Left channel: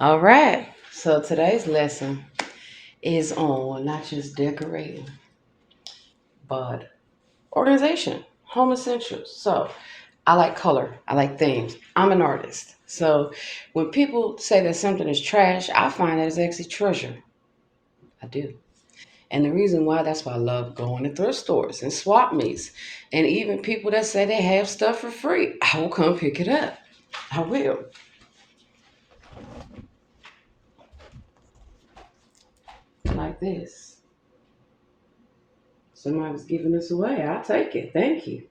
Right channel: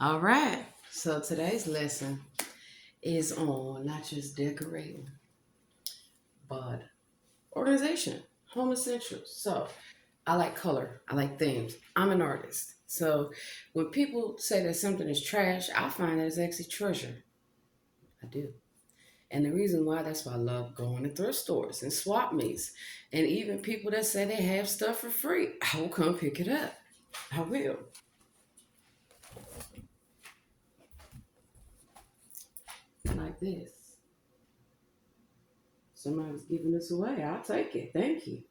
All right. So today's lesson is on not just decorating, but organization, home essentials. So I like color. I like themes. I'm an artist. So when people say that something is trash, I find that it's actually treasure. I do. And the reason why, that's why I love going to thrift stores and swap meets. And even people that say they have stuff for free, I will come pick it up. I will. Like this. Somebody's giving this away. I'll take it. Thank you.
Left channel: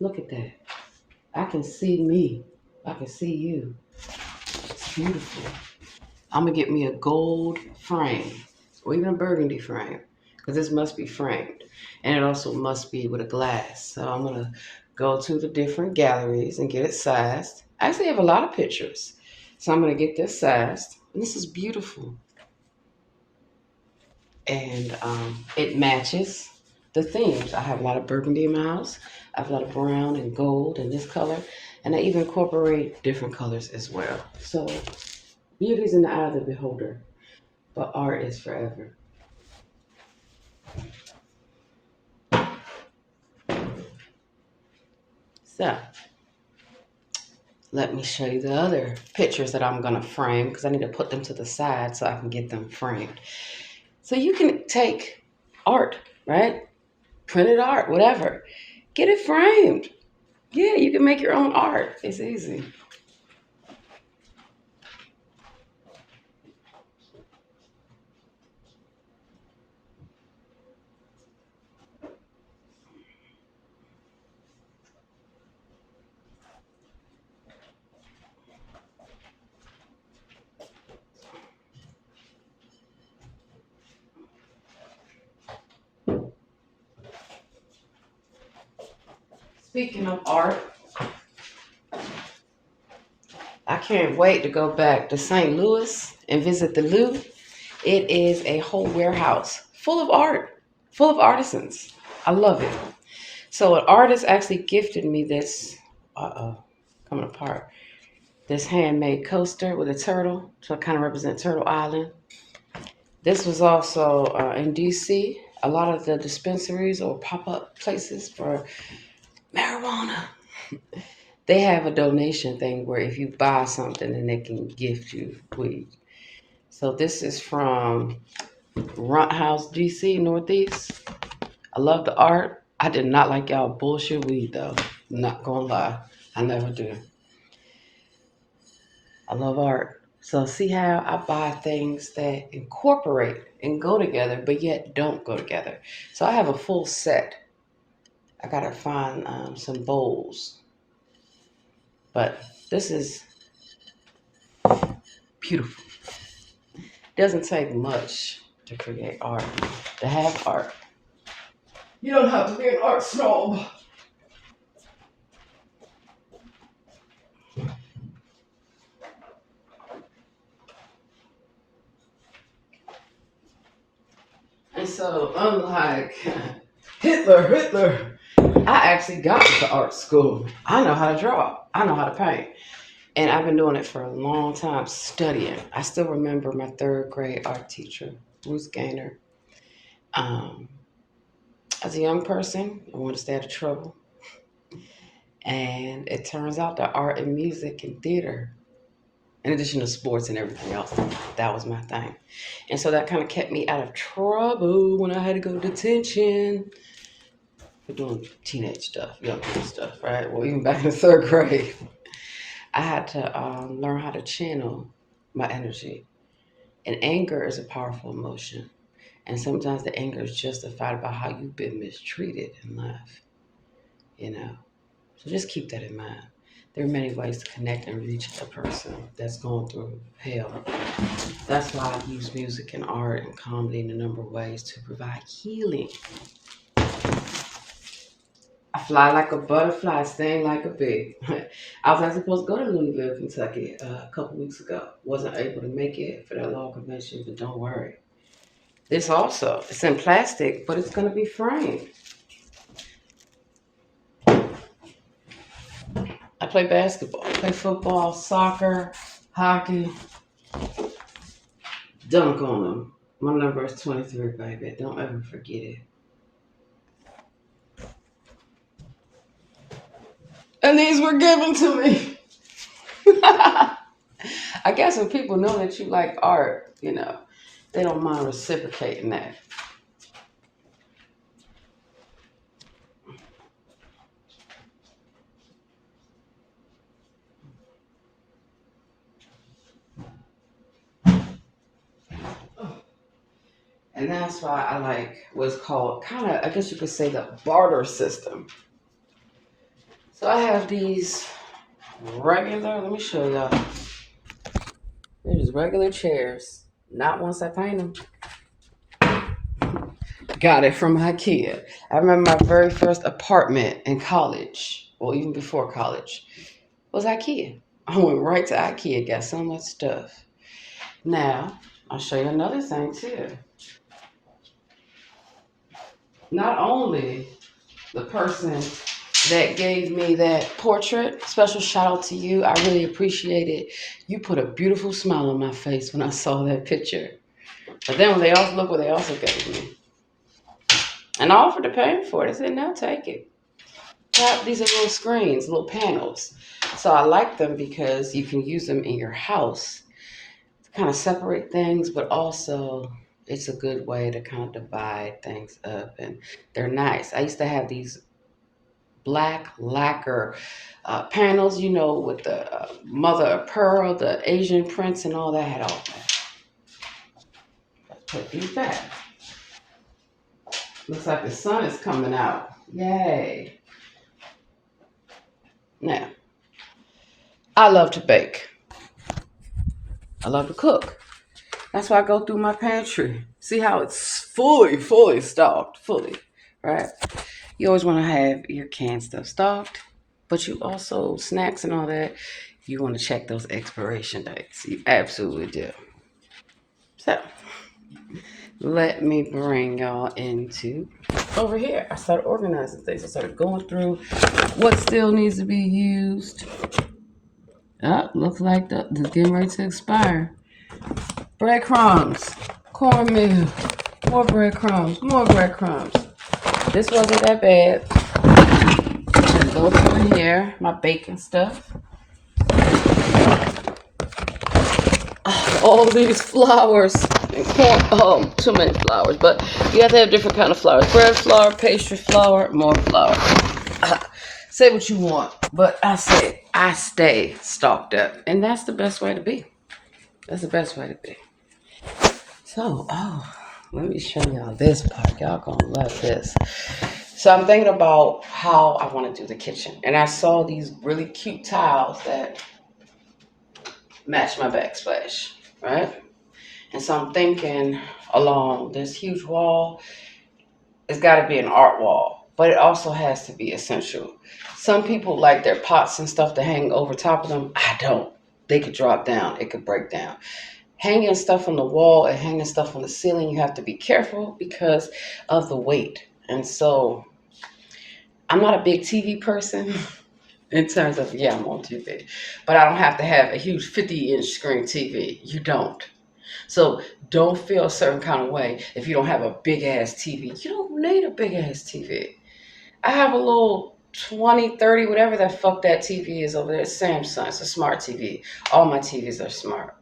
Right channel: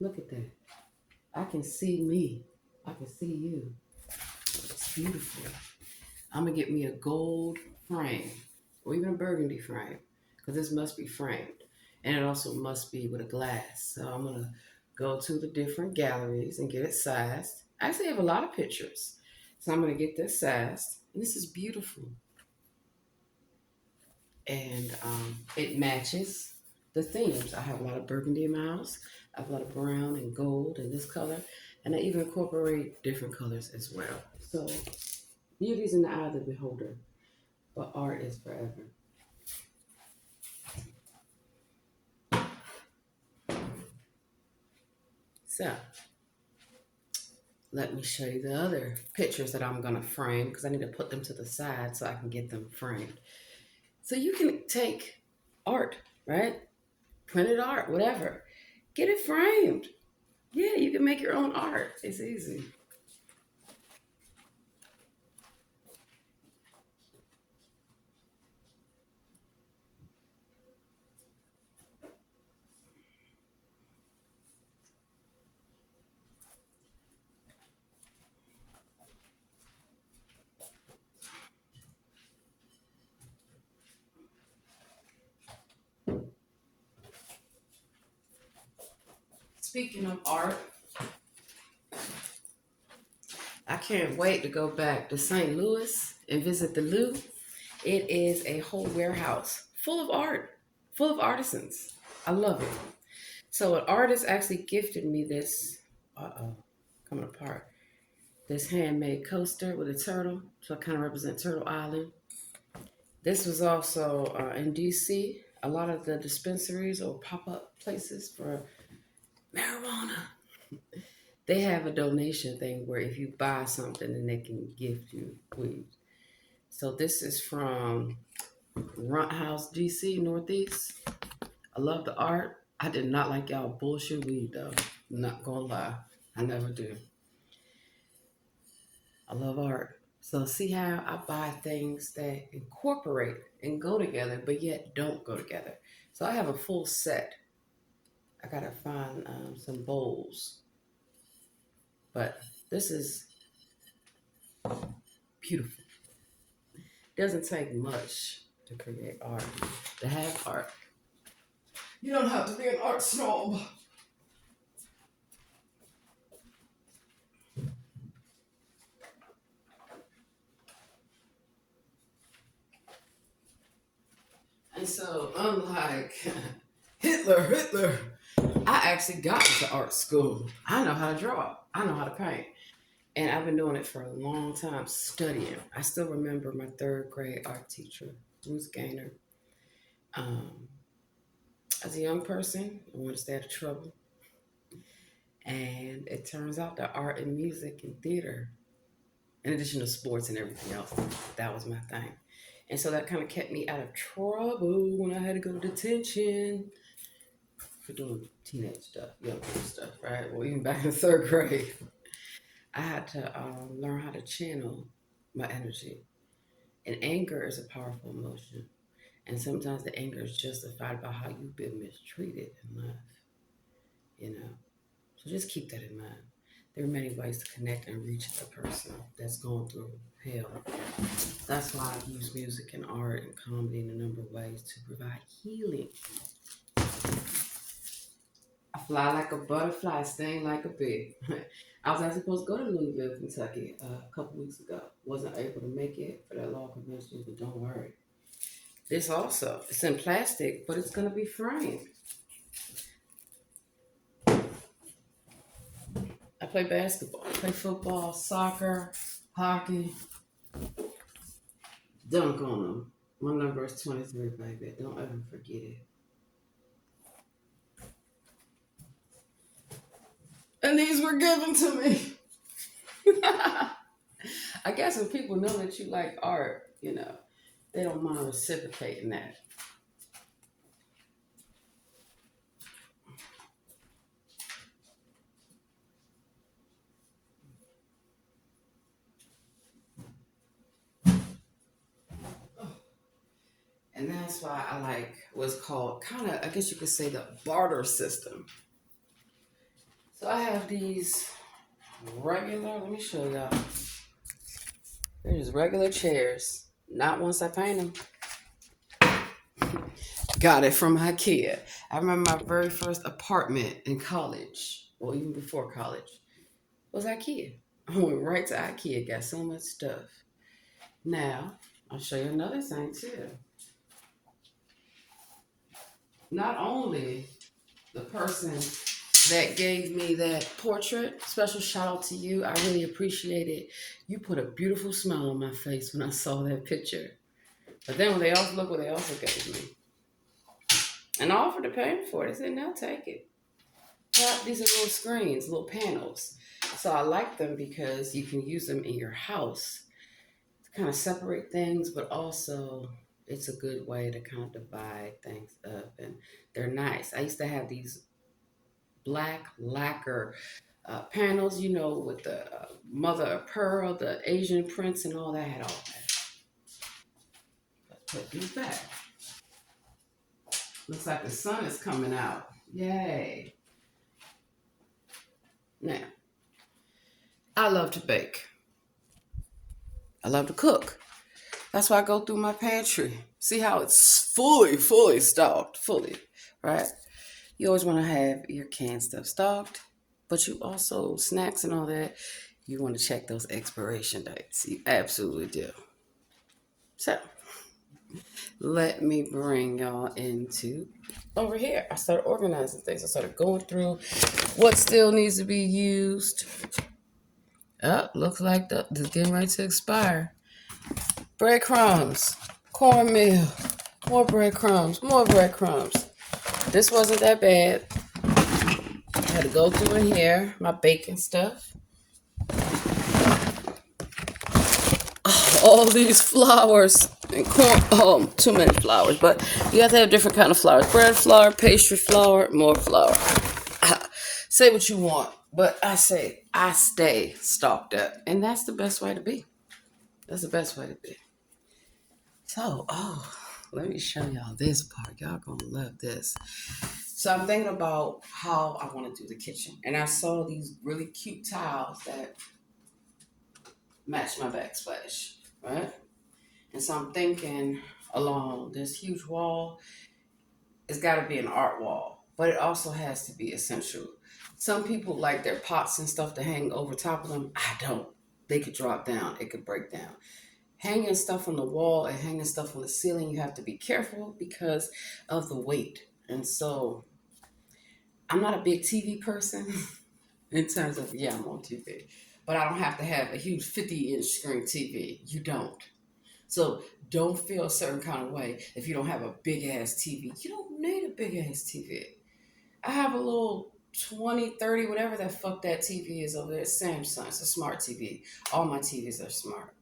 Look at that. I can see me. I can see you. It's beautiful. I'm gonna get me a gold frame or even a burgundy frame because this must be framed. And it also must be with a glass. So I'm gonna go to the different galleries and get it sized. I actually have a lot of pictures. So I'm gonna get this sized. And this is beautiful. And it matches the themes. I have a lot of burgundy in my house. I have a lot of brown and gold and this color. And I even incorporate different colors as well. So beauty's in the eye of the beholder, but art is forever. So let me show you the other pictures that I'm gonna frame because I need to put them to the side so I can get them framed. So you can take art, right? Printed art, whatever. Get it framed. Yeah, you can make your own art. It's easy. Speaking of art, I can't wait to go back to St. Louis and visit the Louvre. It is a whole warehouse full of art, full of artisans. I love it. So an artist actually gifted me this, coming apart, this handmade coaster with a turtle, so it kind of represents Turtle Island. This was also in DC. A lot of the dispensaries or pop-up places for marijuana, they have a donation thing where if you buy something, then they can gift you weed. So this is from Runt House, DC, Northeast. I love the art. I did not like y'all bullshit weed though. Not gonna lie. I never do. I love art. So see how I buy things that incorporate and go together, but yet don't go together. So I have a full set. I gotta find some bowls, but this is beautiful. Doesn't take much to create art, to have art. You don't have to be an art snob. And so, unlike Hitler, I actually got to art school. I know how to draw. I know how to paint. And I've been doing it for a long time, studying. I still remember my third grade art teacher, Ruth Gaynor. Um, as a young person, I wanted to stay out of trouble. And it turns out that art and music and theater, in addition to sports and everything else, that was my thing. And so that kind of kept me out of trouble when I had to go to detention for doing teenage stuff, young people stuff, right? Well, even back in the third grade, I had to learn how to channel my energy. And anger is a powerful emotion. And sometimes the anger is justified by how you've been mistreated in life, you know? So just keep that in mind. There are many ways to connect and reach a person that's going through hell. That's why I use music and art and comedy in a number of ways to provide healing. I fly like a butterfly, sting like a bee. I was actually supposed to go to Louisville, Kentucky a couple weeks ago. Wasn't able to make it for that law convention, but don't worry. This also, it's in plastic, but it's going to be framed. I play basketball, I play football, soccer. hockey, dunk on them. My number is 23, baby. Don't ever forget it. And these were given to me. I guess when people know that you like art, they don't mind reciprocating that. And that's why I like what's called kind of, I guess you could say, the barter system. So I have these regular, let me show y'all. They're just regular chairs. Not once I paint them. Got it from IKEA. I remember my very first apartment in college, well, even before college, was IKEA. I went right to IKEA, got so much stuff. Now, I'll show you another thing too. Not only the person that gave me that portrait, special shout out to you. I really appreciate it. You put a beautiful smile on my face when I saw that picture. But then when they also look what they also gave me. And I offered to pay for it. I said, no, take it. These are little screens, little panels. So I like them because you can use them in your house to kind of separate things, but also it's a good way to kind of divide things up. And they're nice. I used to have these black lacquer panels, with the mother of pearl, the Asian prints, and all that. Had all that. Let's put these back. Looks like the sun is coming out. Yay. Now, I love to bake. I love to cook. That's why I go through my pantry. See how it's fully stocked, right? You always want to have your canned stuff stocked, but you also, snacks and all that, you want to check those expiration dates. You absolutely do. So, let me bring y'all into over here. I started organizing things. I started going through what still needs to be used. Looks like this is getting ready to expire. Breadcrumbs, cornmeal, more breadcrumbs, more breadcrumbs. This wasn't that bad. I had to go through in here, my baking stuff. All these flowers and corn. Too many flowers, but you have to have different kind of flowers. Bread flour, pastry flour, more flour. Say what you want, but I stay stocked up, and that's the best way to be. That's the best way to be. So, let me show y'all this part. Y'all gonna love this. So I'm thinking about how I want to do the kitchen, and I saw these really cute tiles that match my backsplash, right? And so I'm thinking along this huge wall, it's got to be an art wall, but it also has to be essential. Some people like their pots and stuff to hang over top of them. I don't. They could drop down. It could break down. Hanging stuff on the wall and hanging stuff on the ceiling, you have to be careful because of the weight. And so I'm not a big TV person in terms of, I'm on TV, but I don't have to have a huge 50-inch screen TV. You don't. So don't feel a certain kind of way if you don't have a big ass TV. You don't need a big ass TV. I have a little 20, 30, whatever the fuck that TV is over there. It's Samsung. It's a smart TV. All my TVs are smart.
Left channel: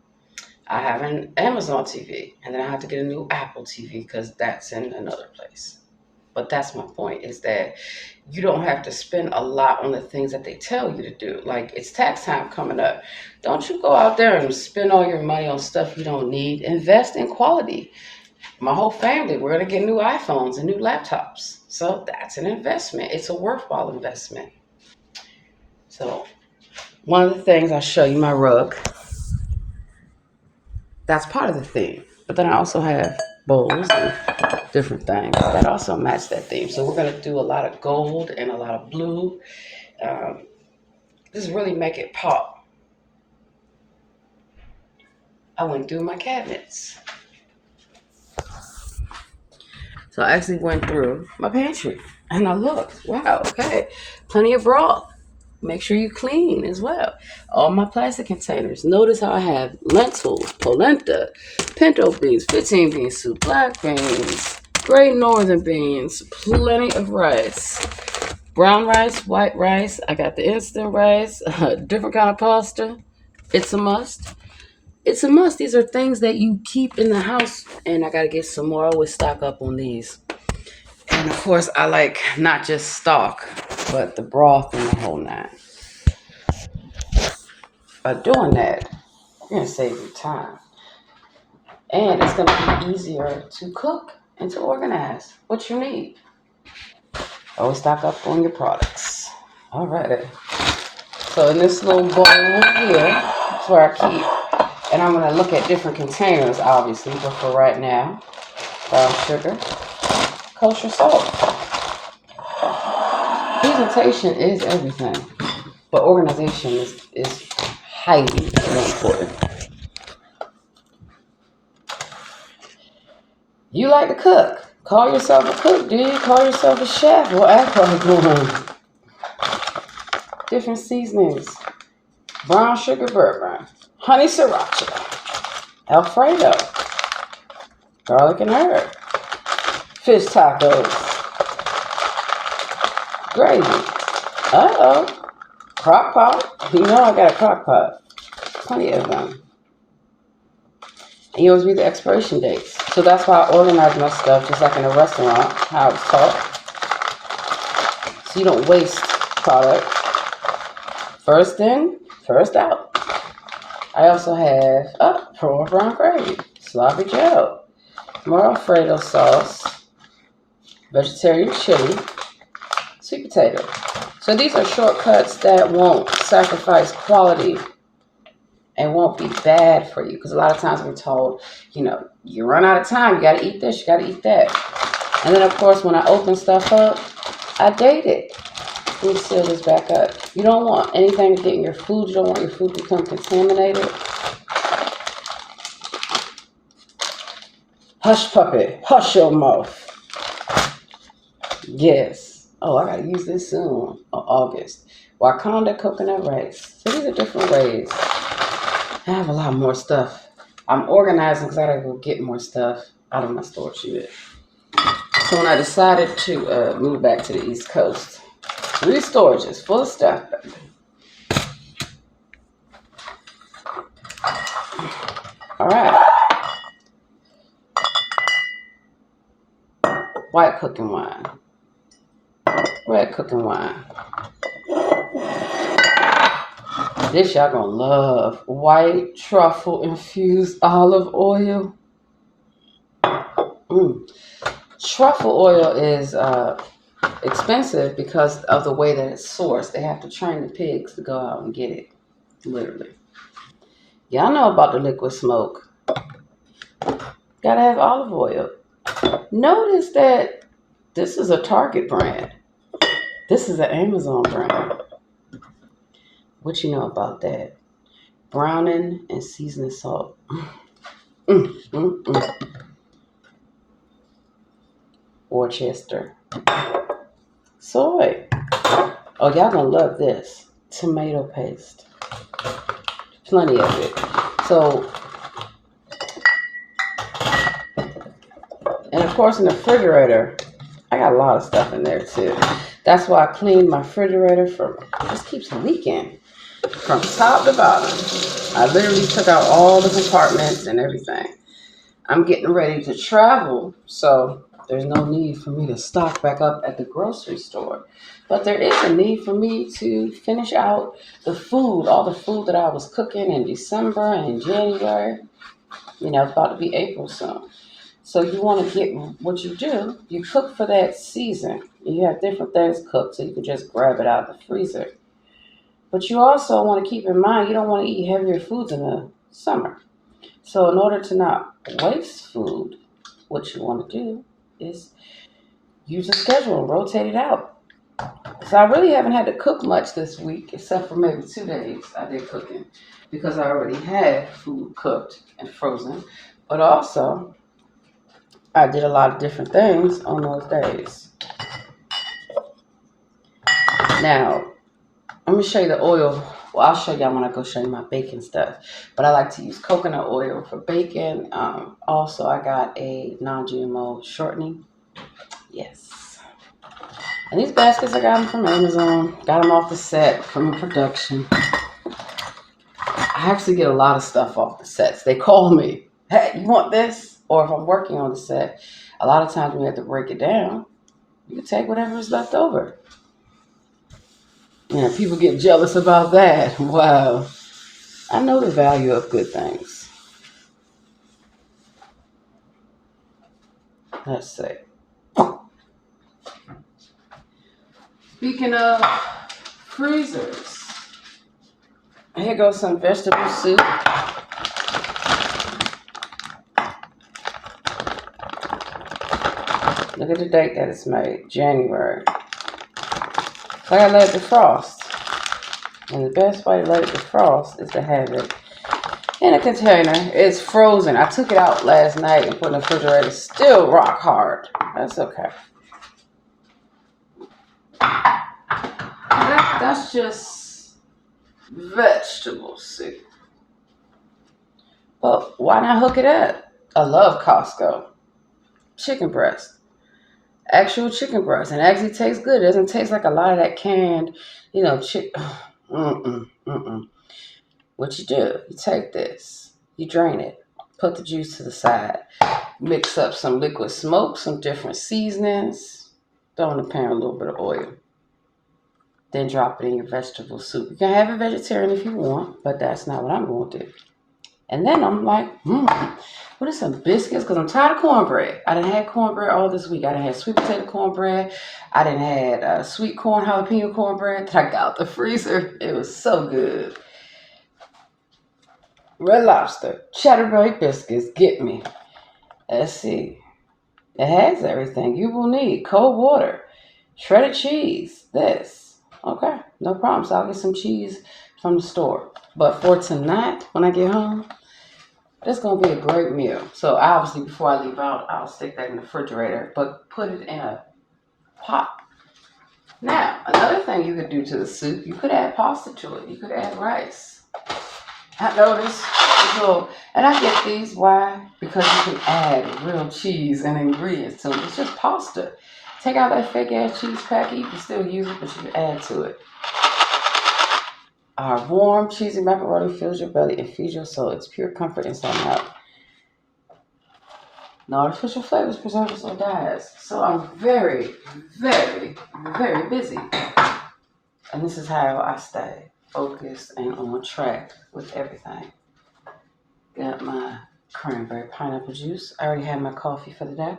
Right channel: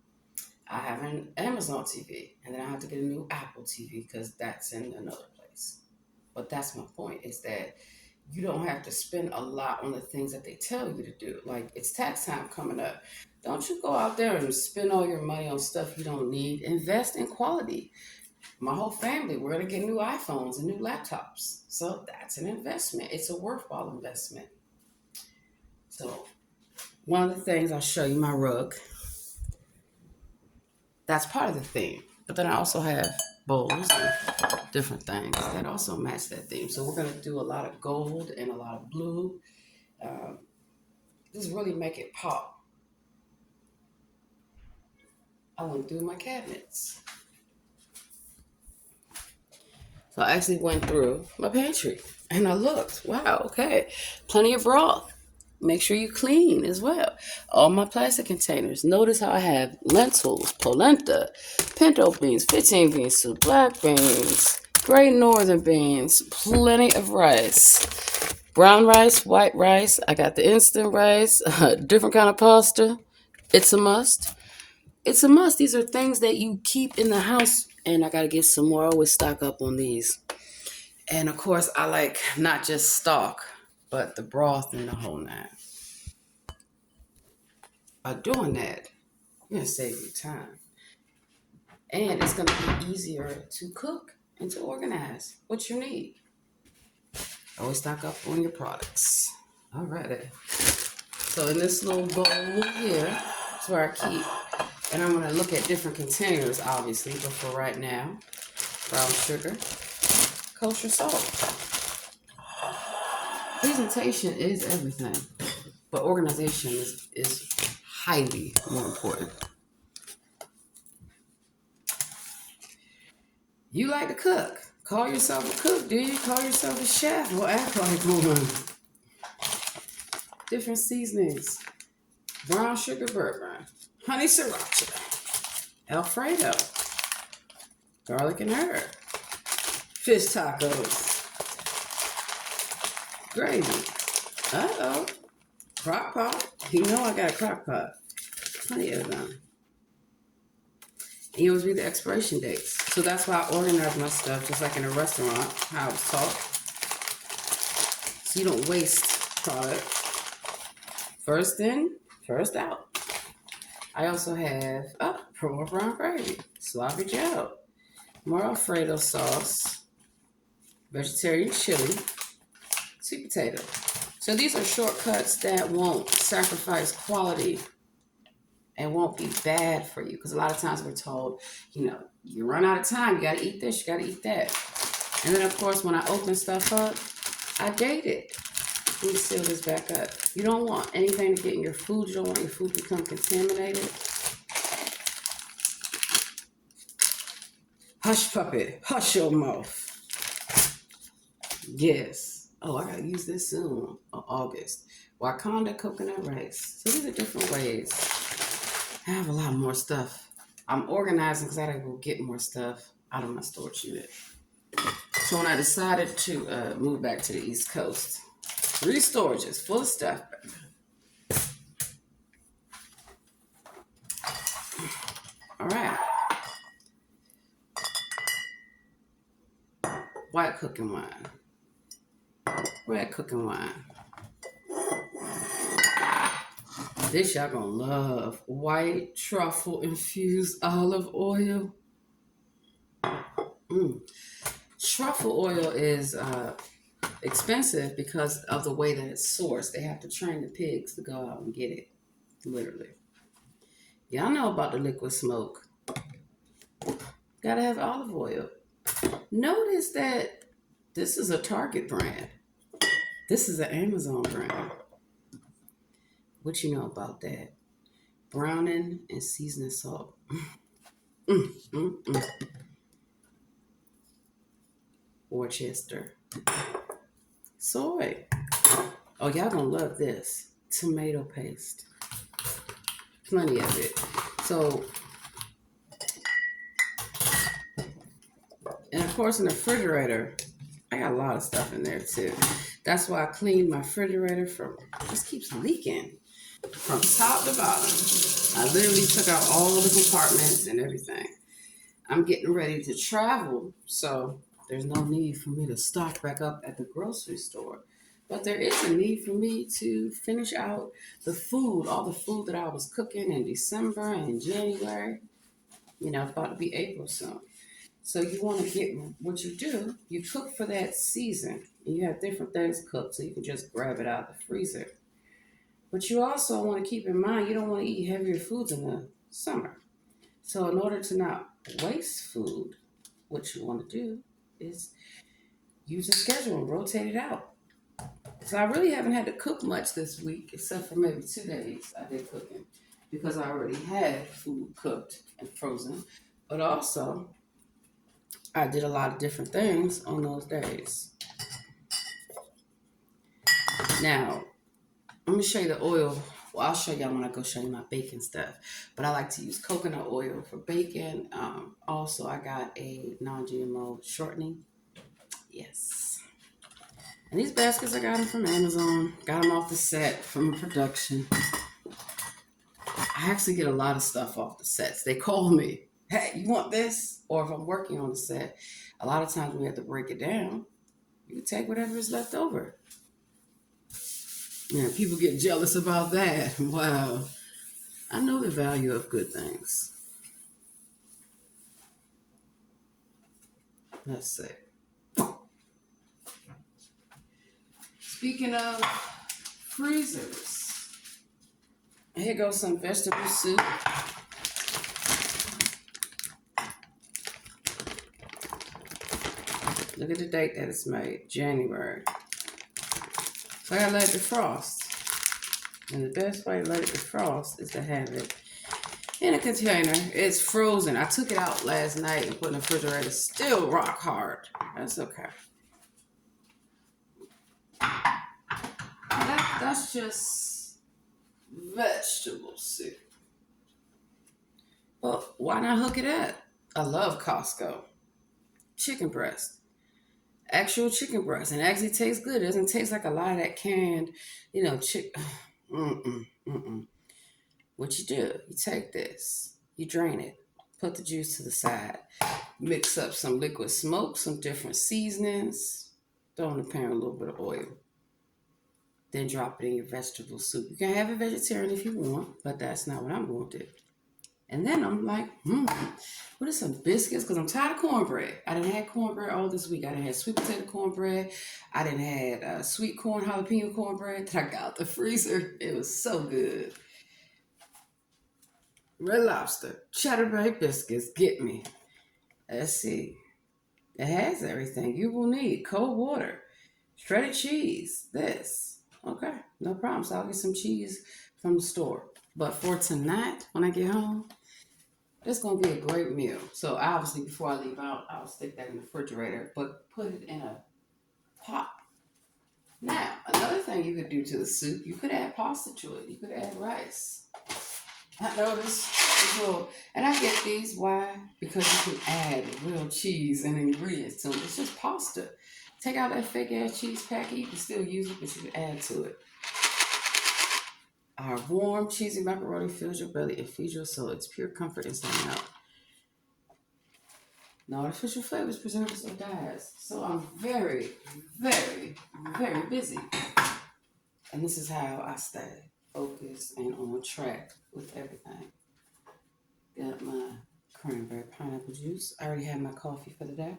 I have an Amazon TV, and then I have to get a new Apple TV because that's in another place. But that's my point, is that you don't have to spend a lot on the things that they tell you to do. Like, it's tax time coming up. Don't you go out there and spend all your money on stuff you don't need. Invest in quality. My whole family, we're going to get new iPhones and new laptops. So that's an investment. It's a worthwhile investment. So one of the things, I'll show you my rug. That's part of the theme. But then I also have bowls and different things that also match that theme. So we're going to do a lot of gold and a lot of blue. Just really make it pop. I went through my cabinets. So I actually went through my pantry and I looked. Wow, okay. Plenty of broth. make sure you clean as well. All my plastic containers. Notice how I have lentils, polenta, pinto beans, 15 bean soup, black beans, great northern beans, plenty of rice. Brown rice, white rice. I got the instant rice, different kind of pasta. It's a must. It's a must. These are things that you keep in the house, and I gotta get some more. I always stock up on these. And of course, I like not just stock, but the broth and the whole nine. By doing that, you're gonna save you time, and it's gonna be easier to cook and to organize what you need. Always stock up on your products. Alrighty. So in this little bowl here, that's where I keep, and I'm gonna look at different containers, obviously, but for right now, brown sugar, kosher salt. Presentation is everything, but organization is highly more important. You like to cook. Call yourself a cook, do you? Call yourself a chef or alcohol. Different seasonings. Brown sugar bourbon, honey sriracha, Alfredo, garlic and herb, fish tacos, gravy. Uh-oh. Crock pot. You know I got a crock pot. Plenty of them. And you always read the expiration dates. So that's why I organize my stuff, just like in a restaurant, how it's taught. So you don't waste product. First in, first out. I also have pearl brown gravy, sloppy joe, more Alfredo sauce, vegetarian chili, sweet potato. So these are shortcuts that won't sacrifice quality and won't be bad for you. Because a lot of times we're told, you run out of time, you got to eat this, you got to eat that. And then, of course, when I open stuff up, I date it. Let me seal this back up. You don't want anything to get in your food. You don't want your food to become contaminated. Hush, puppy. Hush your mouth. Yes. Oh, I got to use this soon. August. Wakanda coconut rice. So these are different ways. I have a lot more stuff. I'm organizing because I got to go get more stuff out of my storage unit. So when I decided to move back to the East Coast, 3 storages full of stuff. All right. White cooking wine. Red cooking wine. This y'all gonna love. White truffle infused olive oil. Truffle oil is expensive because of the way that it's sourced. They have to train the pigs to go out and get it, literally. Y'all know about the liquid smoke. Gotta have olive oil. Notice that this is a Target brand. This is an Amazon brand. What you know about that? Browning and seasoning salt. Worcester. Soy. Oh, y'all gonna love this. Tomato paste. Plenty of it. So, and of course in the refrigerator, I got a lot of stuff in there too. That's why I cleaned my refrigerator it just keeps leaking from top to bottom. I literally took out all the compartments and everything. I'm getting ready to travel, so there's no need for me to stock back up at the grocery store. But there is a need for me to finish out the food, all the food that I was cooking in December and January. It's about to be April soon. So you want to get what you do, you cook for that season. You have different things cooked, so you can just grab it out of the freezer. But you also want to keep in mind, you don't want to eat heavier foods in the summer. So in order to not waste food, what you want to do is use a schedule and rotate it out. So I really haven't had to cook much this week, except for maybe 2 days I did cooking, because I already had food cooked and frozen. But also, I did a lot of different things on those days. Now, I'm gonna show you the oil. Well, I'll show y'all when I go show you my baking stuff. But I like to use coconut oil for baking. Also, I got a non-GMO shortening. Yes. And these baskets I got them from Amazon. Got them off the set from a production. I actually get a lot of stuff off the sets. They call me, hey, you want this? Or if I'm working on the set, a lot of times when we have to break it down, you can take whatever is left over. Yeah, people get jealous about that. Wow. I know the value of good things. Let's see. Speaking of freezers, here goes some vegetable soup. Look at the date that it's made, January. So I gotta let it defrost. And the best way to let it defrost is to have it in a container. It's frozen. I took it out last night and put it in the refrigerator. It's still rock hard. That's okay. That's just vegetable soup. But why not hook it up? I love Costco. Chicken breast. Actual chicken breast. And it actually tastes good. It doesn't taste like a lot of that canned, What you do, you take this, you drain it, put the juice to the side, mix up some liquid smoke, some different seasonings, throw in the pan a little bit of oil. Then drop it in your vegetable soup. You can have it vegetarian if you want, but that's not what I'm going to do. And then I'm like, what are some biscuits? Because I'm tired of cornbread. I done had cornbread all this week. I done had sweet potato cornbread. I done had sweet corn jalapeno cornbread that I got out the freezer. It was so good. Red Lobster, cheddar bay biscuits, get me. Let's see. It has everything you will need. Cold water, shredded cheese, this. Okay, no problem. So I'll get some cheese from the store. But for tonight, when I get home, that's going to be a great meal. So obviously, before I leave out, I'll stick that in the refrigerator, but put it in a pot. Now, another thing you could do to the soup, you could add pasta to it. You could add rice. I noticed, and I get these, why? Because you can add real cheese and ingredients to it. It's just pasta. Take out that fake ass cheese packet. You can still use it, but you can add to it. Our warm, cheesy macaroni fills your belly and feeds your soul. It's pure comfort inside and out. No artificial flavors, preservatives, or dyes. So I'm very, very, very busy. And this is how I stay focused and on track with everything. Got my cranberry pineapple juice. I already had my coffee for the day.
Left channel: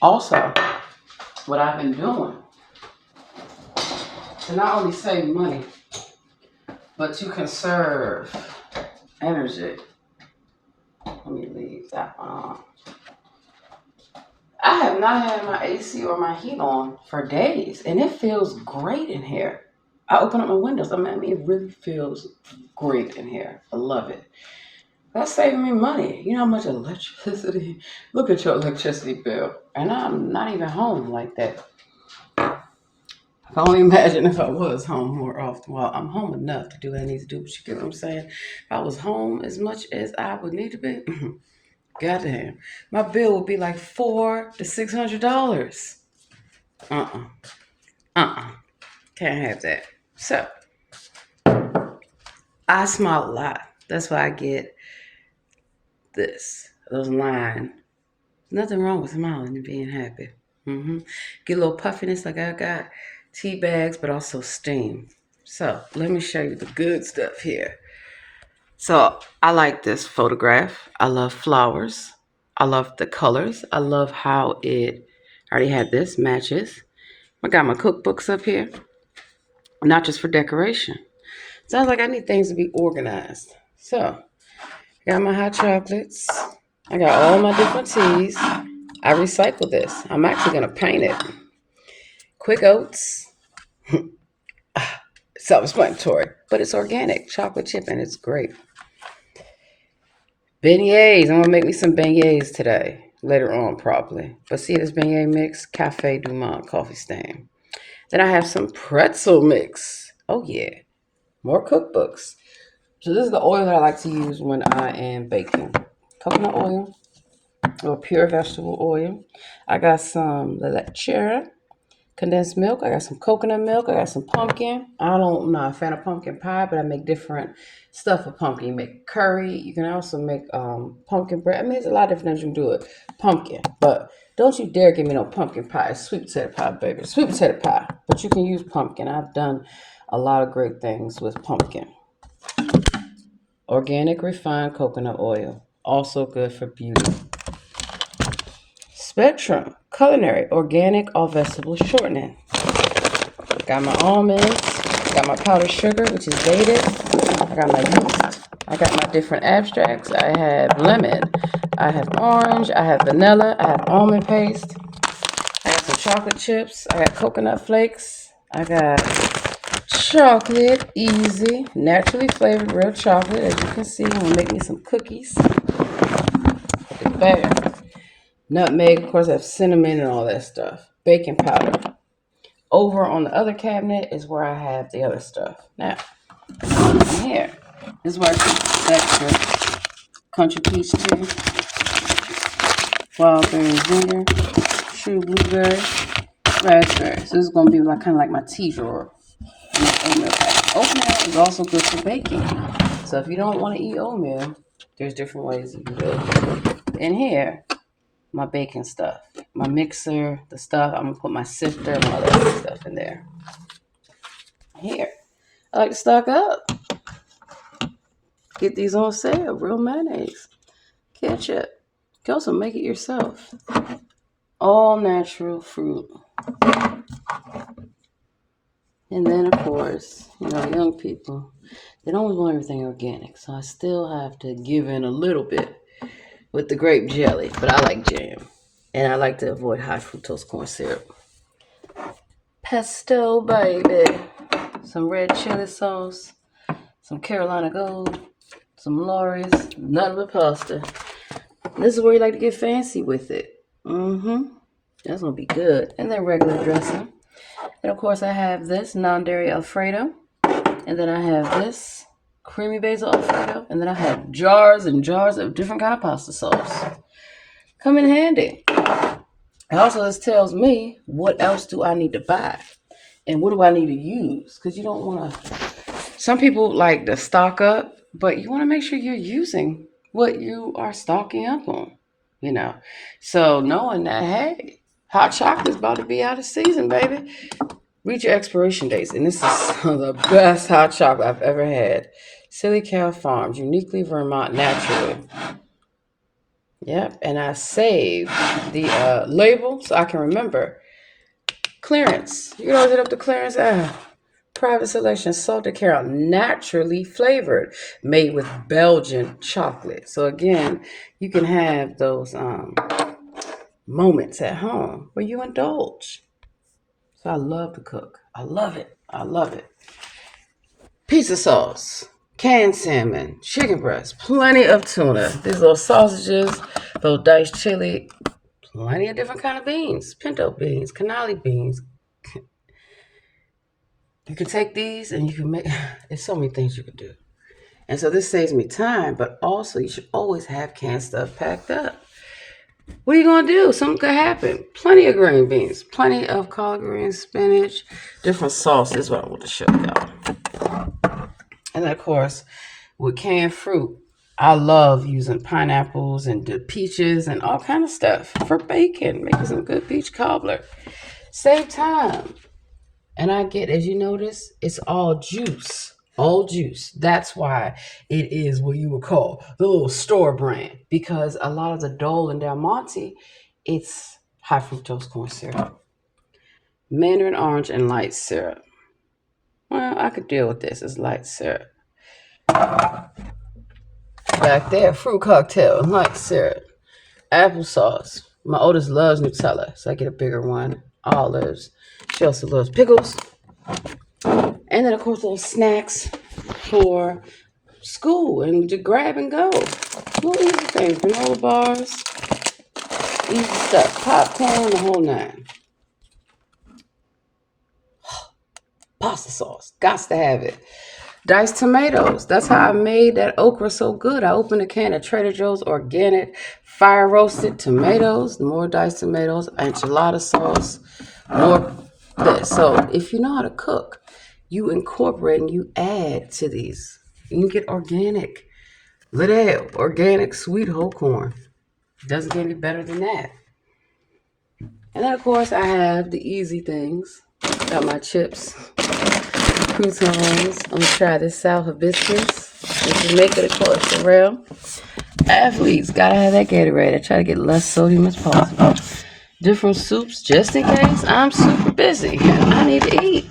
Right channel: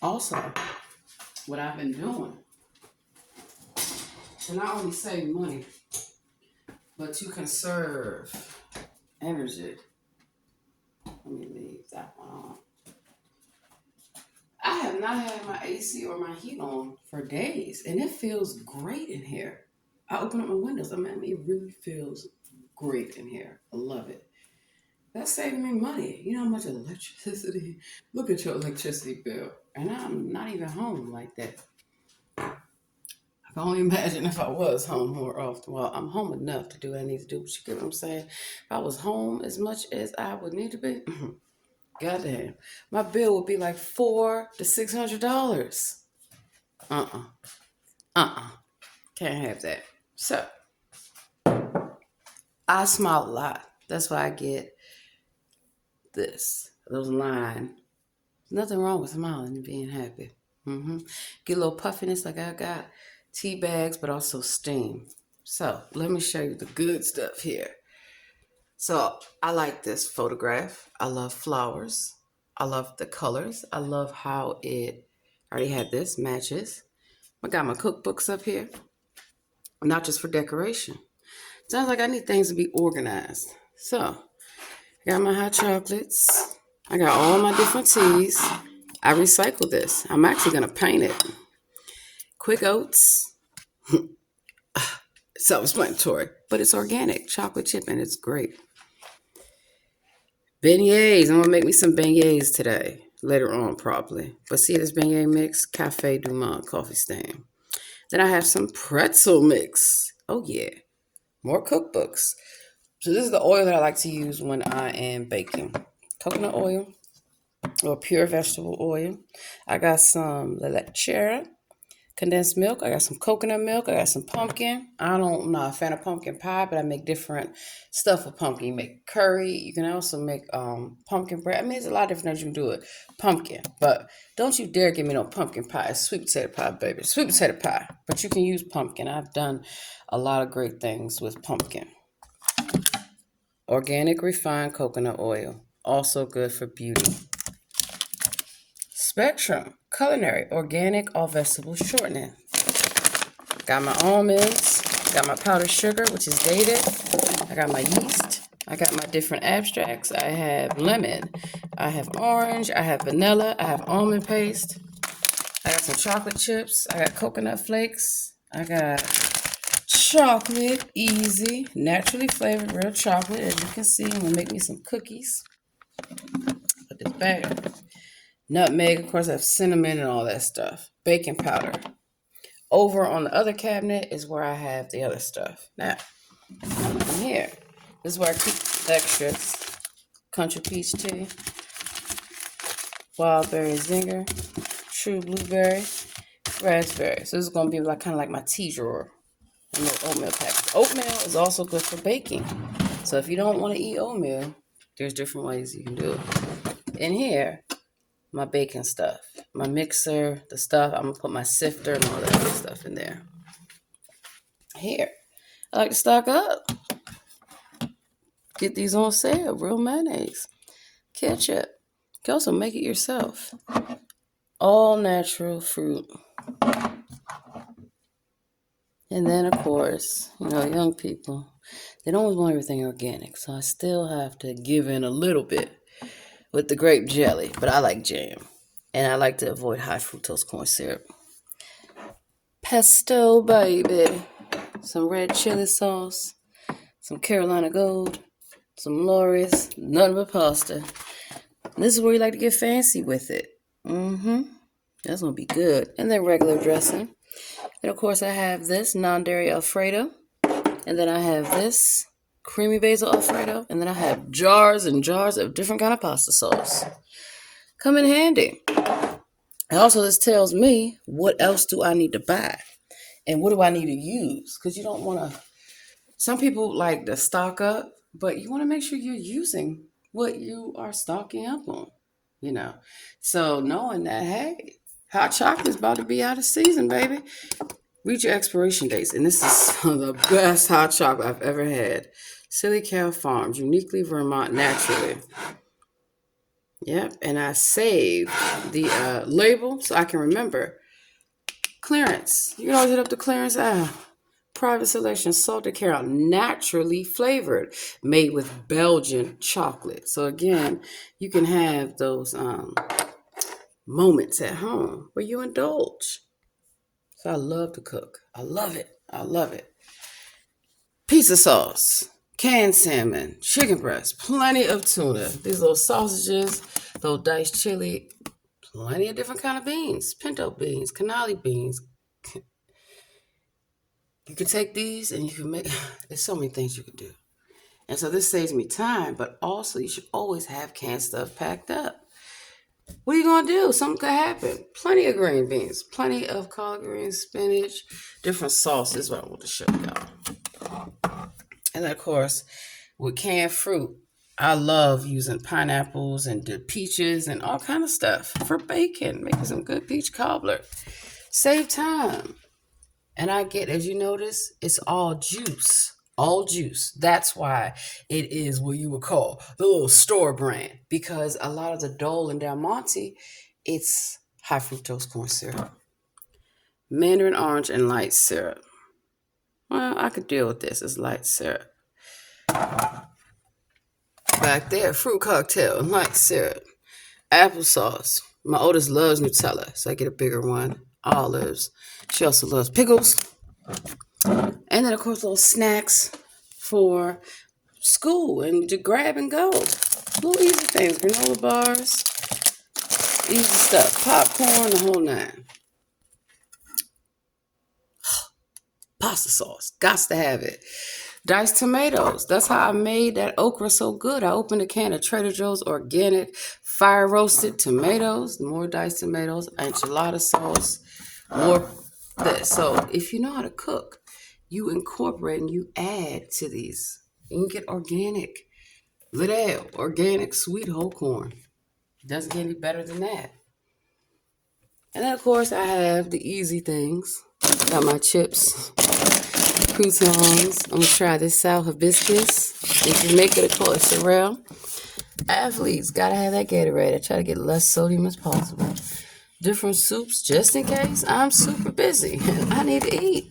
Also, what I've been doing to not only save money, but to conserve energy. Let me leave that one on. I have not had my AC or my heat on for days, and it feels great in here. I open up my windows. I mean, it really feels great in here. I love it. That's saving me money. You know how much electricity? Look at your electricity bill. And I'm not even home like that. I can only imagine if I was home more often. Well, I'm home enough to do what I need to do, but you get what I'm saying? If I was home as much as I would need to be, goddamn, my bill would be like $400 to $600. Can't have that. So, I smile a lot. That's why I get those lines. Nothing wrong with smiling and being happy. Get a little puffiness like I got. Tea bags, but also steam. So let me show you the good stuff here. So I like this photograph. I love flowers. I love the colors. I love how I already had this, matches. I got my cookbooks up here. Not just for decoration. Sounds like I need things to be organized. So I got my hot chocolates. I got all my different teas. I recycle this. I'm actually going to paint it. Quick Oats. Self-explanatory, but it's organic chocolate chip and it's great. Beignets. I'm gonna make me some beignets today. later on probably. But see this beignet mix, Cafe Du Monde coffee stain. Then I have some pretzel mix. Oh yeah, more cookbooks. So this is the oil that I like to use when I am baking. Coconut oil or pure vegetable oil. I got some leche, condensed milk. I got some coconut milk. I got some pumpkin. I'm not a fan of pumpkin pie, but I make different stuff with pumpkin. You make curry. You can also make pumpkin bread. I mean, there's a lot of different things you can do with pumpkin. But don't you dare give me no pumpkin pie. It's sweet potato pie, baby. It's sweet potato pie. But you can use pumpkin. I've done a lot of great things with pumpkin. Organic refined coconut oil. Also good for beauty. Spectrum Culinary Organic All Vegetable Shortening. Got my almonds, got my powdered sugar, which is dated. I got my yeast. I got my different abstracts. I have lemon. I have orange. I have vanilla. I have almond paste. I got some chocolate chips. I got coconut flakes. I got chocolate, easy, naturally flavored real chocolate. As you can see, I'm gonna make me some cookies. It's bad. Nutmeg, of course, I have cinnamon and all that stuff. Baking powder. Over on the other cabinet is where I have the other stuff. Now, here is where I keep extra country peach tea, wild berry vinegar, true blueberry, raspberry. So this is gonna be like kind of like my tea drawer. Oatmeal pack. Oatmeal is also good for baking. So if you don't want to eat oatmeal, there's different ways you can do it. In here, my baking stuff, my mixer, the stuff. I'm gonna put my sifter and all that other stuff in there. Here, I like to stock up. Get these on sale. Real mayonnaise, ketchup. You can also make it yourself. All natural fruit. And then, of course, young people, they don't always want everything organic. So I still have to give in a little bit with the grape jelly. But I like jam. And I like to avoid high fructose corn syrup. Pesto, baby. Some red chili sauce. Some Carolina Gold. Some Lawry's. None but pasta. This is where you like to get fancy with it. That's going to be good. And then regular dressing. And of course, I have this non-dairy Alfredo. And then I have this creamy basil Alfredo. And then I have jars and jars of different kind of pasta sauce. Come in handy. And also, this tells me what else do I need to buy? And what do I need to use? Because you don't want to... Some people like to stock up, but you want to make sure you're using what you are stocking up on. So knowing that, hey, hot chocolate's about to be out of season, baby. Read your expiration dates. And this is some of the best hot chocolate I've ever had. Silly Cow Farms, uniquely Vermont, naturally. Yep, and I saved the label so I can remember. Clearance. You can always hit up the clearance. Private selection, salted caramel, naturally flavored, made with Belgian chocolate. So again, you can have those moments at home where you indulge. So I love to cook. I love it. I love it. Pizza sauce, canned salmon, chicken breast, plenty of tuna. These little sausages, little diced chili, plenty of different kind of beans, pinto beans, cannoli beans. You can take these and you can make, there's so many things you can do. And so this saves me time, but also you should always have canned stuff packed up. What are you going to do? Something could happen. Plenty of green beans, plenty of collard greens, spinach, different sauces. What I want to show y'all. And then, of course, with canned fruit, I love using pineapples and the peaches and all kind of stuff for baking, making some good peach cobbler. Save time. And I get, as you notice, it's all juice. All juice. That's why it is what you would call the little store brand. Because a lot of the Dole and Del Monte, it's high fructose corn syrup. Mandarin orange and light syrup. Well, I could deal with this. It's light syrup. Back there, fruit cocktail and light syrup. Applesauce. My oldest loves Nutella, so I get a bigger one. Olives. She also loves pickles. And then, of course, little snacks for school and to grab and go. Little easy things. Granola bars. Easy stuff. Popcorn, the whole nine. Pasta sauce. Got to have it. Diced tomatoes. That's how I made that okra so good. I opened a can of Trader Joe's organic fire roasted tomatoes, more diced tomatoes, enchilada sauce, more this. So if you know how to cook, you incorporate and you add to these. You can get organic. Little organic sweet whole corn. Doesn't get any better than that. And then of course I have the easy things. Got my chips, croutons. I'm gonna try this South hibiscus. In Jamaica, they call it sorrel. Athletes gotta have that Gatorade. I try to get less sodium as possible. Different soups, just in case I'm super busy and I need to eat.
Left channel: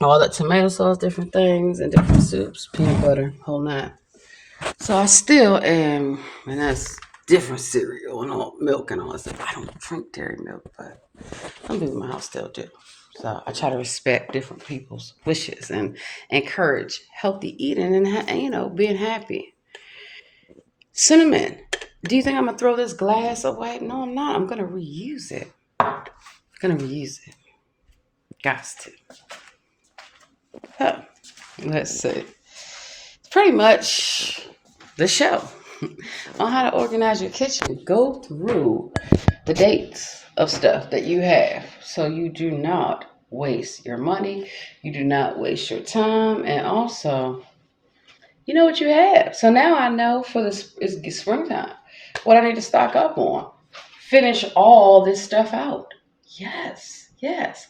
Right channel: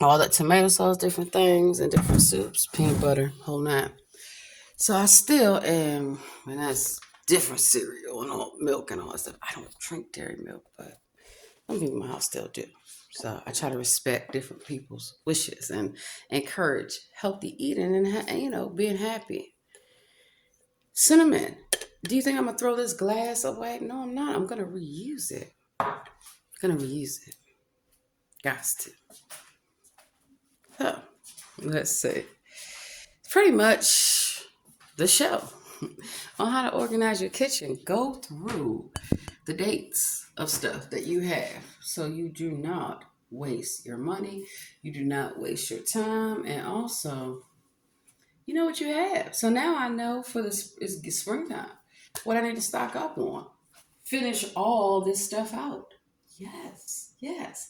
All that tomato sauce, different things, and different soups, peanut butter, whole nine. So I still am, and that's different cereal and all milk and all that stuff. I don't drink dairy milk, but some people in my house still do. So I try to respect different people's wishes and encourage healthy eating and being happy. Cinnamon. Do you think I'm gonna throw this glass away? No, I'm not. I'm gonna reuse it. Got to. Huh. Let's see. Pretty much the show on how to organize your kitchen. Go through the dates of stuff that you have so you do not waste your money, you do not waste your time, and also you know what you have. So now I know for this is springtime what I need to stock up on. Finish all this stuff out. Yes, yes.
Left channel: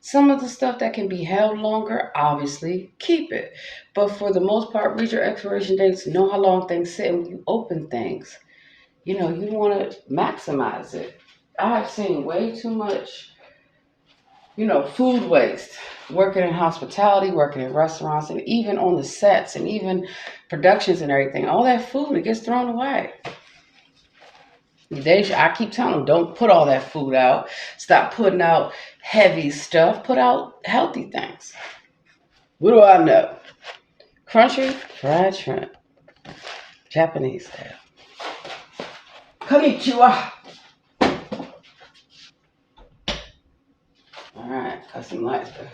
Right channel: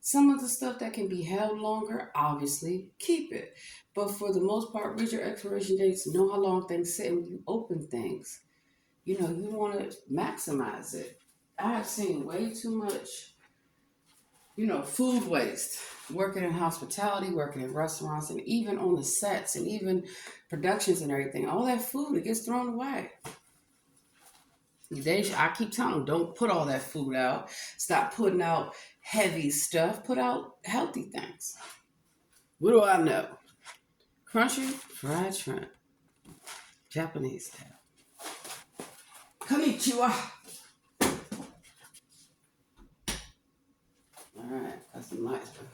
Some of the stuff that can be held longer, obviously, keep it. But for the most part, read your expiration dates, know how long things sit, and when you open things, you want to maximize it. I've seen way too much, food waste working in hospitality, working in restaurants, and even on the sets and even productions and everything. All that food, it gets thrown away. I keep telling them, don't put all that food out. Stop putting out heavy stuff. Put out healthy things. What do I know? Crunchy fried shrimp. Japanese style. Konnichiwa. All right, got some lights back.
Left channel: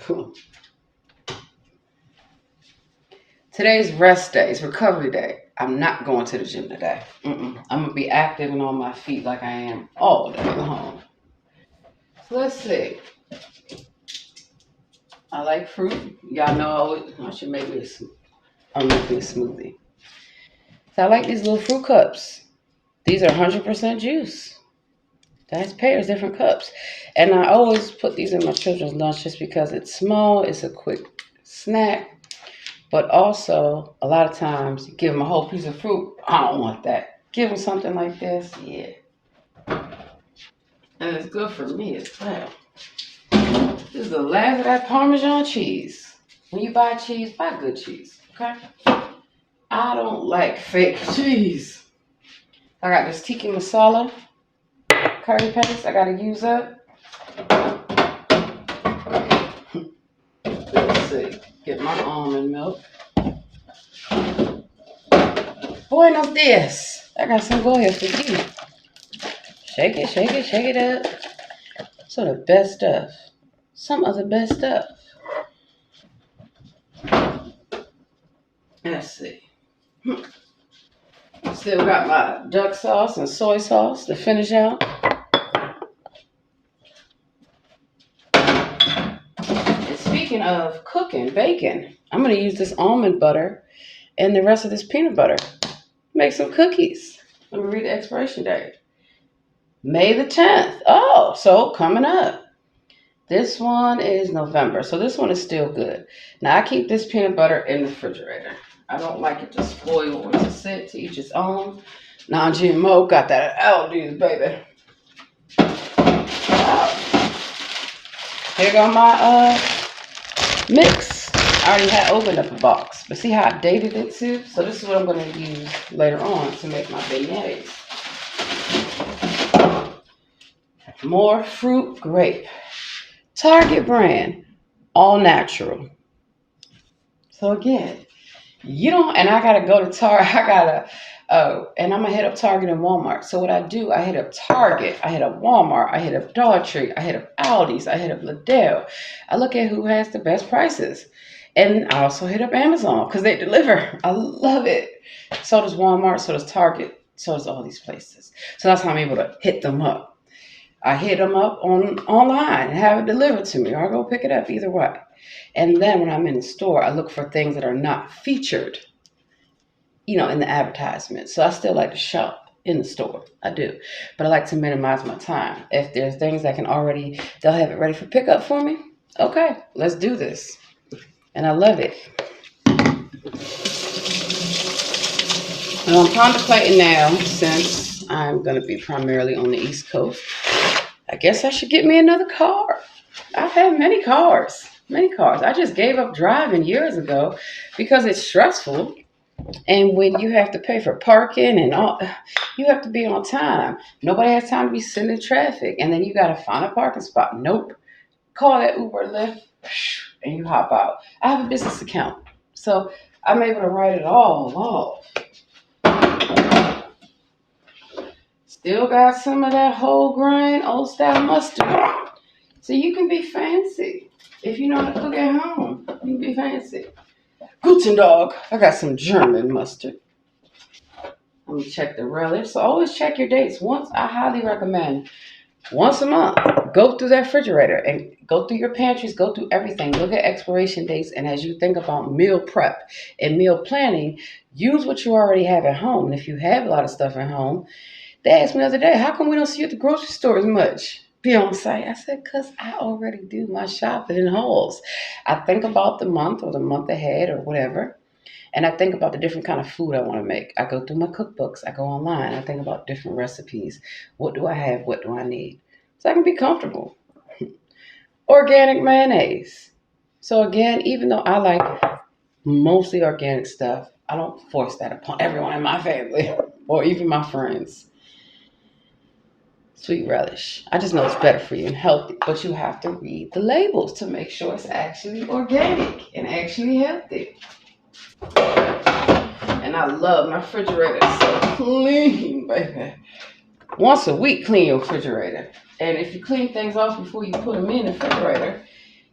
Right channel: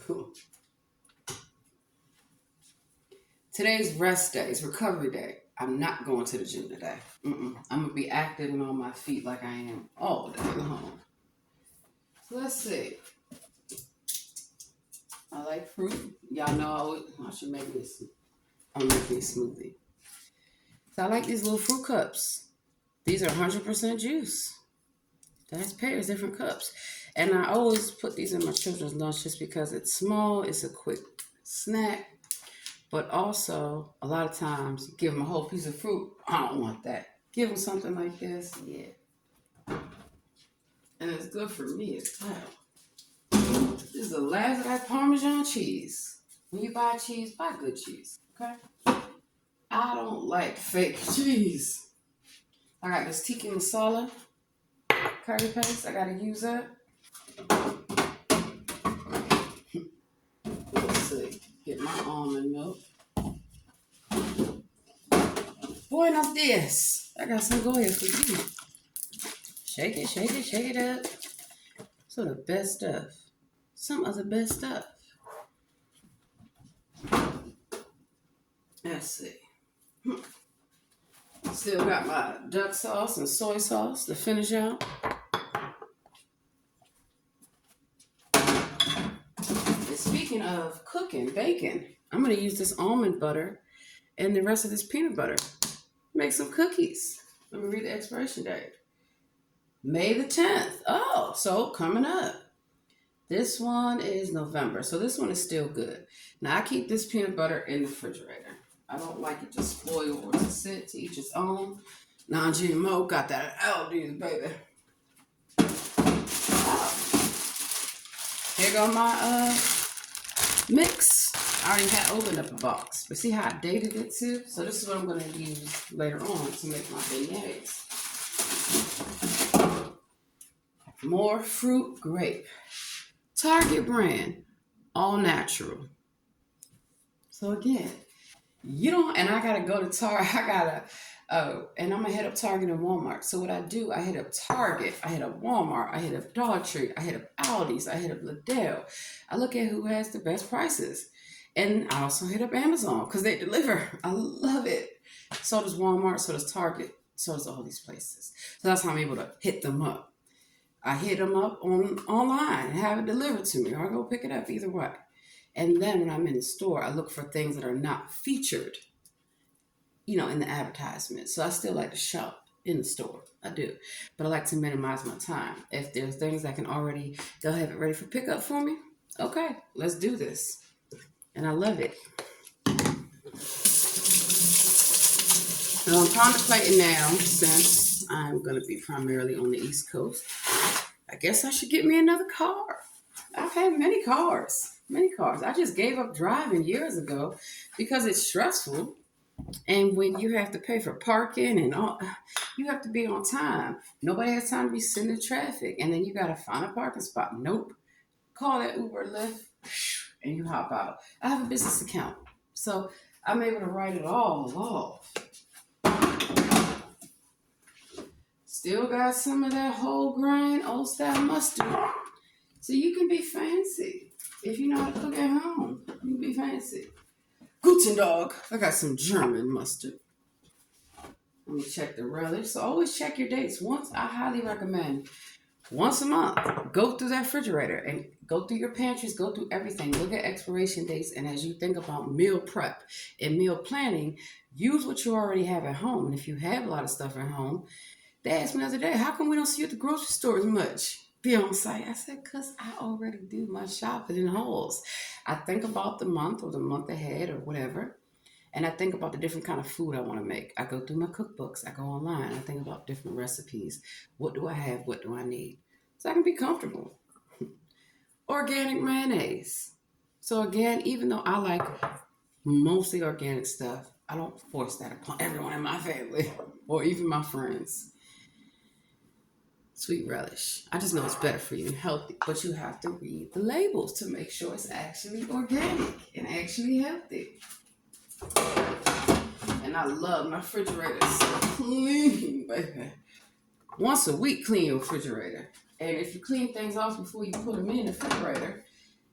Today's rest day. It's recovery day. I'm not going to the gym today. I'm going to be active and on my feet like I am all day long. So let's see. I like fruit. Y'all know I should make me a smoothie. So I like these little fruit cups. These are 100% juice. That's pears, different cups. And I always put these in my children's lunch just because it's small, it's a quick snack. But also, a lot of times, you give them a whole piece of fruit. I don't want that. Give them something like this. Yeah. And it's good for me as well. This is the last of that Parmesan cheese. When you buy cheese, buy good cheese. Okay? I don't like fake cheese. I got this tiki masala curry paste I gotta use up. Let's see. Get my almond milk. Buenos dias. I got some go here for you. Shake it up. Some of the best stuff. Some of the best stuff. Let's see. Still got my duck sauce and soy sauce to finish out. And speaking of cooking, bacon, I'm going to use this almond butter and the rest of this peanut butter. Make some cookies. Let me read the expiration date. May the 10th. Oh, so coming up. This one is November. So this one is still good. Now I keep this peanut butter in the refrigerator. I don't like it to spoil or to sit, to each its own. Non-GMO, got that at Aldi's, baby. Wow. Here go my mix. I already had opened up a box. But see how I dated it too? So this is what I'm going to use later on to make my beignets. More fruit grape. Target brand. All natural. So again, you don't, and I gotta go to Target. Oh, and I'm gonna hit up Target and Walmart. So what I do, I hit up Target, I hit up Walmart, I hit up Dollar Tree, I hit up Aldi's, I hit up Lidl. I look at who has the best prices. And I also hit up Amazon because they deliver. I love it. So does Walmart, so does Target, so does all these places. So that's how I'm able to hit them up. I hit them up on online and have it delivered to me, or I go pick it up either way. And then when I'm in the store, I look for things that are not featured, in the advertisement. So I still like to shop in the store. I do. But I like to minimize my time. If there's things that can already, they'll have it ready for pickup for me. Okay, let's do this. And I love it. And I'm contemplating now, since I'm going to be primarily on the East Coast, I guess I should get me another car. I've had many cars, many cars. I just gave up driving years ago because it's stressful. And when you have to pay for parking and all, you have to be on time. Nobody has time to be sitting in traffic. And then you got to find a parking spot. Nope. Call that Uber or Lyft and you hop out. I have a business account. So I'm able to write it all off. Still got some of that whole grain, old style mustard. So you can be fancy. If you know how to cook at home, you can be fancy. Guten Dog. I got some German mustard. Let me check the relish. So always check your dates. I highly recommend once a month, go through that refrigerator and go through your pantries, go through everything. Look at expiration dates. And as you think about meal prep and meal planning, use what you already have at home. And if you have a lot of stuff at home, they asked me the other day, how come we don't see you at the grocery store as much? Be on site. I said, because I already do my shopping in hauls. I think about the month or the month ahead or whatever. And I think about the different kind of food I want to make. I go through my cookbooks. I go online. I think about different recipes. What do I have? What do I need? So I can be comfortable. Organic mayonnaise. So again, even though I like mostly organic stuff, I don't force that upon everyone in my family or even my friends. Sweet relish. I just know it's better for you and healthy, but you have to read the labels to make sure it's actually organic and actually healthy. And I love my refrigerator. It's so clean, baby. Once a week, clean your refrigerator. And if you clean things off before you put them in the refrigerator,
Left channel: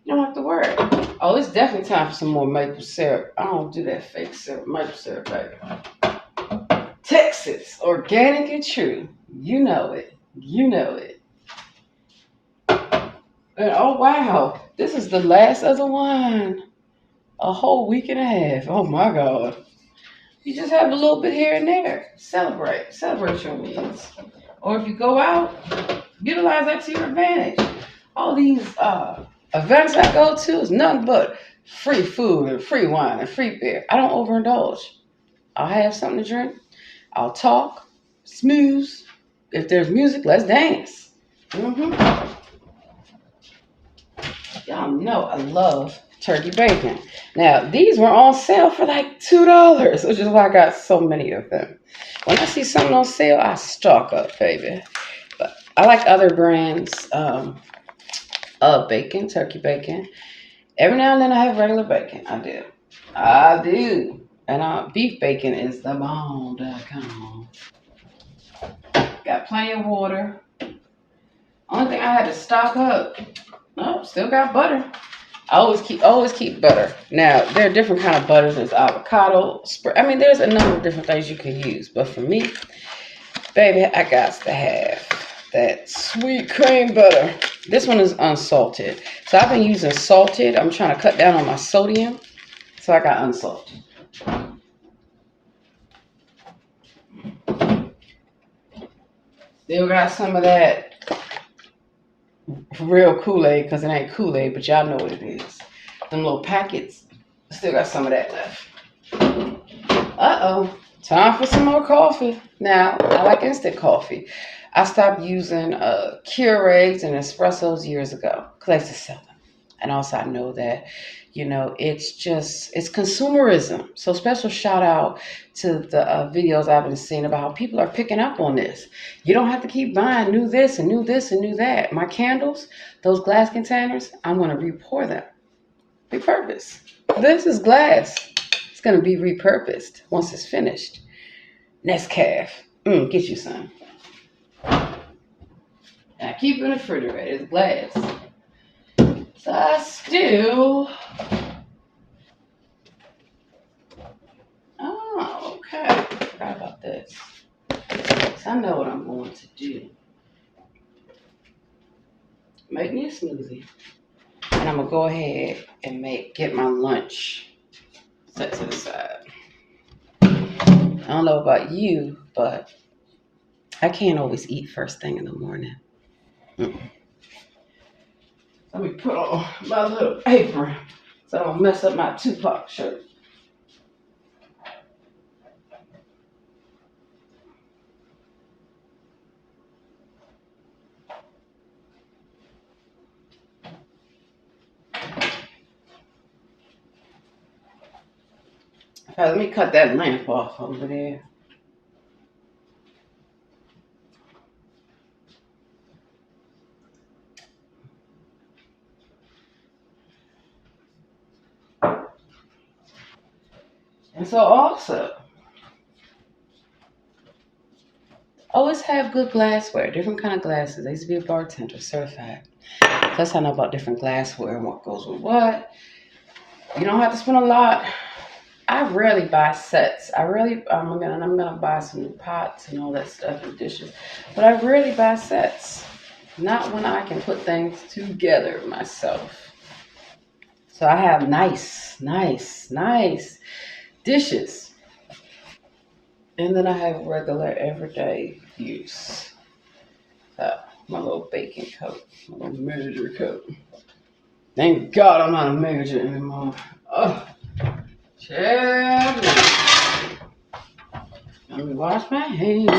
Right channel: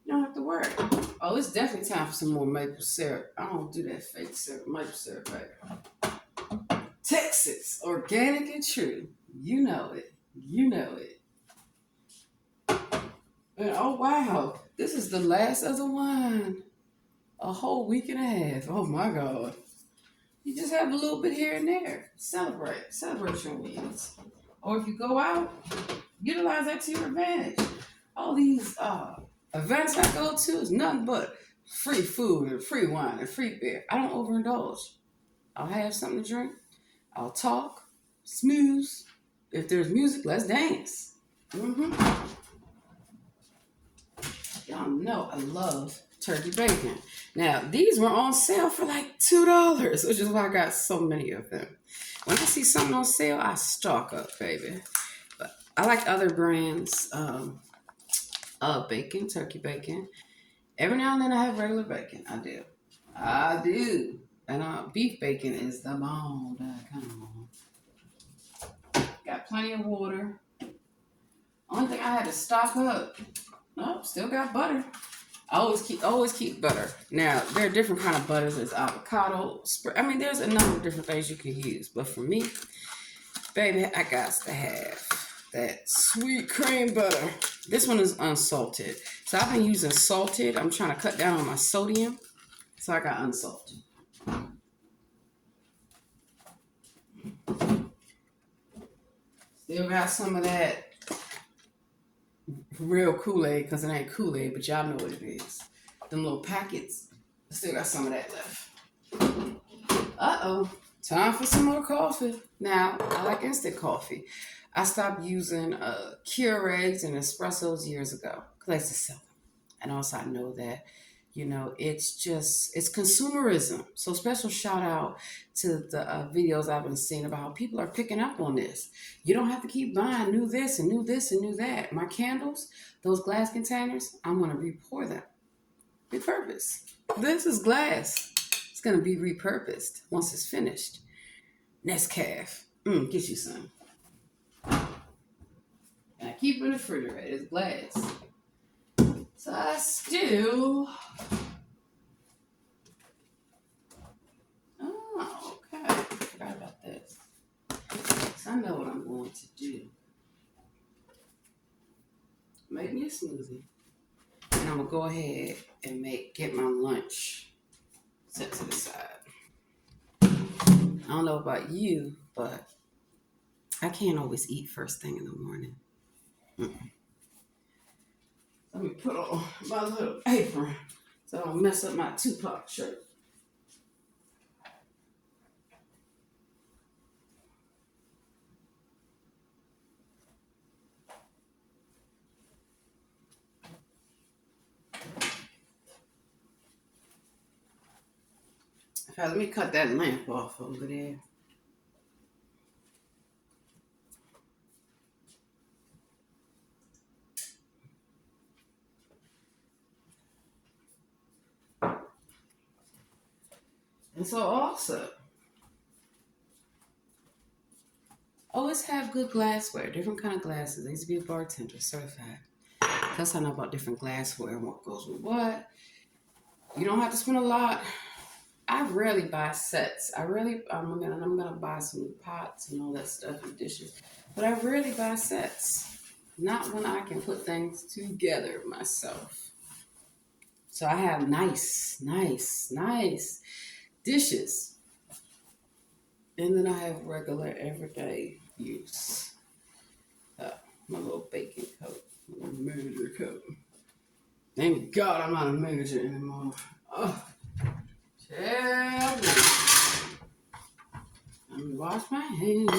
you don't have to worry. Oh, it's definitely time for some more maple syrup. I don't do that fake syrup, maple syrup, baby. Texas, organic and true. You know it. You know it. And oh, wow. This is the last of the wine. A whole week and a half. Oh, my God. You just have a little bit here and there. Celebrate your wins. Or if you go out, utilize that to your advantage. All these events I go to is nothing but free food and free wine and free beer. I don't overindulge. I'll have something to drink. I'll talk, smooth. If there's music, let's dance. Mm-hmm. Y'all know I love turkey bacon. Now, these were on sale for like $2, which is why I got so many of them. When I see something on sale, I stock up, baby. But I like other brands of bacon, turkey bacon. Every now and then I have regular bacon. I do. I do. And beef bacon is the bomb.com. Got plenty of water. Only thing I had to stock up. Oh, still got butter. I always keep butter. Now there are different kind of butters. There's avocado. I mean, there's a number of different things you can use. But for me, baby, I got to have that sweet cream butter. This one is unsalted. So I've been using salted. I'm trying to cut down on my sodium. So I got unsalted. Still got some of that real Kool-Aid, because it ain't Kool-Aid, but y'all know what it is. Them little packets. Still got some of that left. Uh-oh. Time for some more coffee. Now, I like instant coffee. I stopped using Keurigs and espressos years ago because I used to sell them. And also I know that, it's consumerism. So special shout out to the videos I've been seeing about how people are picking up on this. You don't have to keep buying new this and new this and new that. My candles, those glass containers, I'm going to re-pour them. Repurpose. This is glass. It's going to be repurposed once it's finished. Nescafe. Get you some. And I keep it in the refrigerator. It's glass. So I still. Oh, okay. Forgot about this. So I know what I'm going to do. Make me a smoothie. And I'm going to go ahead and get my lunch set to the side. I don't know about you, but I can't always eat first thing in the morning. Let me put on my little apron so I don't mess up my Tupac shirt. Okay, let me cut that lamp off over there. And so also, always have good glassware, different kind of glasses. I used to be a bartender, certified. That's how I know about different glassware and what goes with what. You don't have to spend a lot. I rarely buy sets. I'm gonna buy some new pots and all that stuff and dishes, but I rarely buy sets. Not when I can put things together myself. So I have nice dishes, and then I have regular everyday use. So my little baking coat, my little manager coat. Thank God I'm not a manager anymore. Oh, child. Let me wash my hands.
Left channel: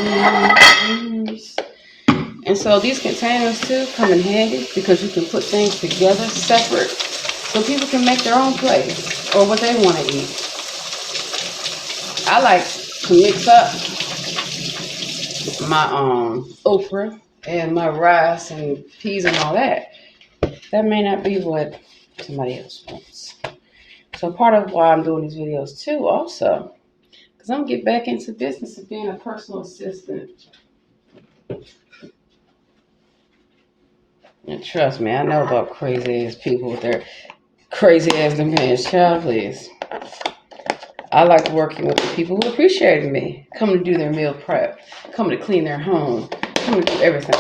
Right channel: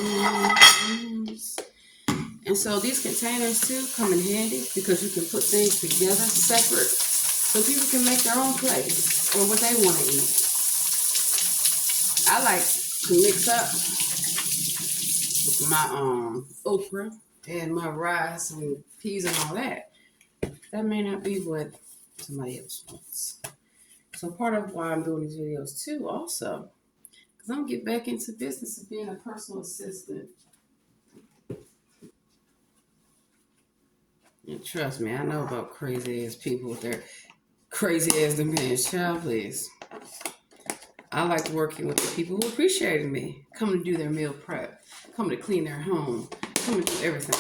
And so these containers too come in handy because you can put things together separate so people can make their own plate or what they want to eat. I like to mix up my okra and my rice and peas and all that. That may not be what somebody else wants. So part of why I'm doing these videos too also, because I'm going to get back into business of being a personal assistant. And trust me, I know about crazy ass people with their crazy ass demands. Child, please. I like working with the people who appreciated me, coming to do their meal prep, coming to clean their home, coming to do everything.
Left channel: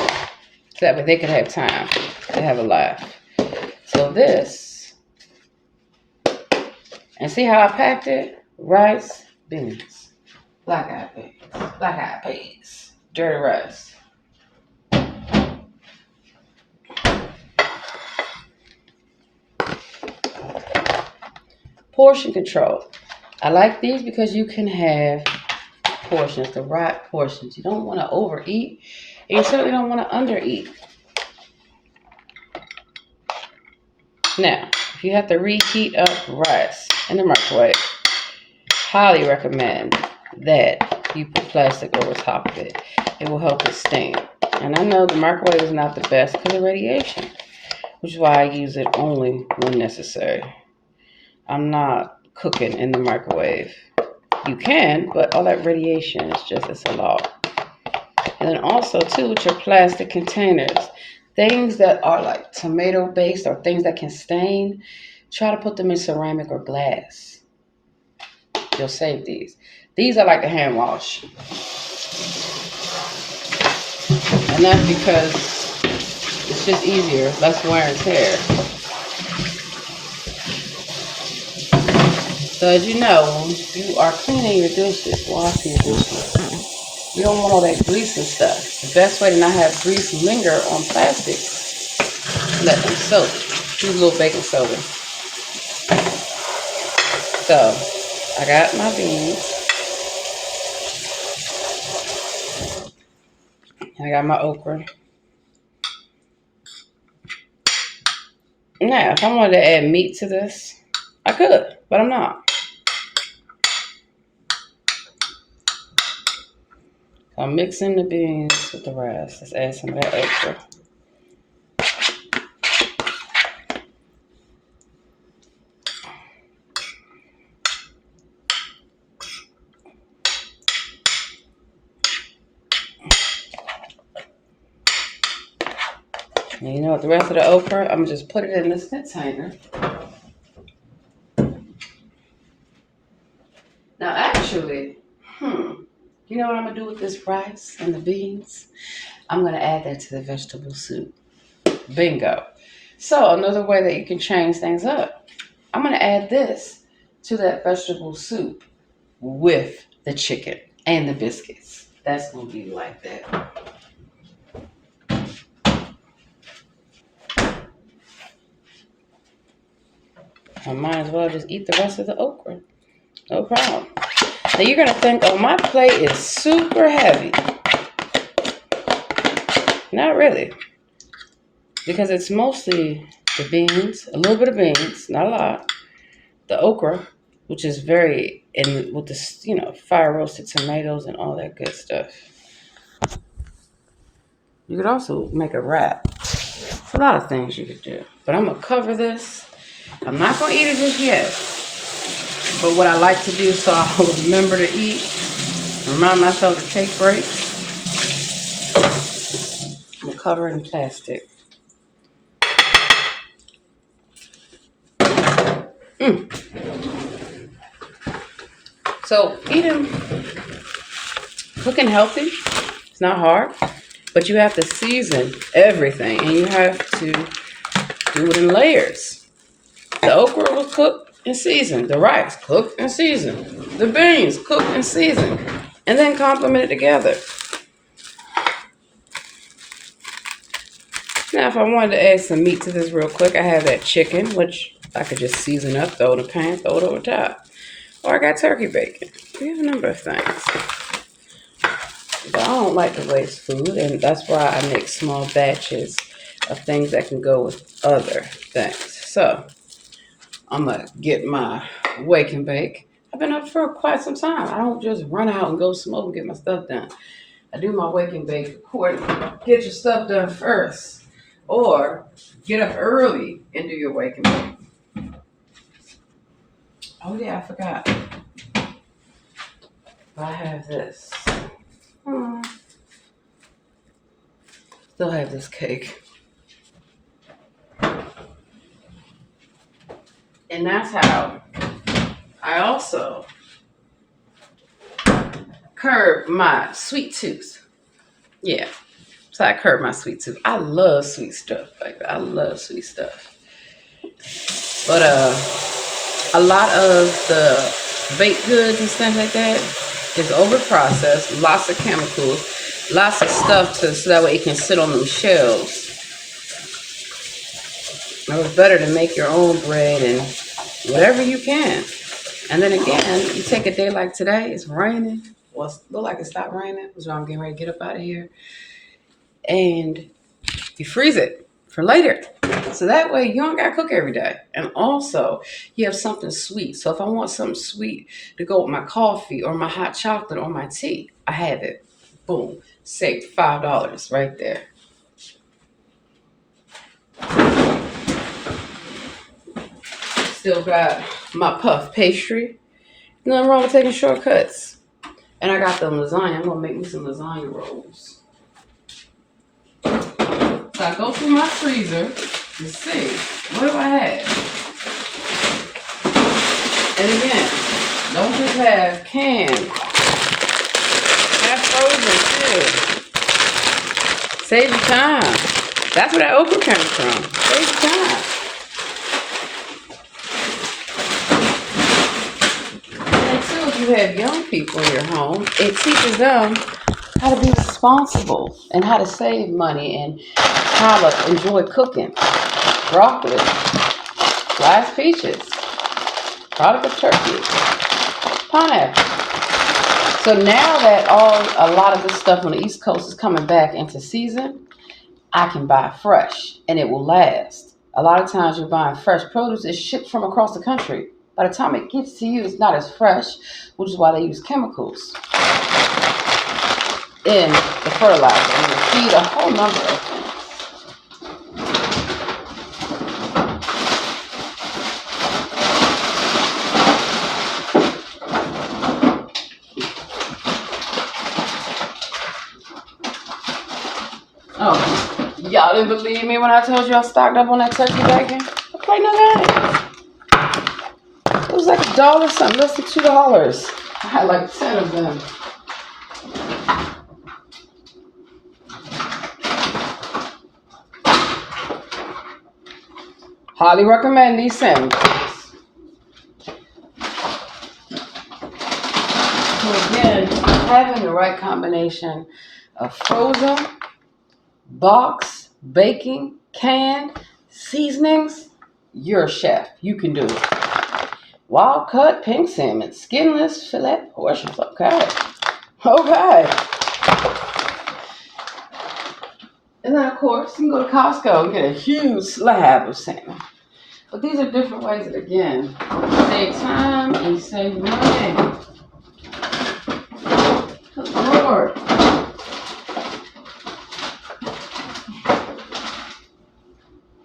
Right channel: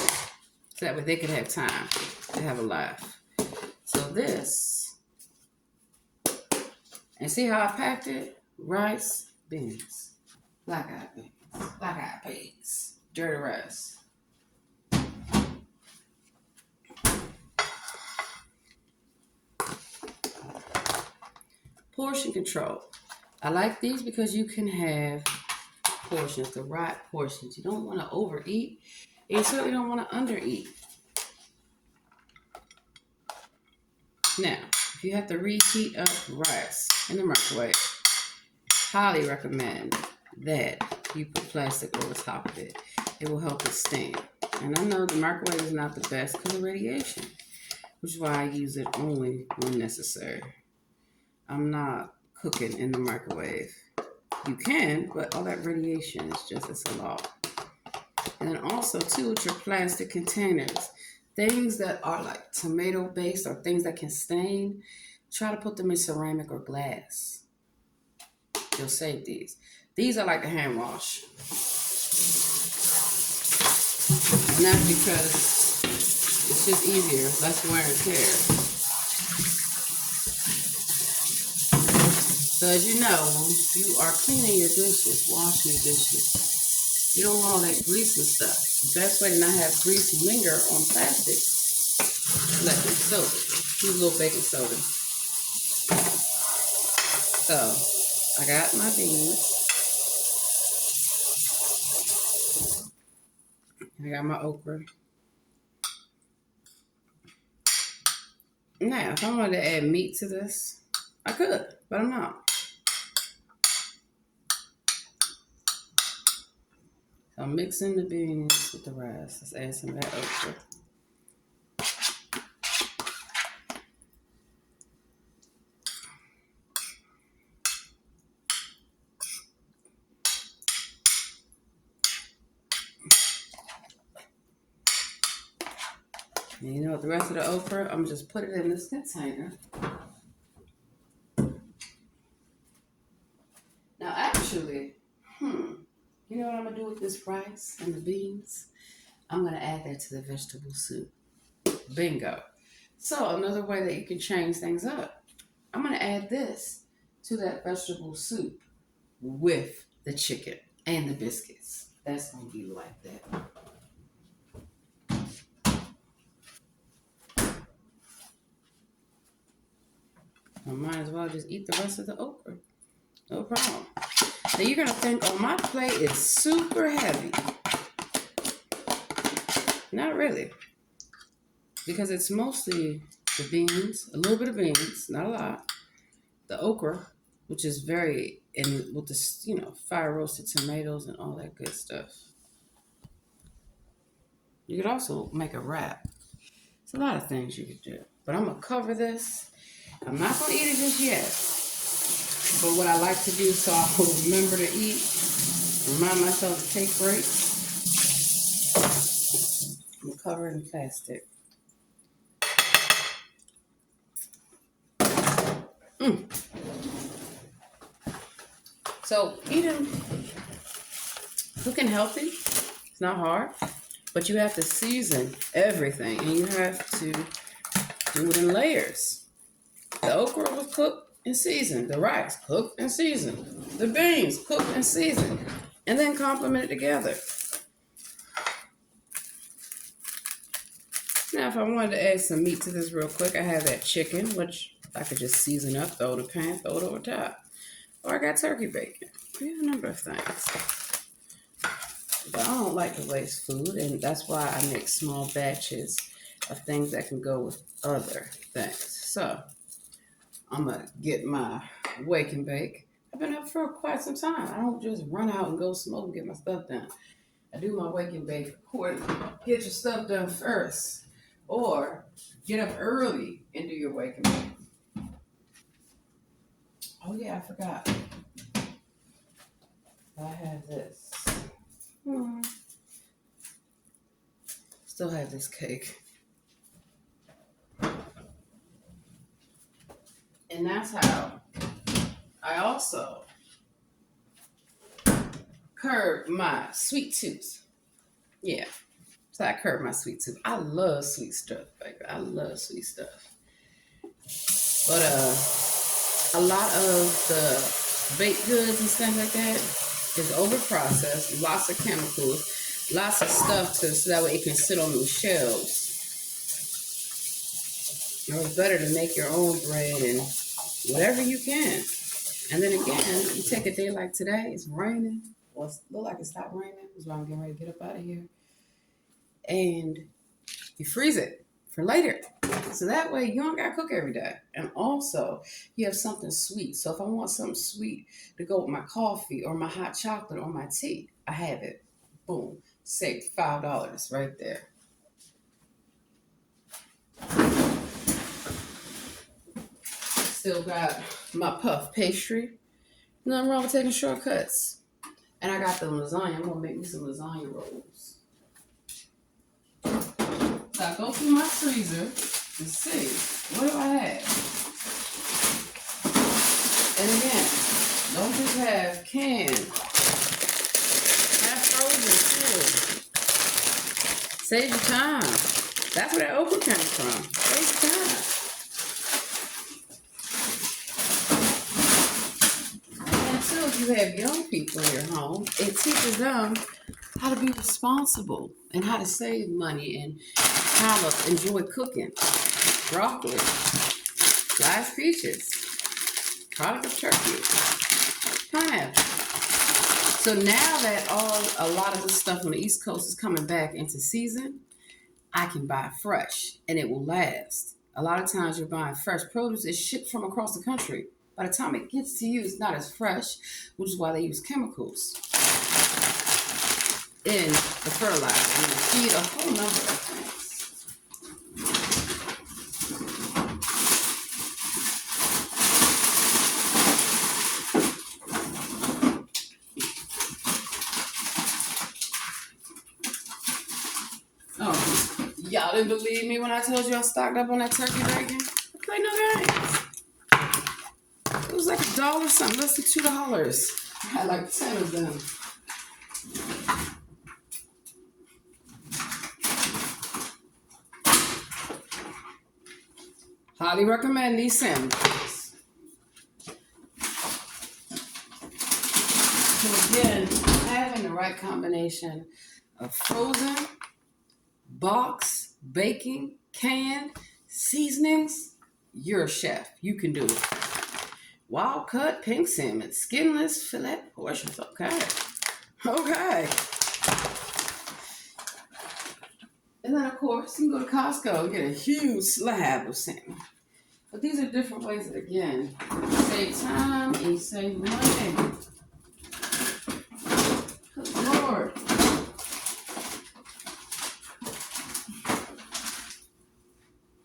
So that way they can have time to have a life. So this, and see how I packed it? Rice, beans, black-eyed peas, dirty rice. Portion control. I like these because you can have portions, the right portions. You don't want to overeat, and you certainly don't want to undereat. Now, if you have to reheat up rice in the microwave, highly recommend that you put plastic over top of it. It will help it stain. And I know the microwave is not the best because of radiation, which is why I use it only when necessary. I'm not cooking in the microwave. You can, but all that radiation is it's a lot. And then also, too, with your plastic containers, things that are like tomato based or things that can stain, try to put them in ceramic or glass. You'll save these. These I like to hand wash. And that's because it's just easier, less wear and tear. So as you know, when you are cleaning your dishes, washing your dishes, you don't want all that grease and stuff. The best way to not have grease linger on plastics, let them soak. Use a little baking soda. So I got my beans. I got my okra. Now, if I wanted to add meat to this, I could, but I'm not. So I'm mixing the beans with the rice. Let's add some of that okra. And you know what? The rest of the okra, I'm gonna just put it in this container. Now, actually, you know what I'm gonna do with this rice and the beans? I'm gonna add that to the vegetable soup. Bingo. So another way that you can change things up, I'm gonna add this to that vegetable soup with the chicken and the biscuits. That's gonna be like that. I might as well just eat the rest of the okra. No problem. Now you're gonna think, oh, my plate is super heavy. Not really. Because it's mostly the beans, a little bit of beans, not a lot. The okra, which is very, and with the, fire roasted tomatoes and all that good stuff. You could also make a wrap. It's a lot of things you could do. But I'm going to cover this. I'm not going to eat it just yet. But what I like to do so I'll remember to eat, remind myself to take breaks, I'm going to cover it in plastic. So cooking healthy, it's not hard, but you have to season everything and you have to do it in layers. The okra was cooked and seasoned, the rice cooked and seasoned, the beans cooked and seasoned, and then complement it together. Now, if I wanted to add some meat to this real quick, I have that chicken, which I could just season up, throw it in a pan, throw it over top. Or I got turkey bacon. We have a number of things. But I don't like to waste food, and that's why I make small batches of things that can go with other things. So, I'm going to get my wake and bake. I've been up for quite some time. I don't just run out and go smoke and get my stuff done. I do my wake and bake accordingly. Get your stuff done first. Or get up early and do your wake and bake. Oh yeah, I forgot. I have this. Still have this cake. And that's how I also curb my sweet tooth. Yeah. So I curb my sweet tooth. I love sweet stuff. I love sweet stuff. But a lot of the baked goods and stuff like that is over processed, lots of chemicals, lots of stuff so that way it can sit on them shelves. It's better to make your own bread and whatever you can. And then again, you take a day like today, it's raining. Well, it look like it stopped raining, so I'm getting ready to get up out of here. And you freeze it for later. So that way you don't got to cook every day. And also, you have something sweet. So if I want something sweet to go with my coffee or my hot chocolate or my tea, I have it. Boom. Saved $5 right there. Still got my puff pastry. Nothing wrong with taking shortcuts. And I got them lasagna. I'm going to make me some lasagna rolls. So I go through my freezer to see, what do I have? And again, don't just have canned, have frozen too. Save your time. That's where that okra came from. Save your time. And too, if you have young people in your home, it teaches them how to be responsible and how to save money and how to enjoy cooking. Broccoli, sliced peaches, product of turkey, pineapple. So now that a lot of this stuff on the East Coast is coming back into season, I can buy fresh and it will last. A lot of times you're buying fresh produce, it's shipped from across the country. By the time it gets to you, it's not as fresh, which is why they use chemicals in the fertilizer and the feed, a whole number of things. Oh, Y'all didn't believe me when I told you I stocked up on that turkey bacon? I played no games. It was like $1 something, less than $2. I had like 10 of them. Highly recommend these sandwiches. So again, having the right combination of frozen, box, baking, canned, seasonings, you're a chef. You can do it. Wild cut pink salmon, skinless fillet portions. Okay. Okay. And then, of course, you can go to Costco and get a huge slab of salmon. But these are different ways that, again, save time and save money. Good Lord.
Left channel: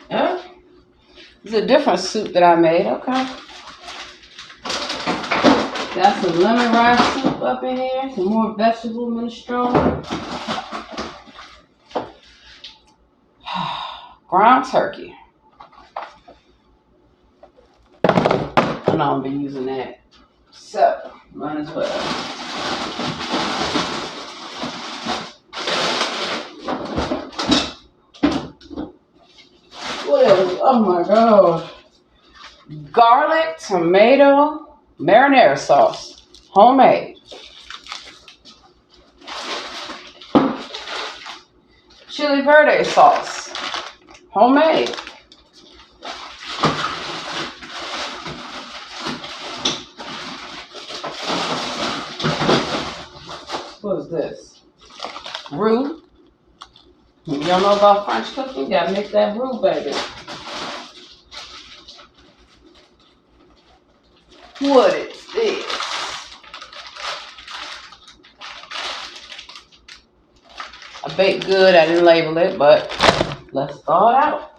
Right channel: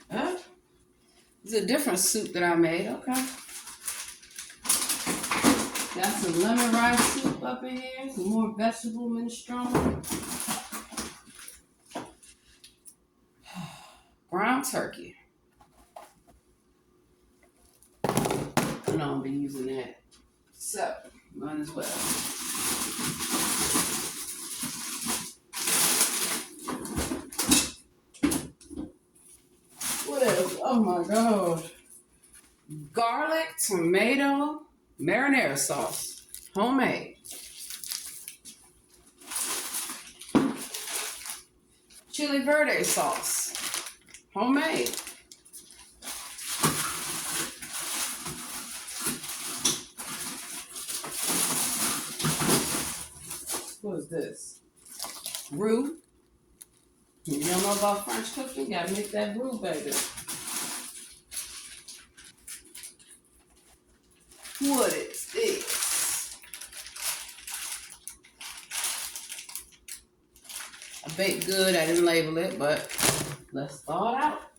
Yeah. This is a different soup that I made. Okay. Got some lemon rice soup up in here. Some more vegetable minestrone. Ground turkey. I know I'm gonna be using that. So, might as well. What else? Oh my God. Garlic, tomato, marinara sauce. Homemade. Chili verde sauce. Homemade. What is this? Roux. You don't know about French cooking? You gotta make that roux, baby. What is this? I baked good. I didn't label it, but let's thaw it out.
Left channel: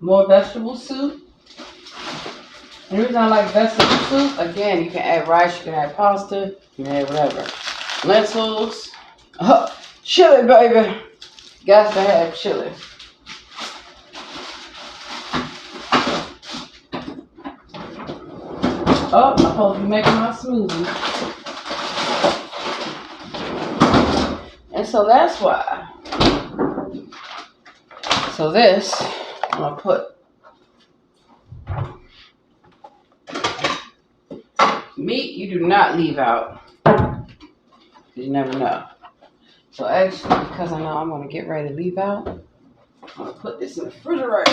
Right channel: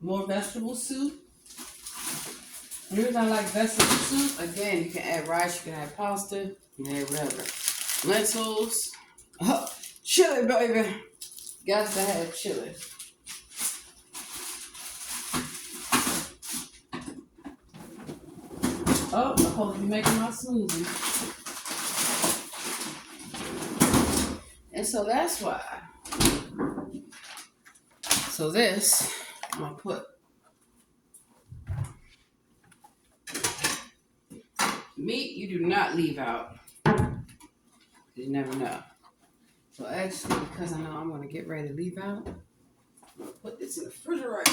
More vegetable soup. The reason I like vegetable soup, again, you can add rice, you can add pasta, you can add whatever. Lentils. Chili, baby. Got to have chili. Oh, I'm supposed to be making my smoothie. And so that's why. So this, I'm going to put meat you do not leave out. You never know. So actually, because I know I'm going to get ready to leave out, I'm going to put this in the refrigerator.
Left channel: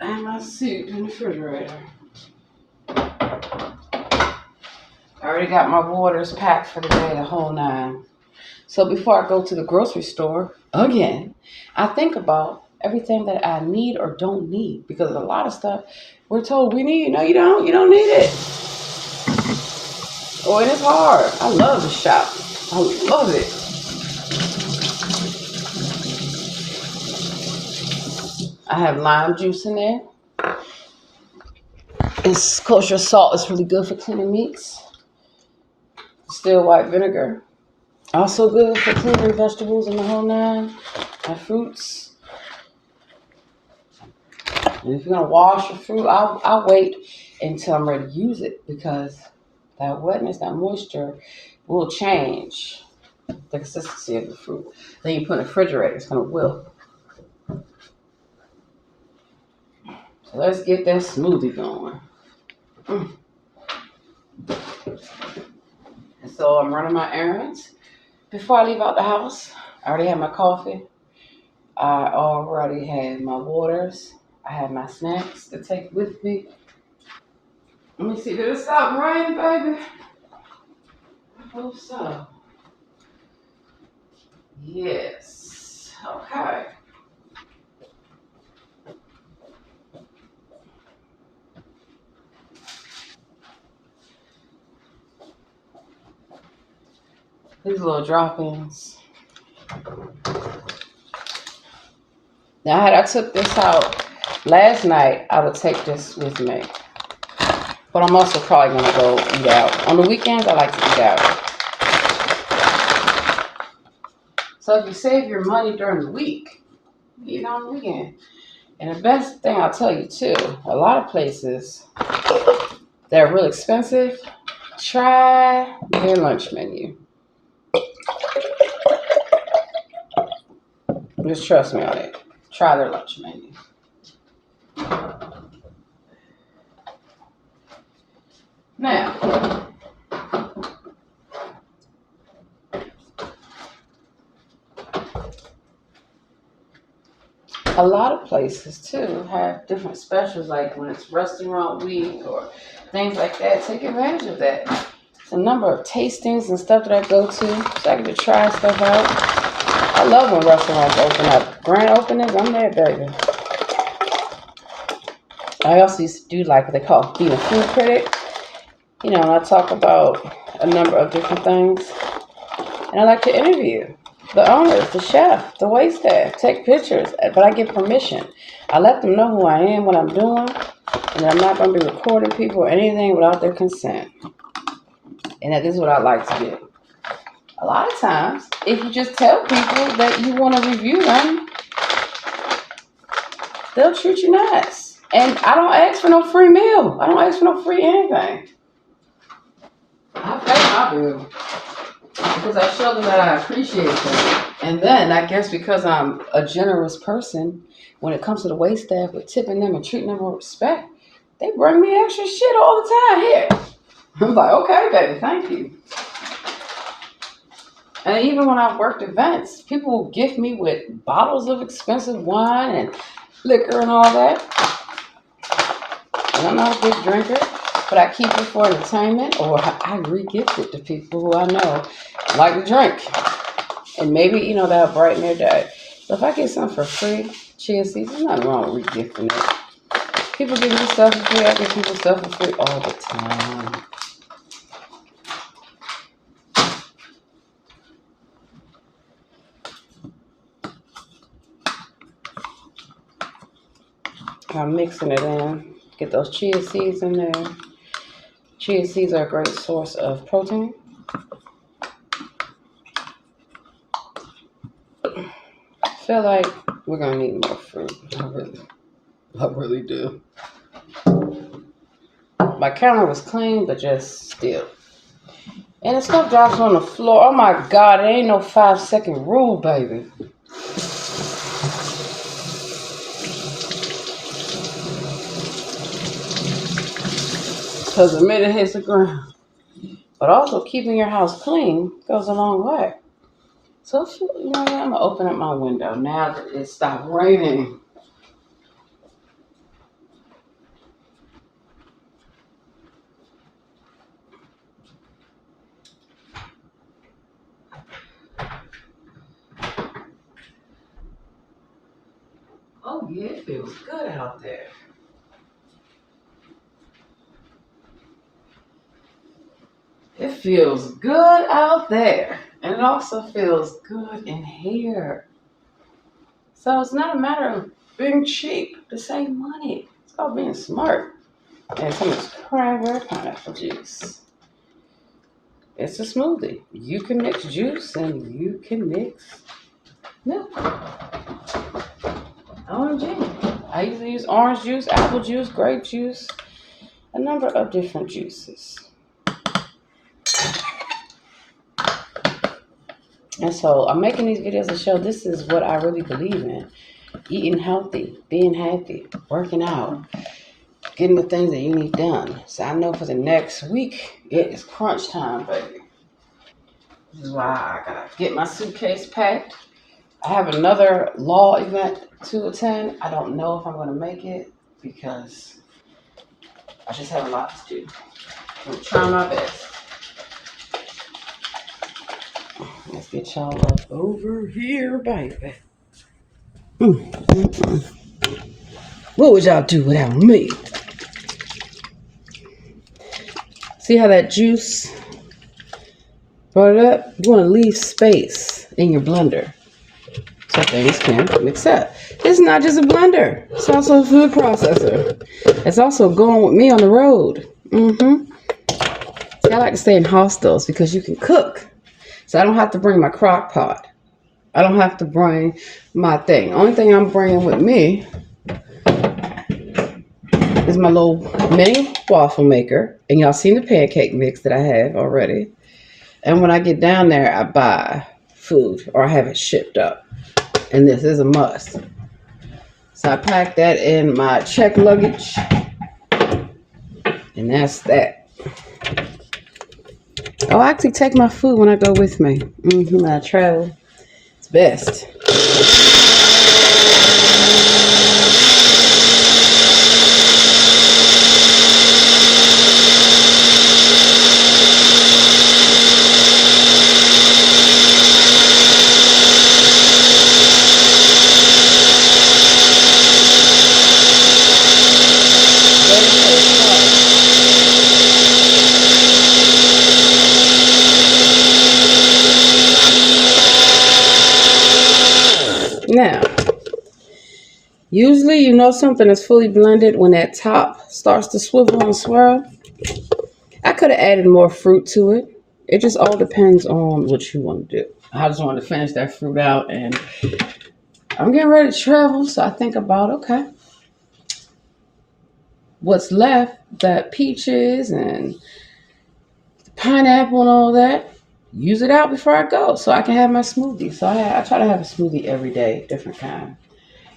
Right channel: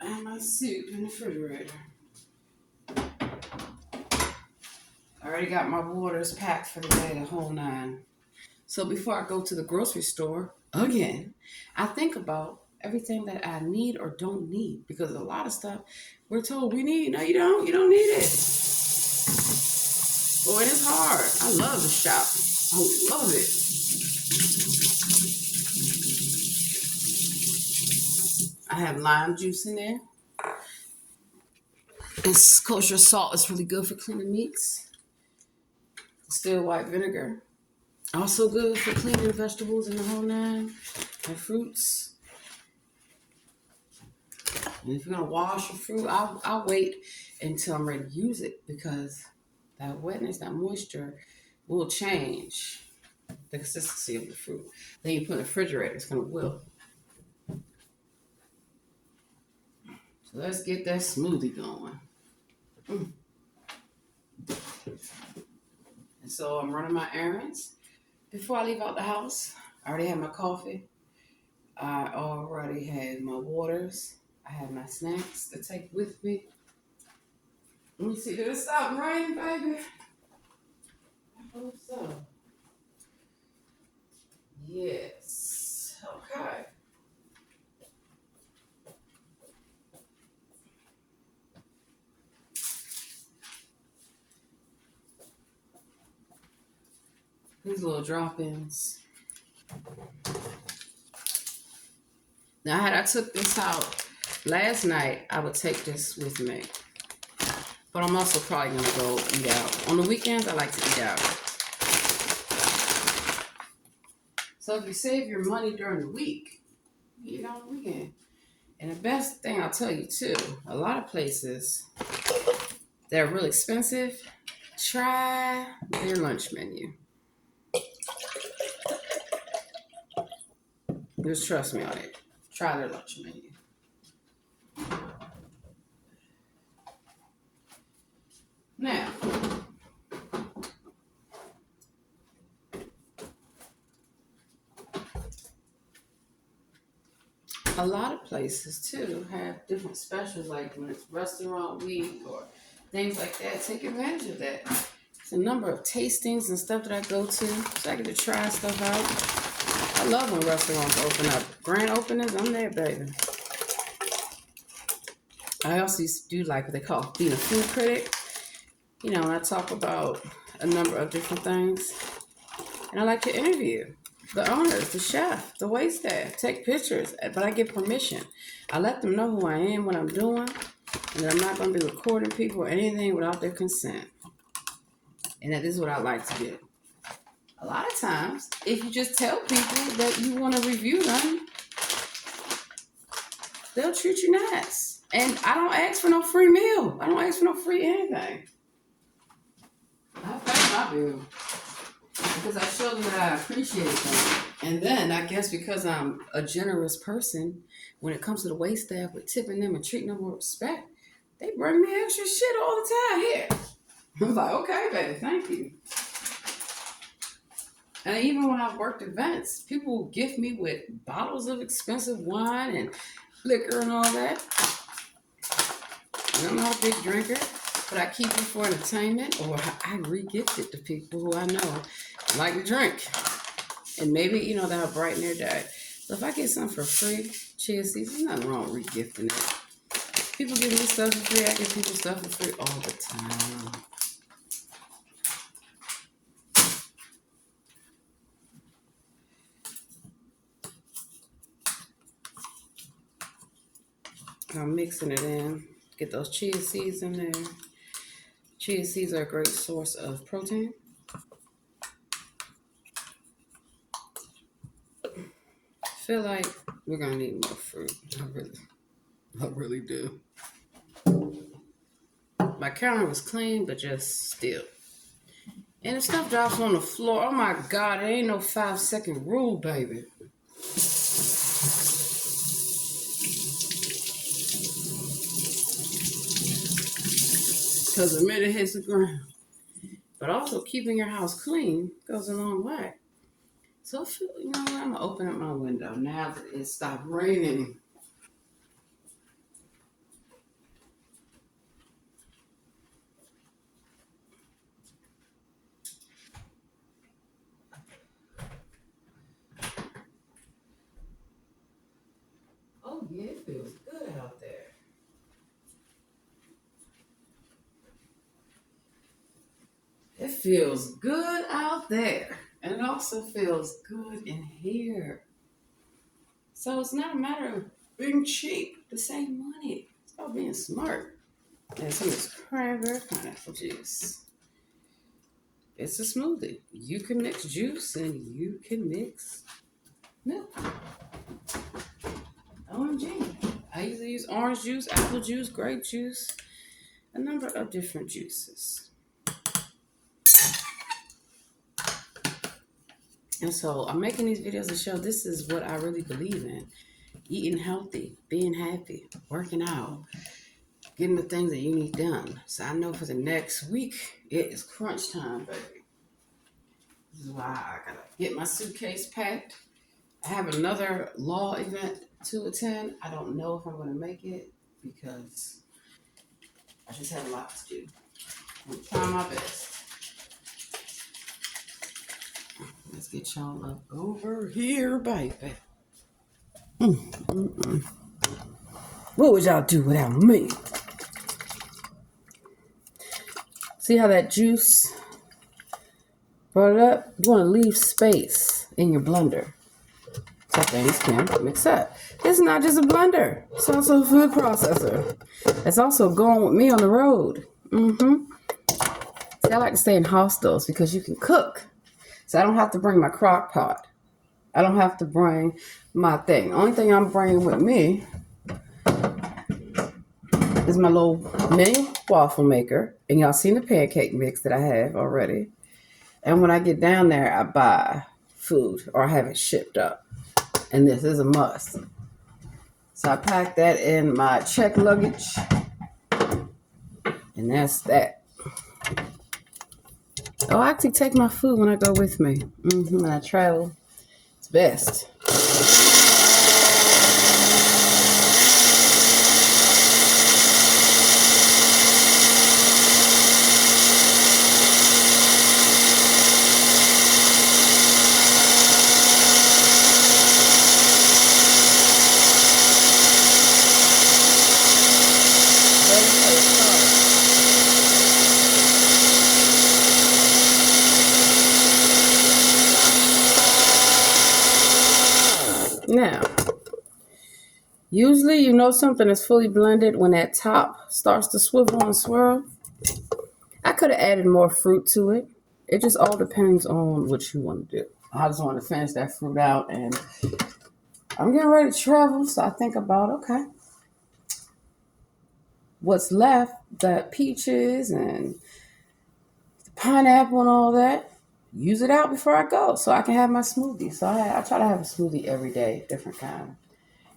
And my soup in the refrigerator. I already got my waters packed for the day, the whole 9. So before I go to the grocery store, again, I think about everything that I need or don't need. Because a lot of stuff we're told we need. No, you don't. You don't need it. Oh, it is hard. I love to shop. I love it. I have lime juice in there. It's kosher salt. It's really good for cleaning meats. Still white vinegar. Also good for cleaning vegetables in the whole 9. And fruits. And if you're going to wash your fruit, I'll wait until I'm ready to use it. Because that wetness, that moisture will change the consistency of the fruit. Then you put in the refrigerator, it's going to wilt. So let's get that smoothie going. And so I'm running my errands. Before I leave out the house, I already have my coffee. I already have my waters. I have my snacks to take with me. Let me see, did it stop raining, baby? I hope so. Yes. Okay. These little drop-ins. Now, had I took this out last night, I would take this with me. But I'm also probably going to go eat out. On the weekends, I like to eat out. So if you save your money during the week, eat on the weekend. And the best thing I'll tell you too, a lot of places that are really expensive, try their lunch menu. Just trust me on it. Try their lunch menu. Now, a lot of places too have different specials, like when it's restaurant week or things like that. Take advantage of that. It's a number of tastings and stuff that I go to, so I get to try stuff out. I love when restaurants open up. Grand openings, I'm there, baby. I also used to do like what they call being a food critic. You know, and I talk about a number of different things. And I like to interview the owners, the chef, the waitstaff, take pictures, but I get permission. I let them know who I am, what I'm doing, and I'm not going to be recording people or anything without their consent. And that is what I like to do. A lot of times, if you just tell people that you want to review them, they'll treat you nice. And I don't ask for no free meal. I don't ask for no free anything. I pay my bill because I show them that I appreciate them. And then I guess because I'm a generous person, when it comes to the waitstaff with tipping them and treating them with respect, they bring me extra shit all the time here. I'm like, okay, baby, thank you. And even when I've worked events, people will gift me with bottles of expensive wine and liquor and all that. And I'm not a big drinker, but I keep it for entertainment, or I re-gift it to people who I know like to drink. And maybe, you know, that'll brighten their day. So if I get something for free, chia seeds, there's nothing wrong with re-gifting it. People give me stuff for free, I give people stuff for free all the time. I'm mixing it in. Get those chia seeds in there. Chia seeds are a great source of protein. I feel like we're gonna need more fruit. I really do. My counter was clean, but just still. And the stuff drops on the floor. Oh my God, it ain't no 5-second rule, baby. Because the minute it hits the ground. But also keeping your house clean goes a long way. So, you know what? I'm going to open up my window now that it stopped raining. Oh, yeah, it feels good out there. It feels good out there. And it also feels good in here. So it's not a matter of being cheap to save money. It's called being smart. And some of this cranberry pineapple juice. It's a smoothie. You can mix juice and you can mix milk. OMG. I usually use orange juice, apple juice, grape juice, a number of different juices. And so I'm making these videos to show this is what I really believe in. Eating healthy, being happy, working out, getting the things that you need done. So I know for the next week, it is crunch time, baby. This is why I gotta get my suitcase packed. I have another law event to attend. I don't know if I'm gonna make it because I just have a lot to do. I'm gonna try my best. Let's get y'all up over here, baby. What would y'all do without me? See how that juice brought it up? You want to leave space in your blender so things can mix up. This is not just a blender. It's also a food processor. It's also going with me on the road. See, I like to stay in hostels because you can cook. So I don't have to bring my crock pot. I don't have to bring my thing. Only thing I'm bringing with me is my little mini waffle maker. And y'all seen the pancake mix that I have already. And when I get down there, I buy food or I have it shipped up. And this is a must. So I pack that in my check luggage. And that's that. I'll actually take my food when I go with me. When I travel. It's best. Now, usually you know something is fully blended when that top starts to swivel and swirl. I could have added more fruit to it. It just all depends on what you want to do. I just wanted to finish that fruit out and I'm getting ready to travel, so I think about okay, what's left, that peaches and pineapple and all that, use it out before I go so I can have my smoothie. So I try to have a smoothie every day, different kind.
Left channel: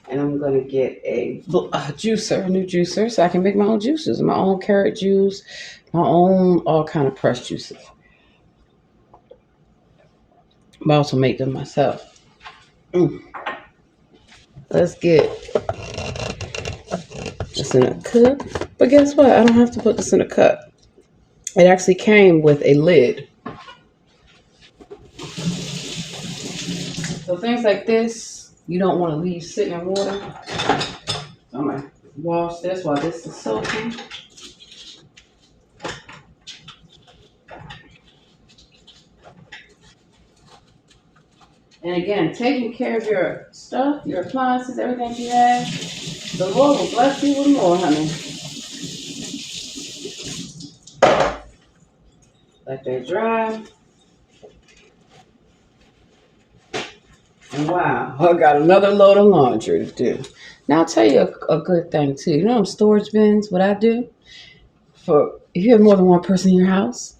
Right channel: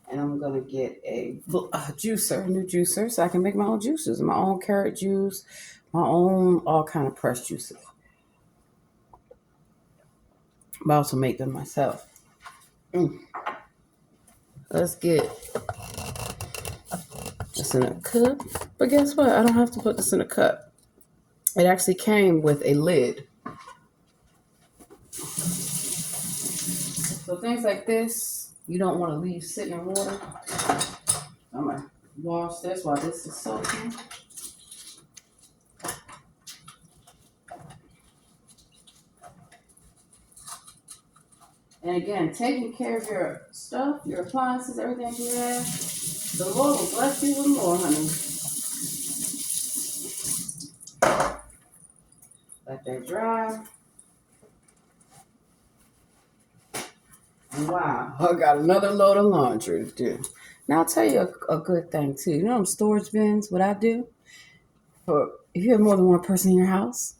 And I'm going to get a juicer, a new juicer, so I can make my own juices, my own carrot juice, my own all kind of pressed juices. But I also make them myself. Let's get this in a cup. But guess what? I don't have to put this in a cup. It actually came with a lid. So things like this, you don't want to leave sitting in water. I'm going to wash this while this is soaking. And again, taking care of your stuff, your appliances, everything you have, the Lord will bless you with more, honey. Let that dry. And wow, I got another load of laundry to do. Now I'll tell you a good thing too. You know them storage bins, what I do? For if you have more than one person in your house,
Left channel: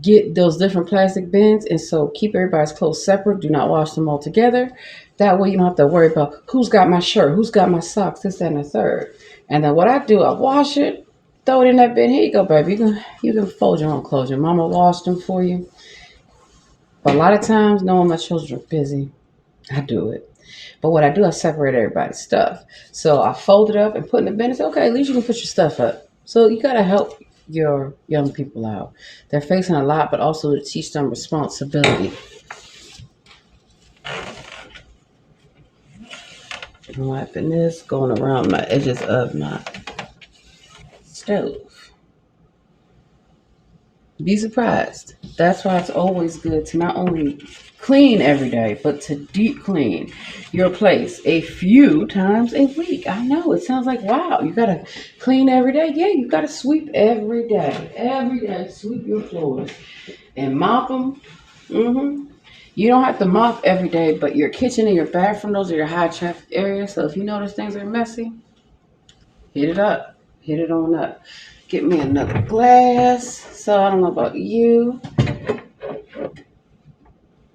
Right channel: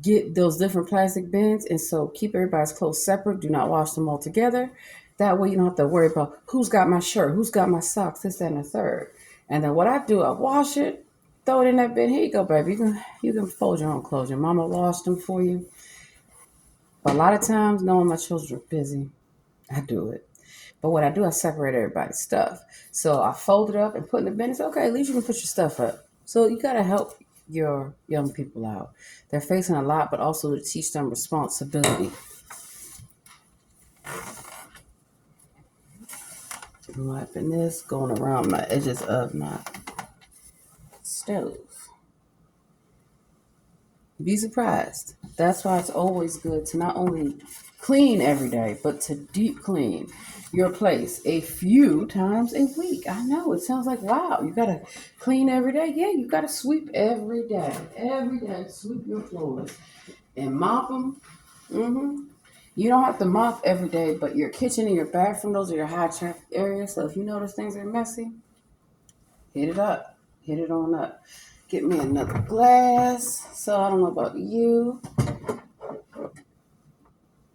get those different plastic bins and so keep everybody's clothes separate. Do not wash them all together. That way you don't have to worry about who's got my shirt, who's got my socks, this, that, and the third. And then what I do, I wash it, throw it in that bin. Here you go, baby. You can fold your own clothes. Your mama washed them for you. But a lot of times, knowing my children are busy, I do it. But what I do, I separate everybody's stuff. So I fold it up and put in the bin and say, okay, at least you can put your stuff up. So you got to help your young people out. They're facing a lot, but also to teach them responsibility. I'm wiping this, going around my edges of my stove. Be surprised. That's why it's always good to not only clean every day, but to deep clean your place a few times a week. I know it sounds like, wow, you got to clean every day. Yeah, you got to sweep every day. Every day, sweep your floors and mop them. You don't have to mop every day, but your kitchen and your bathroom, those are your high traffic areas. So if you notice things are messy, hit it up. Hit it on up. Get me another glass. So I don't know about you.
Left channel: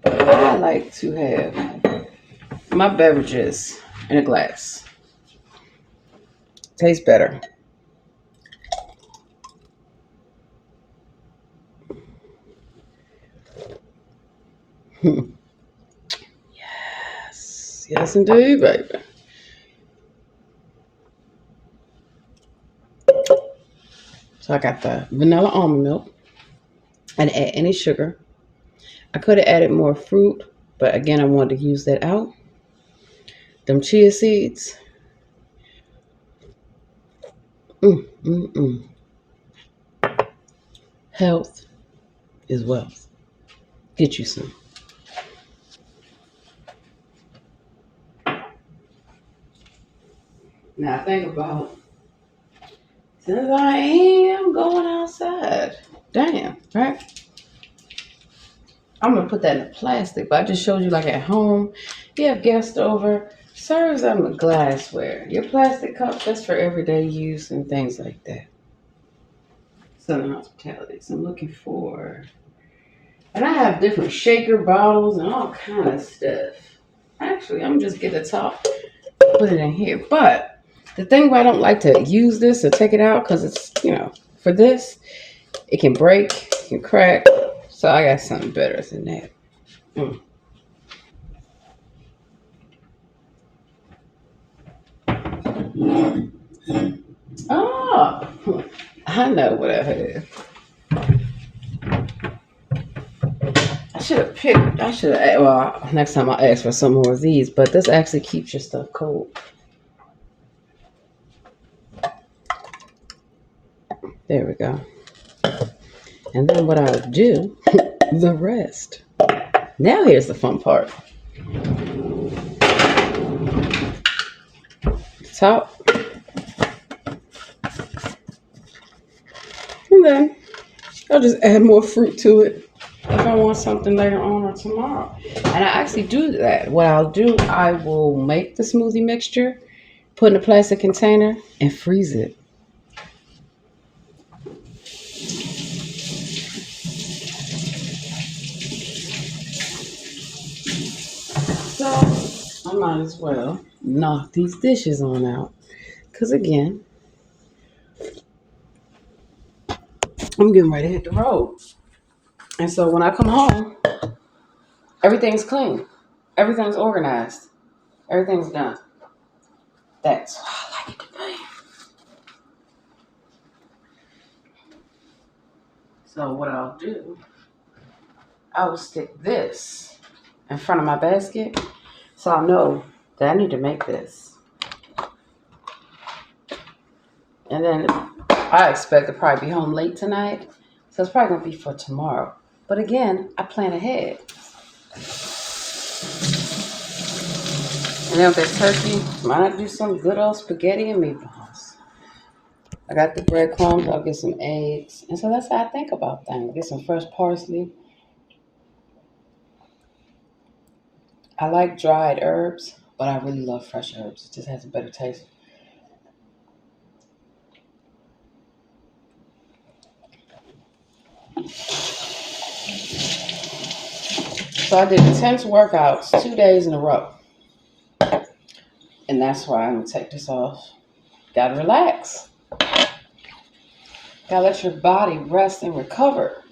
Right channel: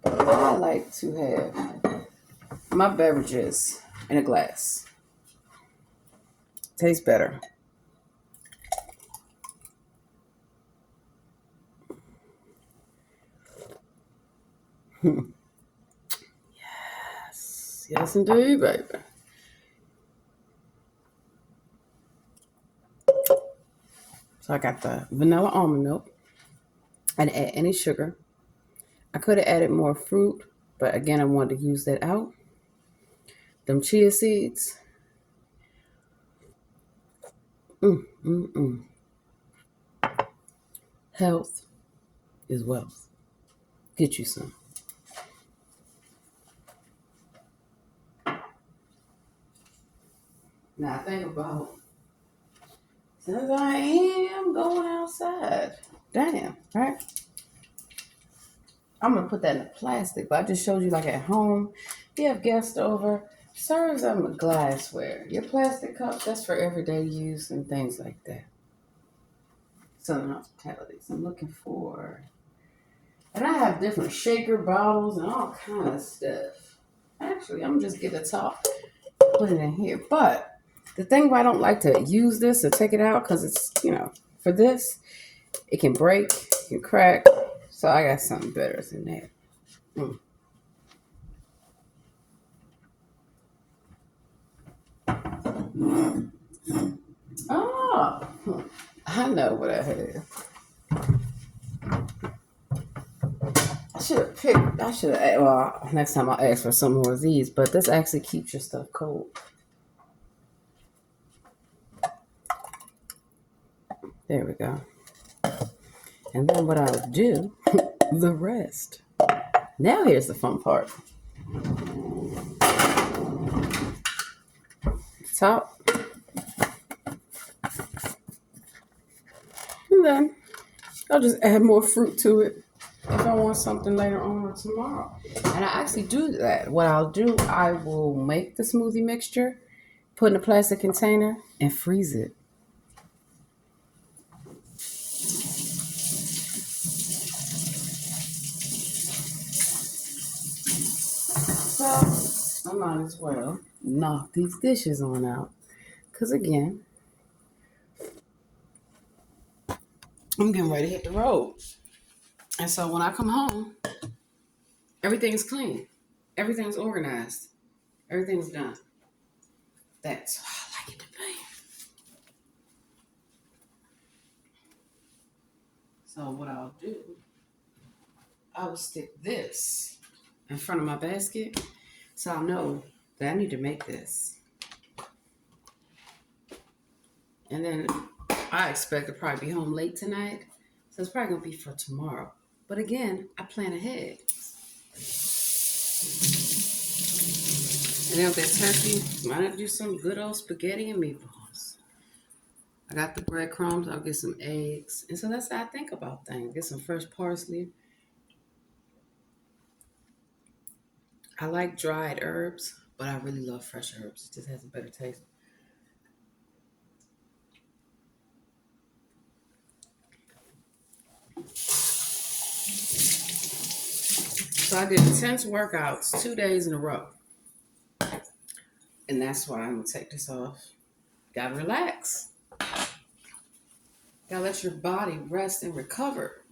I like to have my beverages in a glass. Tastes better. Yes. Yes, indeed, baby. So I got the vanilla almond milk. I didn't add any sugar. I could have added more fruit, but again, I wanted to use that out. Them chia seeds. Mm, mm, mm. Health is wealth. Get you some. Now think about, since I am going outside, damn, right? I'm gonna put that in a plastic, but I just showed you like at home. You have guests over, serves them a glassware. Your plastic cup, that's for everyday use and things like that. Southern hospitality. So I'm looking for, and I have different shaker bottles and all kind of stuff. Actually, I'm just get the top, put it in here. But the thing why I don't like to use this or take it out, because it's, for this, it can break, it can crack. So I got something better than that. Mm. Oh, I know what I have. I should have, well, next time I'll ask for some more of these, but this actually keeps your stuff cold. There we go. And then what I'll do, the rest. Now here's the fun part. Top. And then I'll just add more fruit to it if I want something later on or tomorrow. And I actually do that. What I'll do, I will make the smoothie mixture, put in a plastic container, and freeze it. So I might as well knock these dishes on out. Because again, I'm getting ready to hit the road. And so when I come home, everything's clean. Everything's organized. Everything's done. That's how I like it to be. So what I'll do, I will stick this in front of my basket so I know that I need to make this. And then I expect to probably be home late tonight. So it's probably going to be for tomorrow. But again, I plan ahead. And then with that turkey, might I do some good old spaghetti and meatballs. I got the breadcrumbs. I'll get some eggs. And so that's how I think about things. Get some fresh parsley. I like dried herbs, but I really love fresh herbs. It just has a better taste. So I did intense workouts 2 days in a row. And that's why I'm going to take this off. Gotta relax. Gotta let your body rest and recover.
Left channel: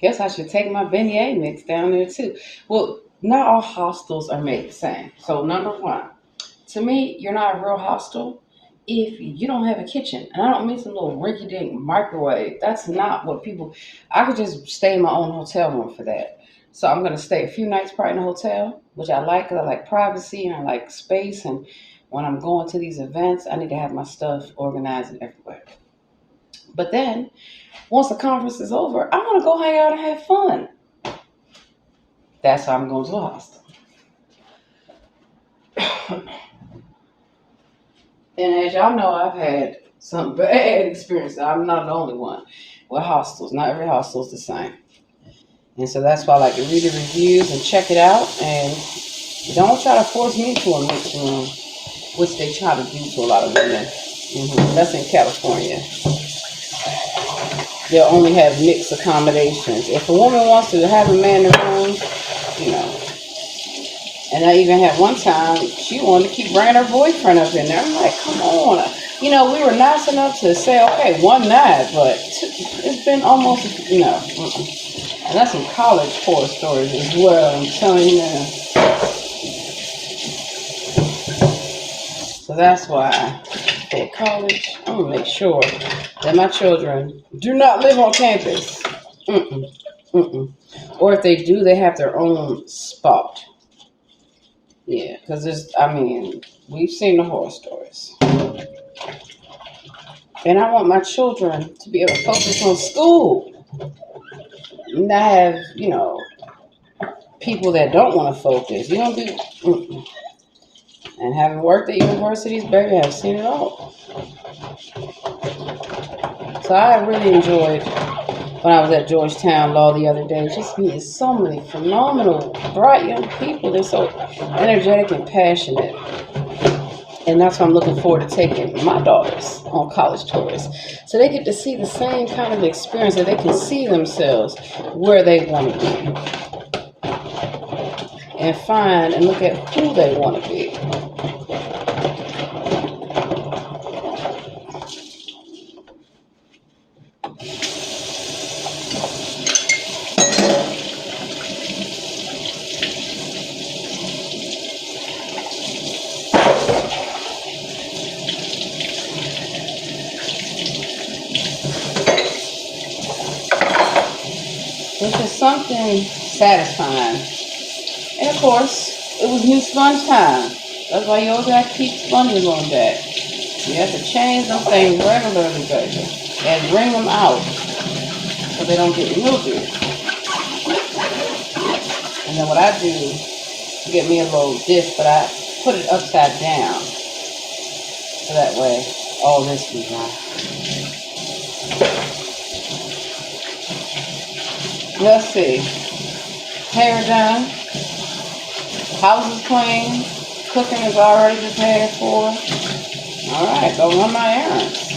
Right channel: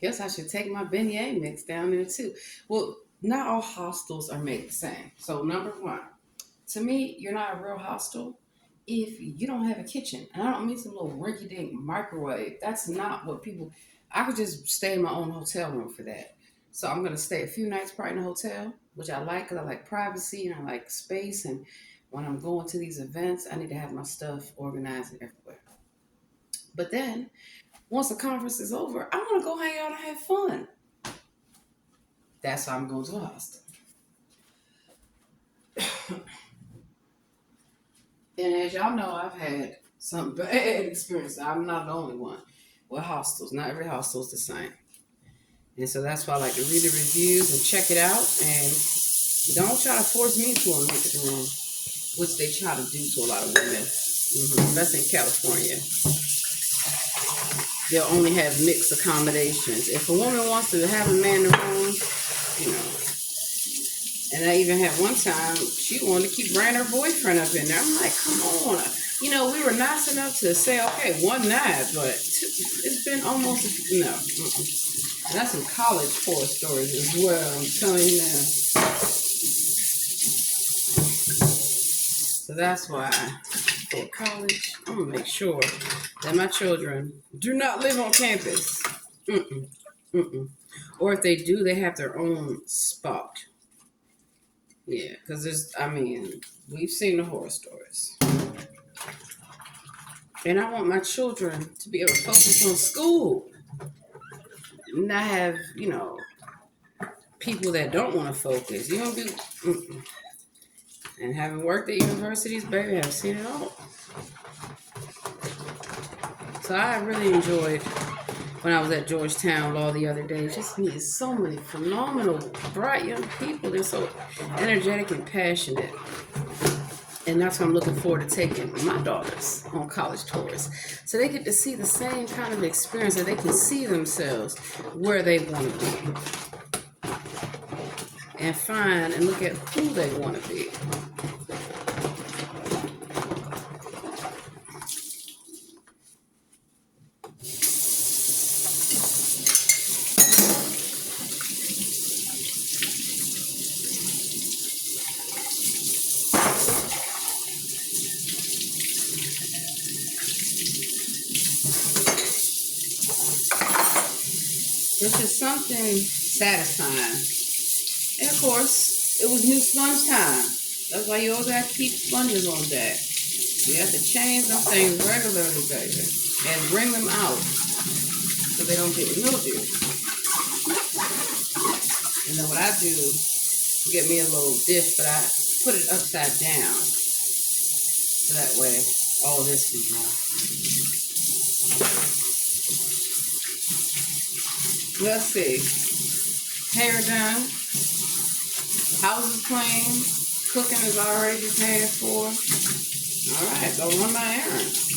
Guess I should take my beignet mix down there too. Well, not all hostels are made the same. So number one, to me, you're not a real hostel if you don't have a kitchen. And I don't mean some little rinky dink microwave. That's not what people. I could just stay in my own hotel room for that. So I'm gonna stay a few nights probably in a hotel, which I like because I like privacy and I like space. And when I'm going to these events, I need to have my stuff organized and everywhere. But then once the conference is over, I want to go hang out and have fun. That's how I'm going to a hostel. And as y'all know, I've had some bad experiences. I'm not the only one with hostels. Not every hostel is the same. And so that's why I like to read the reviews and check it out. And don't try to force me to a mixed room, which they try to do to a lot of women. That's in California. They'll only have mixed accommodations. If a woman wants to have a man in the room, you know. And I even had one time, she wanted to keep bringing her boyfriend up in there. I'm like, come on. We were nice enough to say, okay, one night, but it's been almost, And that's some college horror stories as well, I'm telling you now. So that's why at college, I'm going to make sure that my children do not live on campus. Or if they do, they have their own spot. Yeah, because we've seen the horror stories. And I want my children to be able to focus on school. Not have, people that don't want to focus. You don't be. And having worked at universities, baby, I've seen it all. So I really enjoyed when I was at Georgetown Law the other day. Just meeting so many phenomenal, bright young people. They're so energetic and passionate. And that's why I'm looking forward to taking my daughters on college tours. So they get to see the same kind of experience, that they can see themselves where they want to be and find and look at who they want to be. It's just something satisfying. And of course, it was new sponge time. That's why you always have to keep sponges on deck. You have to change them things regularly, baby, and wring them out so they don't get mildew. And then what I do, get me a little dish, but I put it upside down so that way all this can dry. Let's see. Hair done. House is clean. Cooking is already prepared for. All right, go run my errands.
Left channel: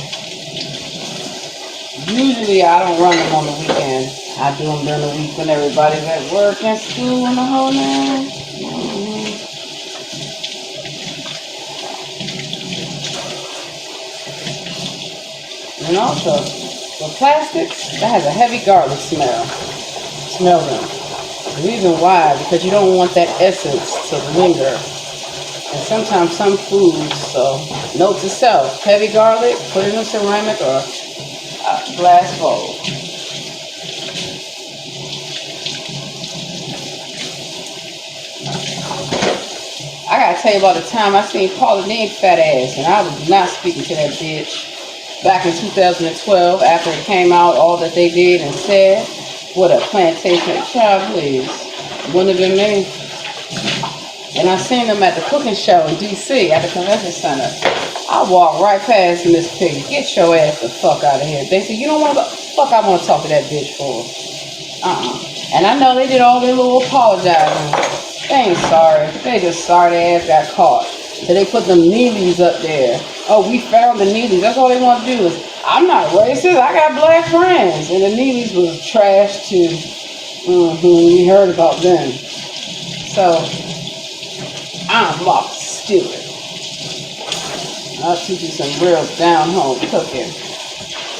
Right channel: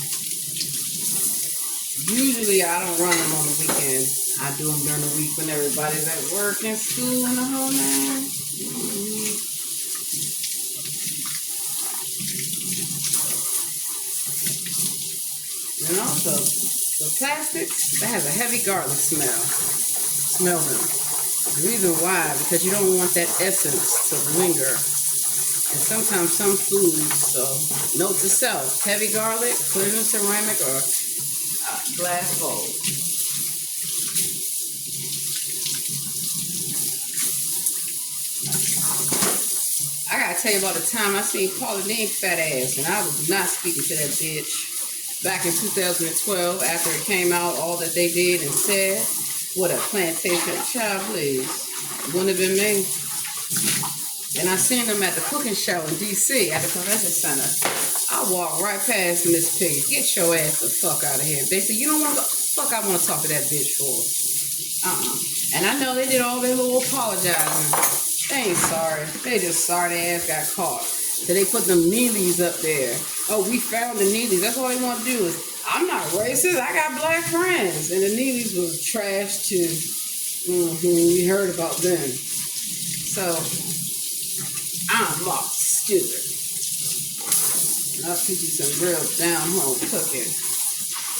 Usually I don't run them on the weekend. I do them during the week when everybody's at work and school and the whole nine. And also, the plastics, that has a heavy garlic smell. Smell them. The reason why, because you don't want that essence to linger. And sometimes some foods, so note to self, heavy garlic, put it in a ceramic or a glass bowl. I gotta tell you about the time I seen Pauline fat ass, and I was not speaking to that bitch. Back in 2012, after it came out, all that they did and said, what a plantation child, please. Wouldn't have been me. And I seen them at the cooking show in D.C. at the convention center. I walked right past Miss Piggy. Get your ass the fuck out of here. They said, you don't want to go? Fuck, I want to talk to that bitch for. And I know they did all their little apologizing. They ain't sorry. They just sorry their ass got caught. So they put them Neelys up there. Oh, we found the Neelys. That's all they want to do is, I'm not racist. I got black friends. And the Neelys was trash too. We heard about them. So, I'm Martha Stewart. I'll teach you some real down-home cooking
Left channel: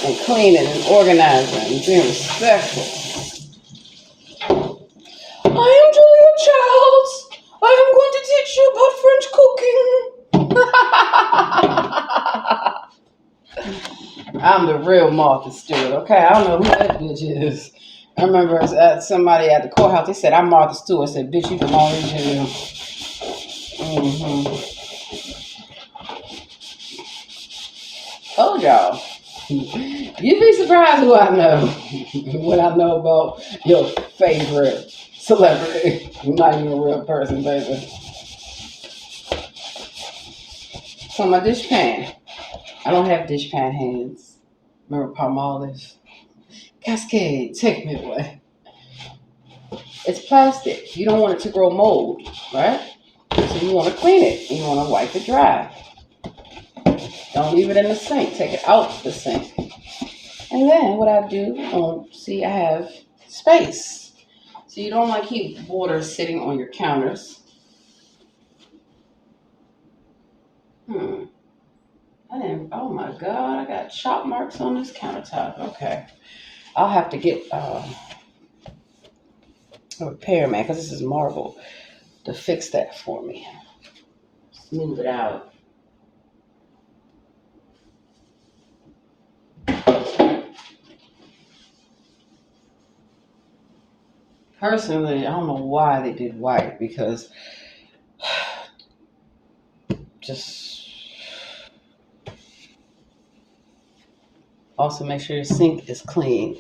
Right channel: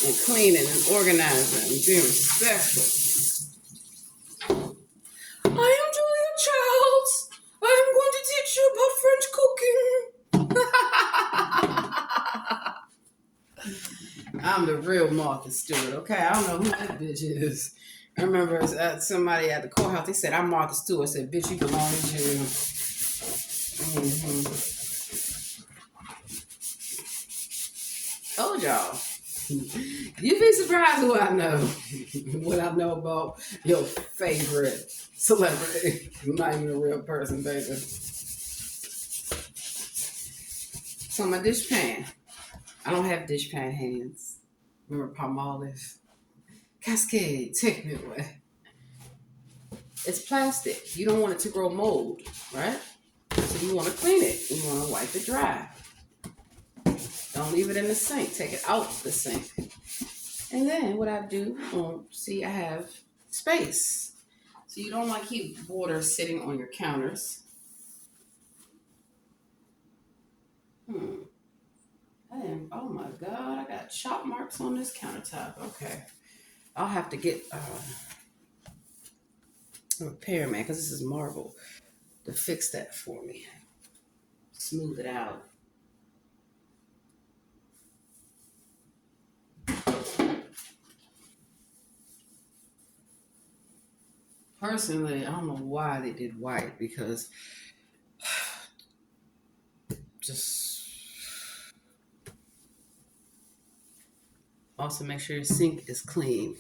and cleaning and organizing and being respectful. I am Julia Childs. I am going to teach you about French cooking. I'm the real Martha Stewart, okay? I don't know who that bitch is. I remember somebody at the courthouse, they said, I'm Martha Stewart. I said, bitch, you belong in jail. Told y'all. You'd be surprised who I know when I know about your favorite celebrity. Not even a real person, baby. So my dish pan. I don't have dish pan hands. Remember Palmolive? Cascade, take me away. It's plastic. You don't want it to grow mold, right? So you want to clean it. You want to wipe it dry. Don't leave it in the sink. Take it out the sink. And then what I do, see, I have space. So you don't want to keep water sitting on your counters. Oh my God, I got chop marks on this countertop. Okay. I'll have to get a repairman, because this is marble, to fix that for me. Smooth it out. Personally, I don't know why they did white, because just also make sure your sink is clean.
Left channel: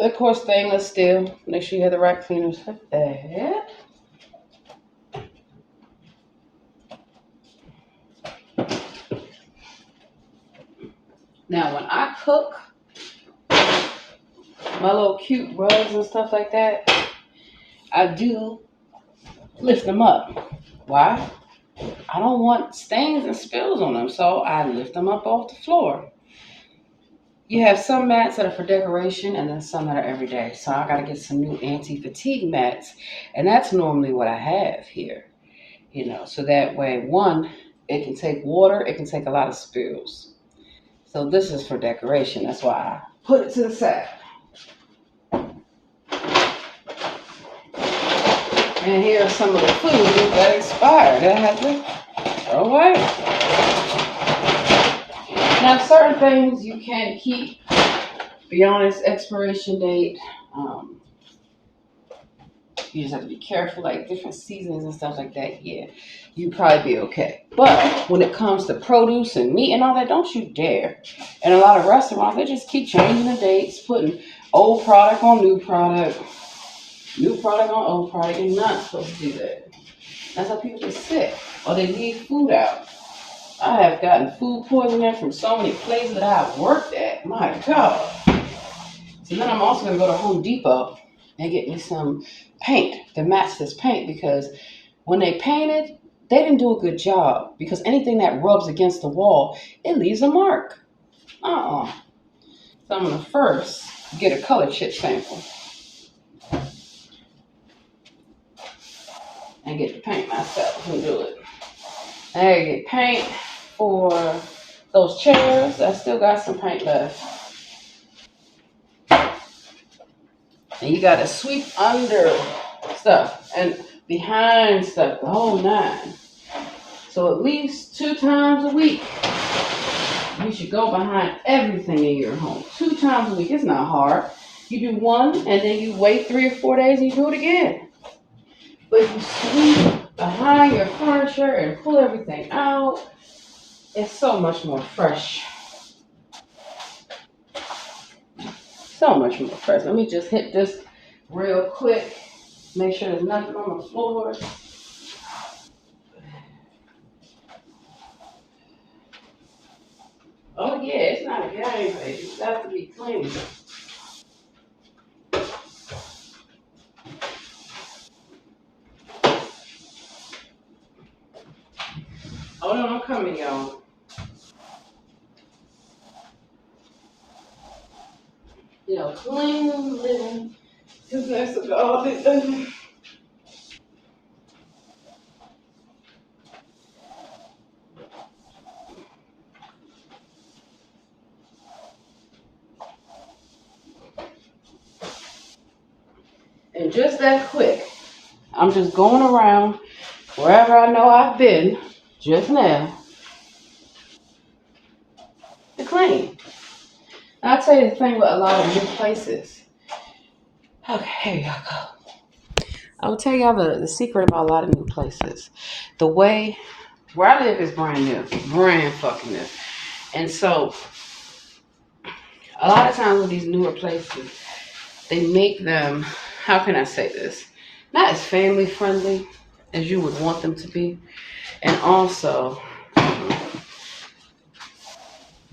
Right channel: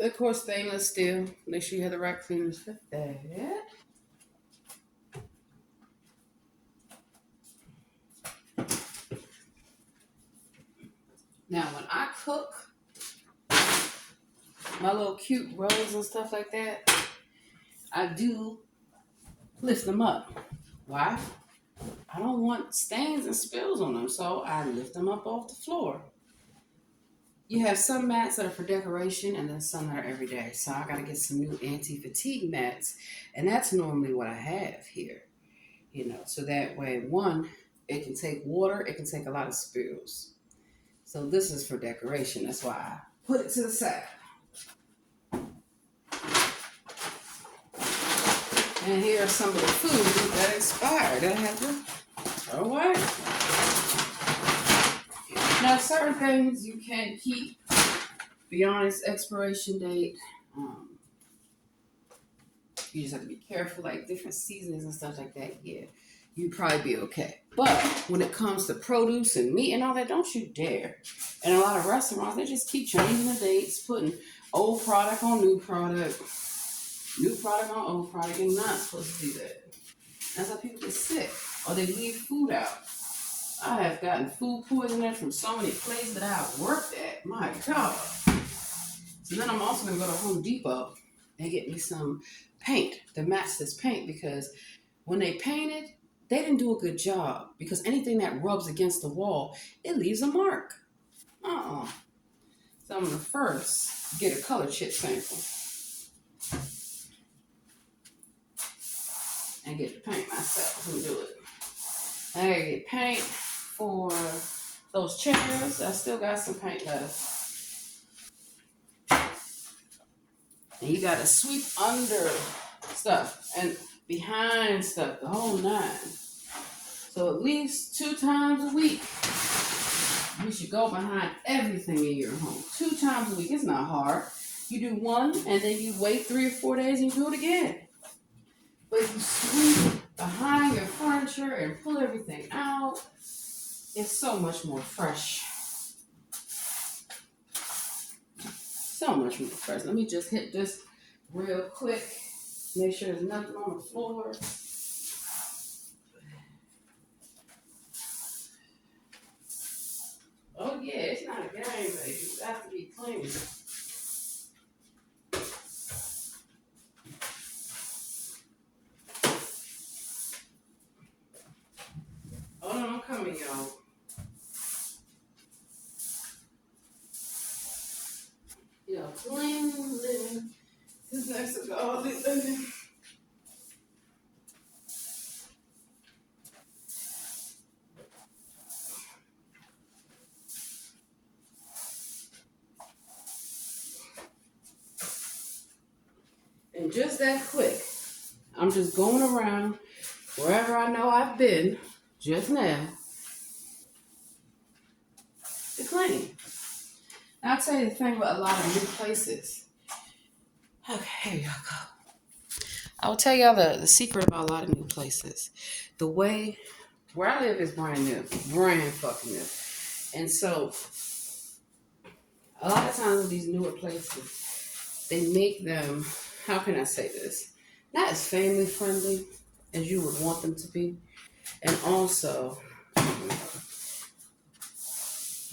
Of course, stainless steel. Make sure you have the right cleaners for that. Now, when I cook my little cute rugs and stuff like that, I do lift them up. Why? I don't want stains and spills on them, so I lift them up off the floor. You have some mats that are for decoration and then some that are everyday. So I got to get some new anti-fatigue mats, and that's normally what I have here. So that way, one, it can take water, it can take a lot of spills. So this is for decoration. That's why I put it to the side. And here are some of the food that expired that I had to throw away. Now, certain things you can keep beyond its expiration date. Um, you just have to be careful, like different seasons and stuff like that. Yeah, you'd probably be okay. But when it comes to produce and meat and all that, don't you dare. And a lot of restaurants, they just keep changing the dates, putting old product on new product, new product on old product. You're not supposed to do that. That's how people get sick or they leave food out. I have gotten food poisoning from so many places that I've worked at. My God. So then I'm also going to go to Home Depot and get me some paint to match this paint because when they painted, they didn't do a good job because anything that rubs against the wall, it leaves a mark. So I'm going to first get a color chip sample and get the paint myself and do it. I get paint for those chairs. I still got some paint left. And you got to sweep under stuff and behind stuff, the whole nine. So at least 2 times a week, you should go behind everything in your home. 2 times a week. It's not hard. You do one, and then you wait 3 or 4 days, and you do it again. But if you sweep behind your furniture and pull everything out, it's so much more fresh. So much more fresh. Let me just hit this real quick. Make sure there's nothing on the floor. Oh yeah, it's not a game, baby. It has to be clean. Hold on, I'm coming, y'all. Clean living. Because that's all it does. And just that quick, I'm just going around wherever I know I've been just now to clean. And I'll tell you the thing with a lot of new places. Okay, here y'all go. I will tell y'all the secret about a lot of new places. The way where I live is brand new, brand fucking new. And so a lot of times with these newer places, they make them, how can I say this? Not as family friendly as you would want them to be. And also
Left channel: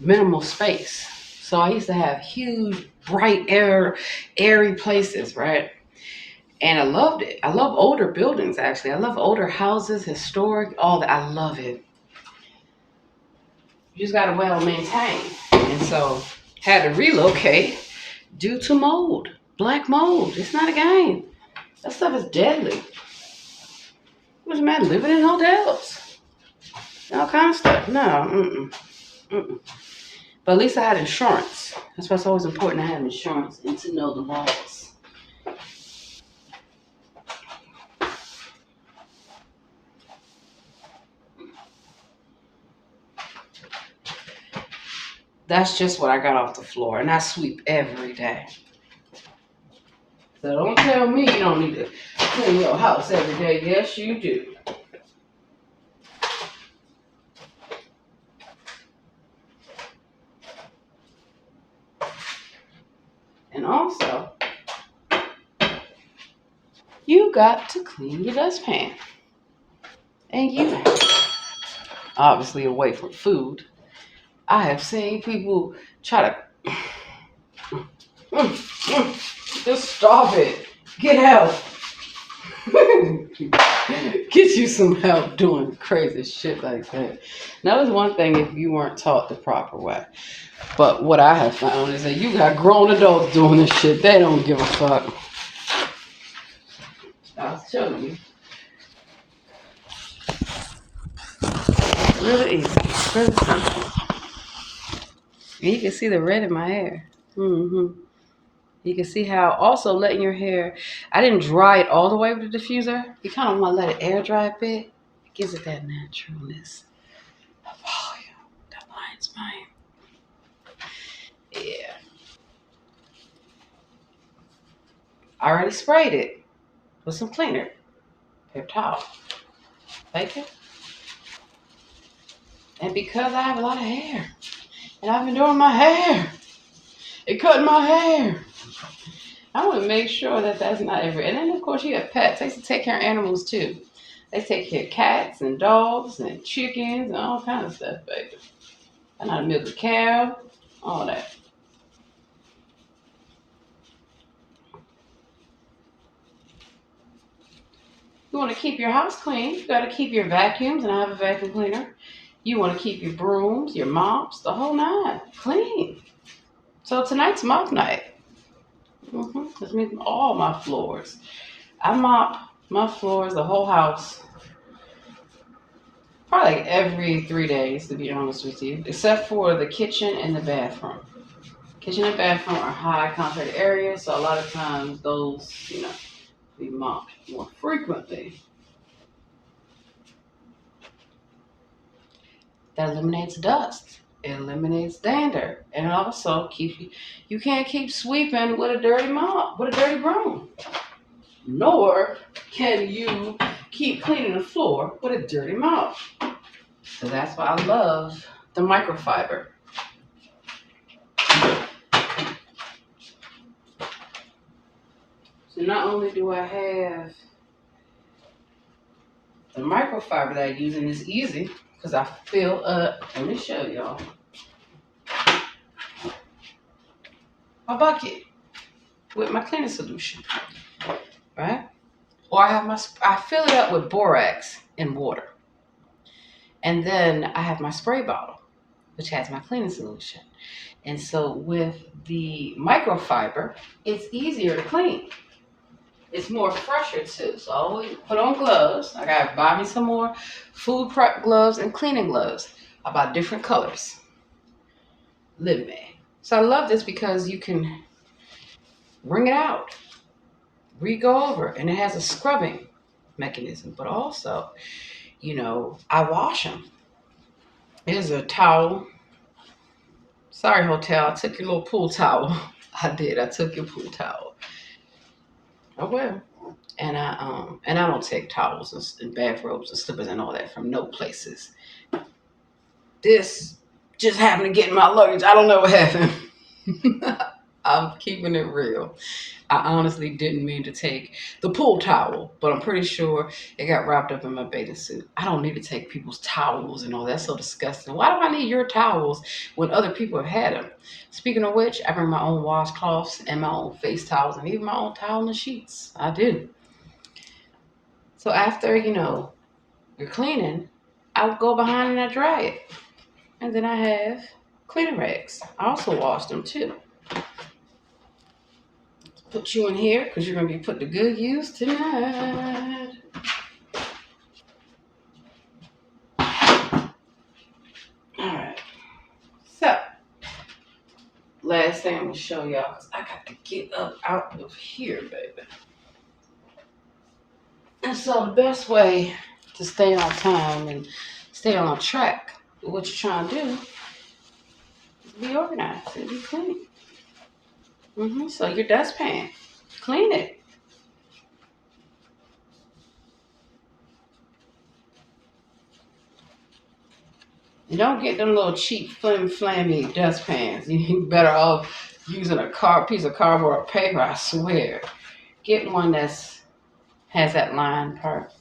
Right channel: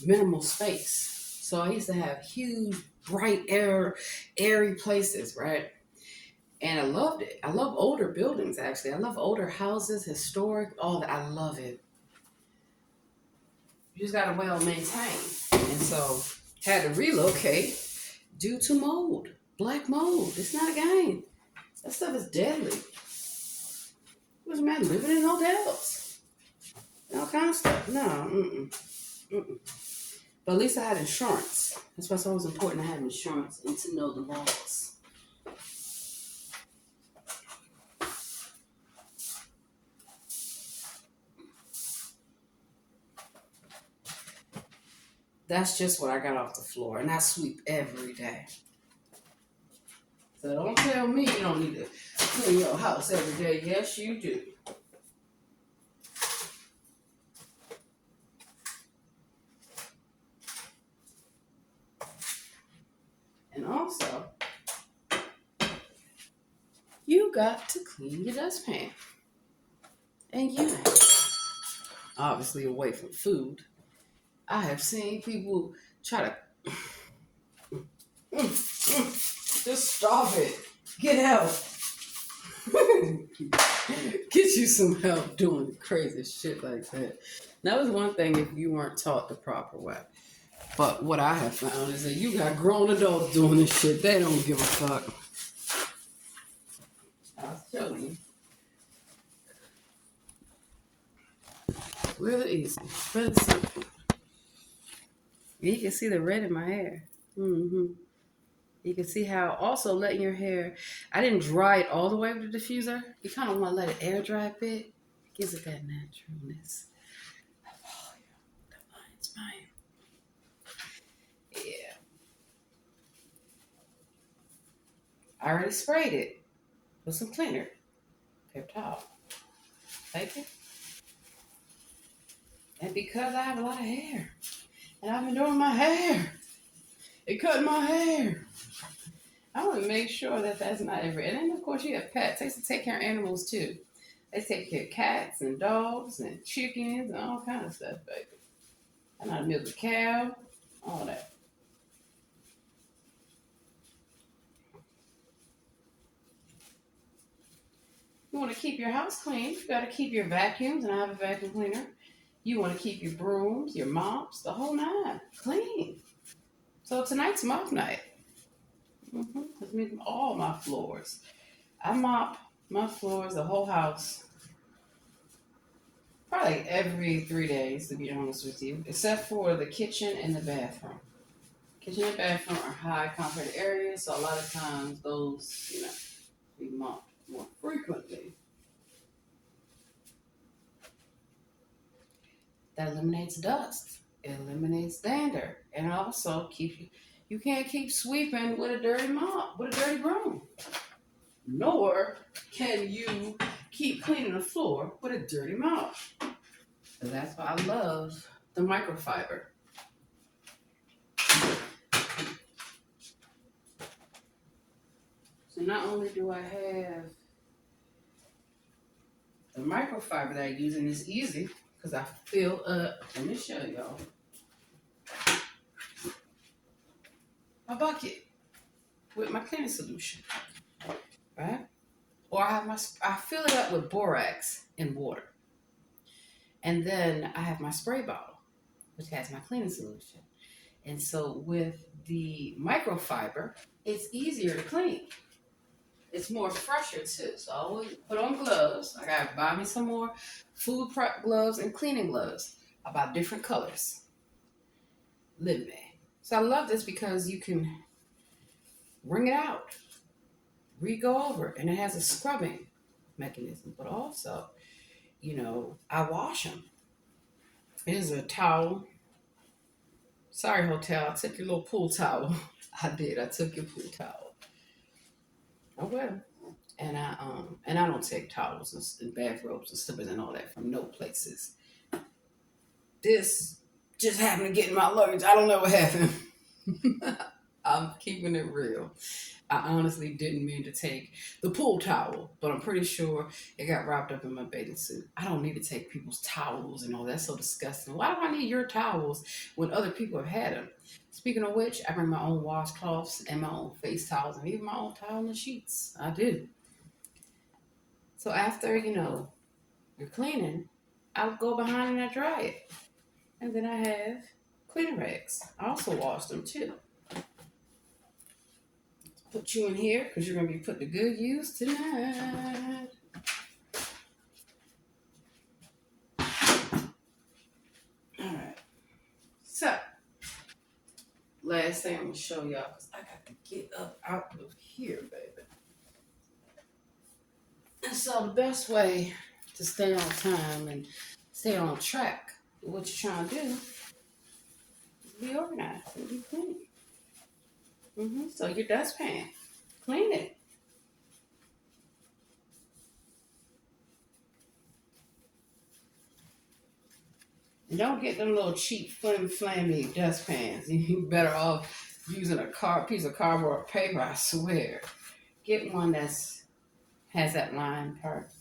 minimal space. So I used to have huge, bright, airy places, right? And I loved it. I love older buildings, actually. I love older houses, historic, all that. I love it. You just got to well maintain. And so had to relocate due to mold, black mold. It's not a game. That stuff is deadly. What's the matter? Living in hotels, all kind of stuff. No, mm-mm. But at least I had insurance. That's why it's always important to have insurance and to know the laws. That's just what I got off the floor, and I sweep every day. So don't tell me you don't need to clean your house every day. Yes, you do. And also, You got to clean your dustpan. And you, obviously away from food, I have seen people try to just stop it. Get help. Get you some help doing crazy shit like that. That was one thing if you weren't taught the proper way. But what I have found is that you got grown adults doing this shit. They don't give a fuck. I'll show you. Really easy. Really simple. You can see the red in my hair. You can see how also letting your hair, I didn't dry it all the way with the diffuser. You kind of want to let it air dry a bit. It gives it that naturalness. The volume. That lion's mine. Yeah. I already sprayed it with some cleaner. Paper towel. Take it. And because I have a lot of hair, and I've been doing my hair, and cutting my hair, I want to make sure that that's not every. And then, of course, you have pets. They used to take care of animals, too. They take care of cats and dogs and chickens and all kinds of stuff, baby. I know how to milk a cow, all that. You want to keep your house clean. You got to keep your vacuums, and I have a vacuum cleaner. You want to keep your brooms, your mops, the whole nine clean. So tonight's mop night. This means all my floors. I mop my floors, the whole house, probably like every 3 days, to be honest with you, except for the kitchen and the bathroom. Kitchen and bathroom are high contact areas, so a lot of times those, be mopped more frequently. That eliminates dust. It eliminates dander, and also keeps you can't keep sweeping with a dirty mop, with a dirty broom. Nor can you keep cleaning the floor with a dirty mop. So that's why I love the microfiber. So not only do I have the microfiber that I use, and it's easy because I fill up, let me show y'all, my bucket with my cleaning solution, right? Or I fill it up with borax and water. And then I have my spray bottle, which has my cleaning solution. And so with the microfiber, it's easier to clean. It's more fresher too. So I always put on gloves. I gotta buy me some more food prep gloves and cleaning gloves. I buy different colors. Live me. So I love this because you can wring it out, re-go over, and it has a scrubbing mechanism. But also, I wash them. Here's a towel. Sorry, hotel. I took your little pool towel. I did. I took your pool towel. Oh well. And I don't take towels and bathrobes and slippers and all that from no places. This just happened to get in my luggage. I don't know what happened. I'm keeping it real. I honestly didn't mean to take the pool towel, but I'm pretty sure it got wrapped up in my bathing suit. I don't need to take people's towels and all that. That's so disgusting. Why do I need your towels when other people have had them? Speaking of which, I bring my own washcloths and my own face towels and even my own towel and sheets. I do. So after, you're cleaning, I'll go behind and I dry it. And then I have cleaning rags. I also wash them too. Put you in here because you're going to be put to good use tonight. Alright. So, last thing I'm going to show y'all because I got to get up out of here, baby. And so the best way to stay on time and stay on track with what you're trying to do is be organized and be clean. So your dustpan, clean it. You don't get them little cheap flammy dustpans. You're better off using a piece of cardboard or paper, I swear. Get one that's Has that line part.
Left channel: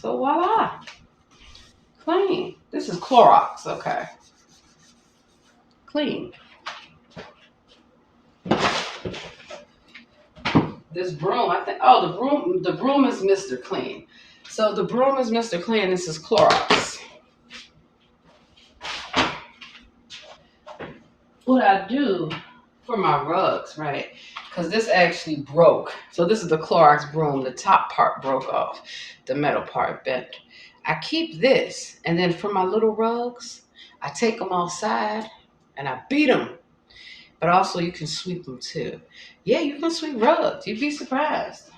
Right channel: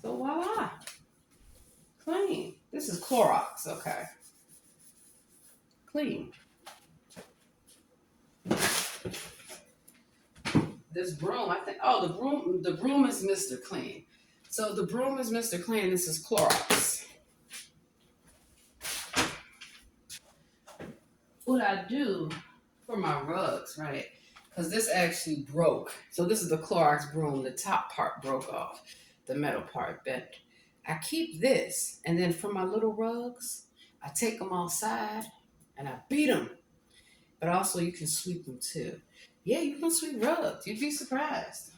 So voila. Clean. This is Clorox, okay. Clean. This broom, I think, oh, the broom is Mr. Clean. So the broom is Mr. Clean, this is Clorox. What I do for my rugs, right? Because this actually broke. So this is the Clorox broom. The top part broke off. The metal part bent. I keep this. And then for my little rugs, I take them outside and I beat them. But also you can sweep them too. Yeah, you can sweep rugs. You'd be surprised.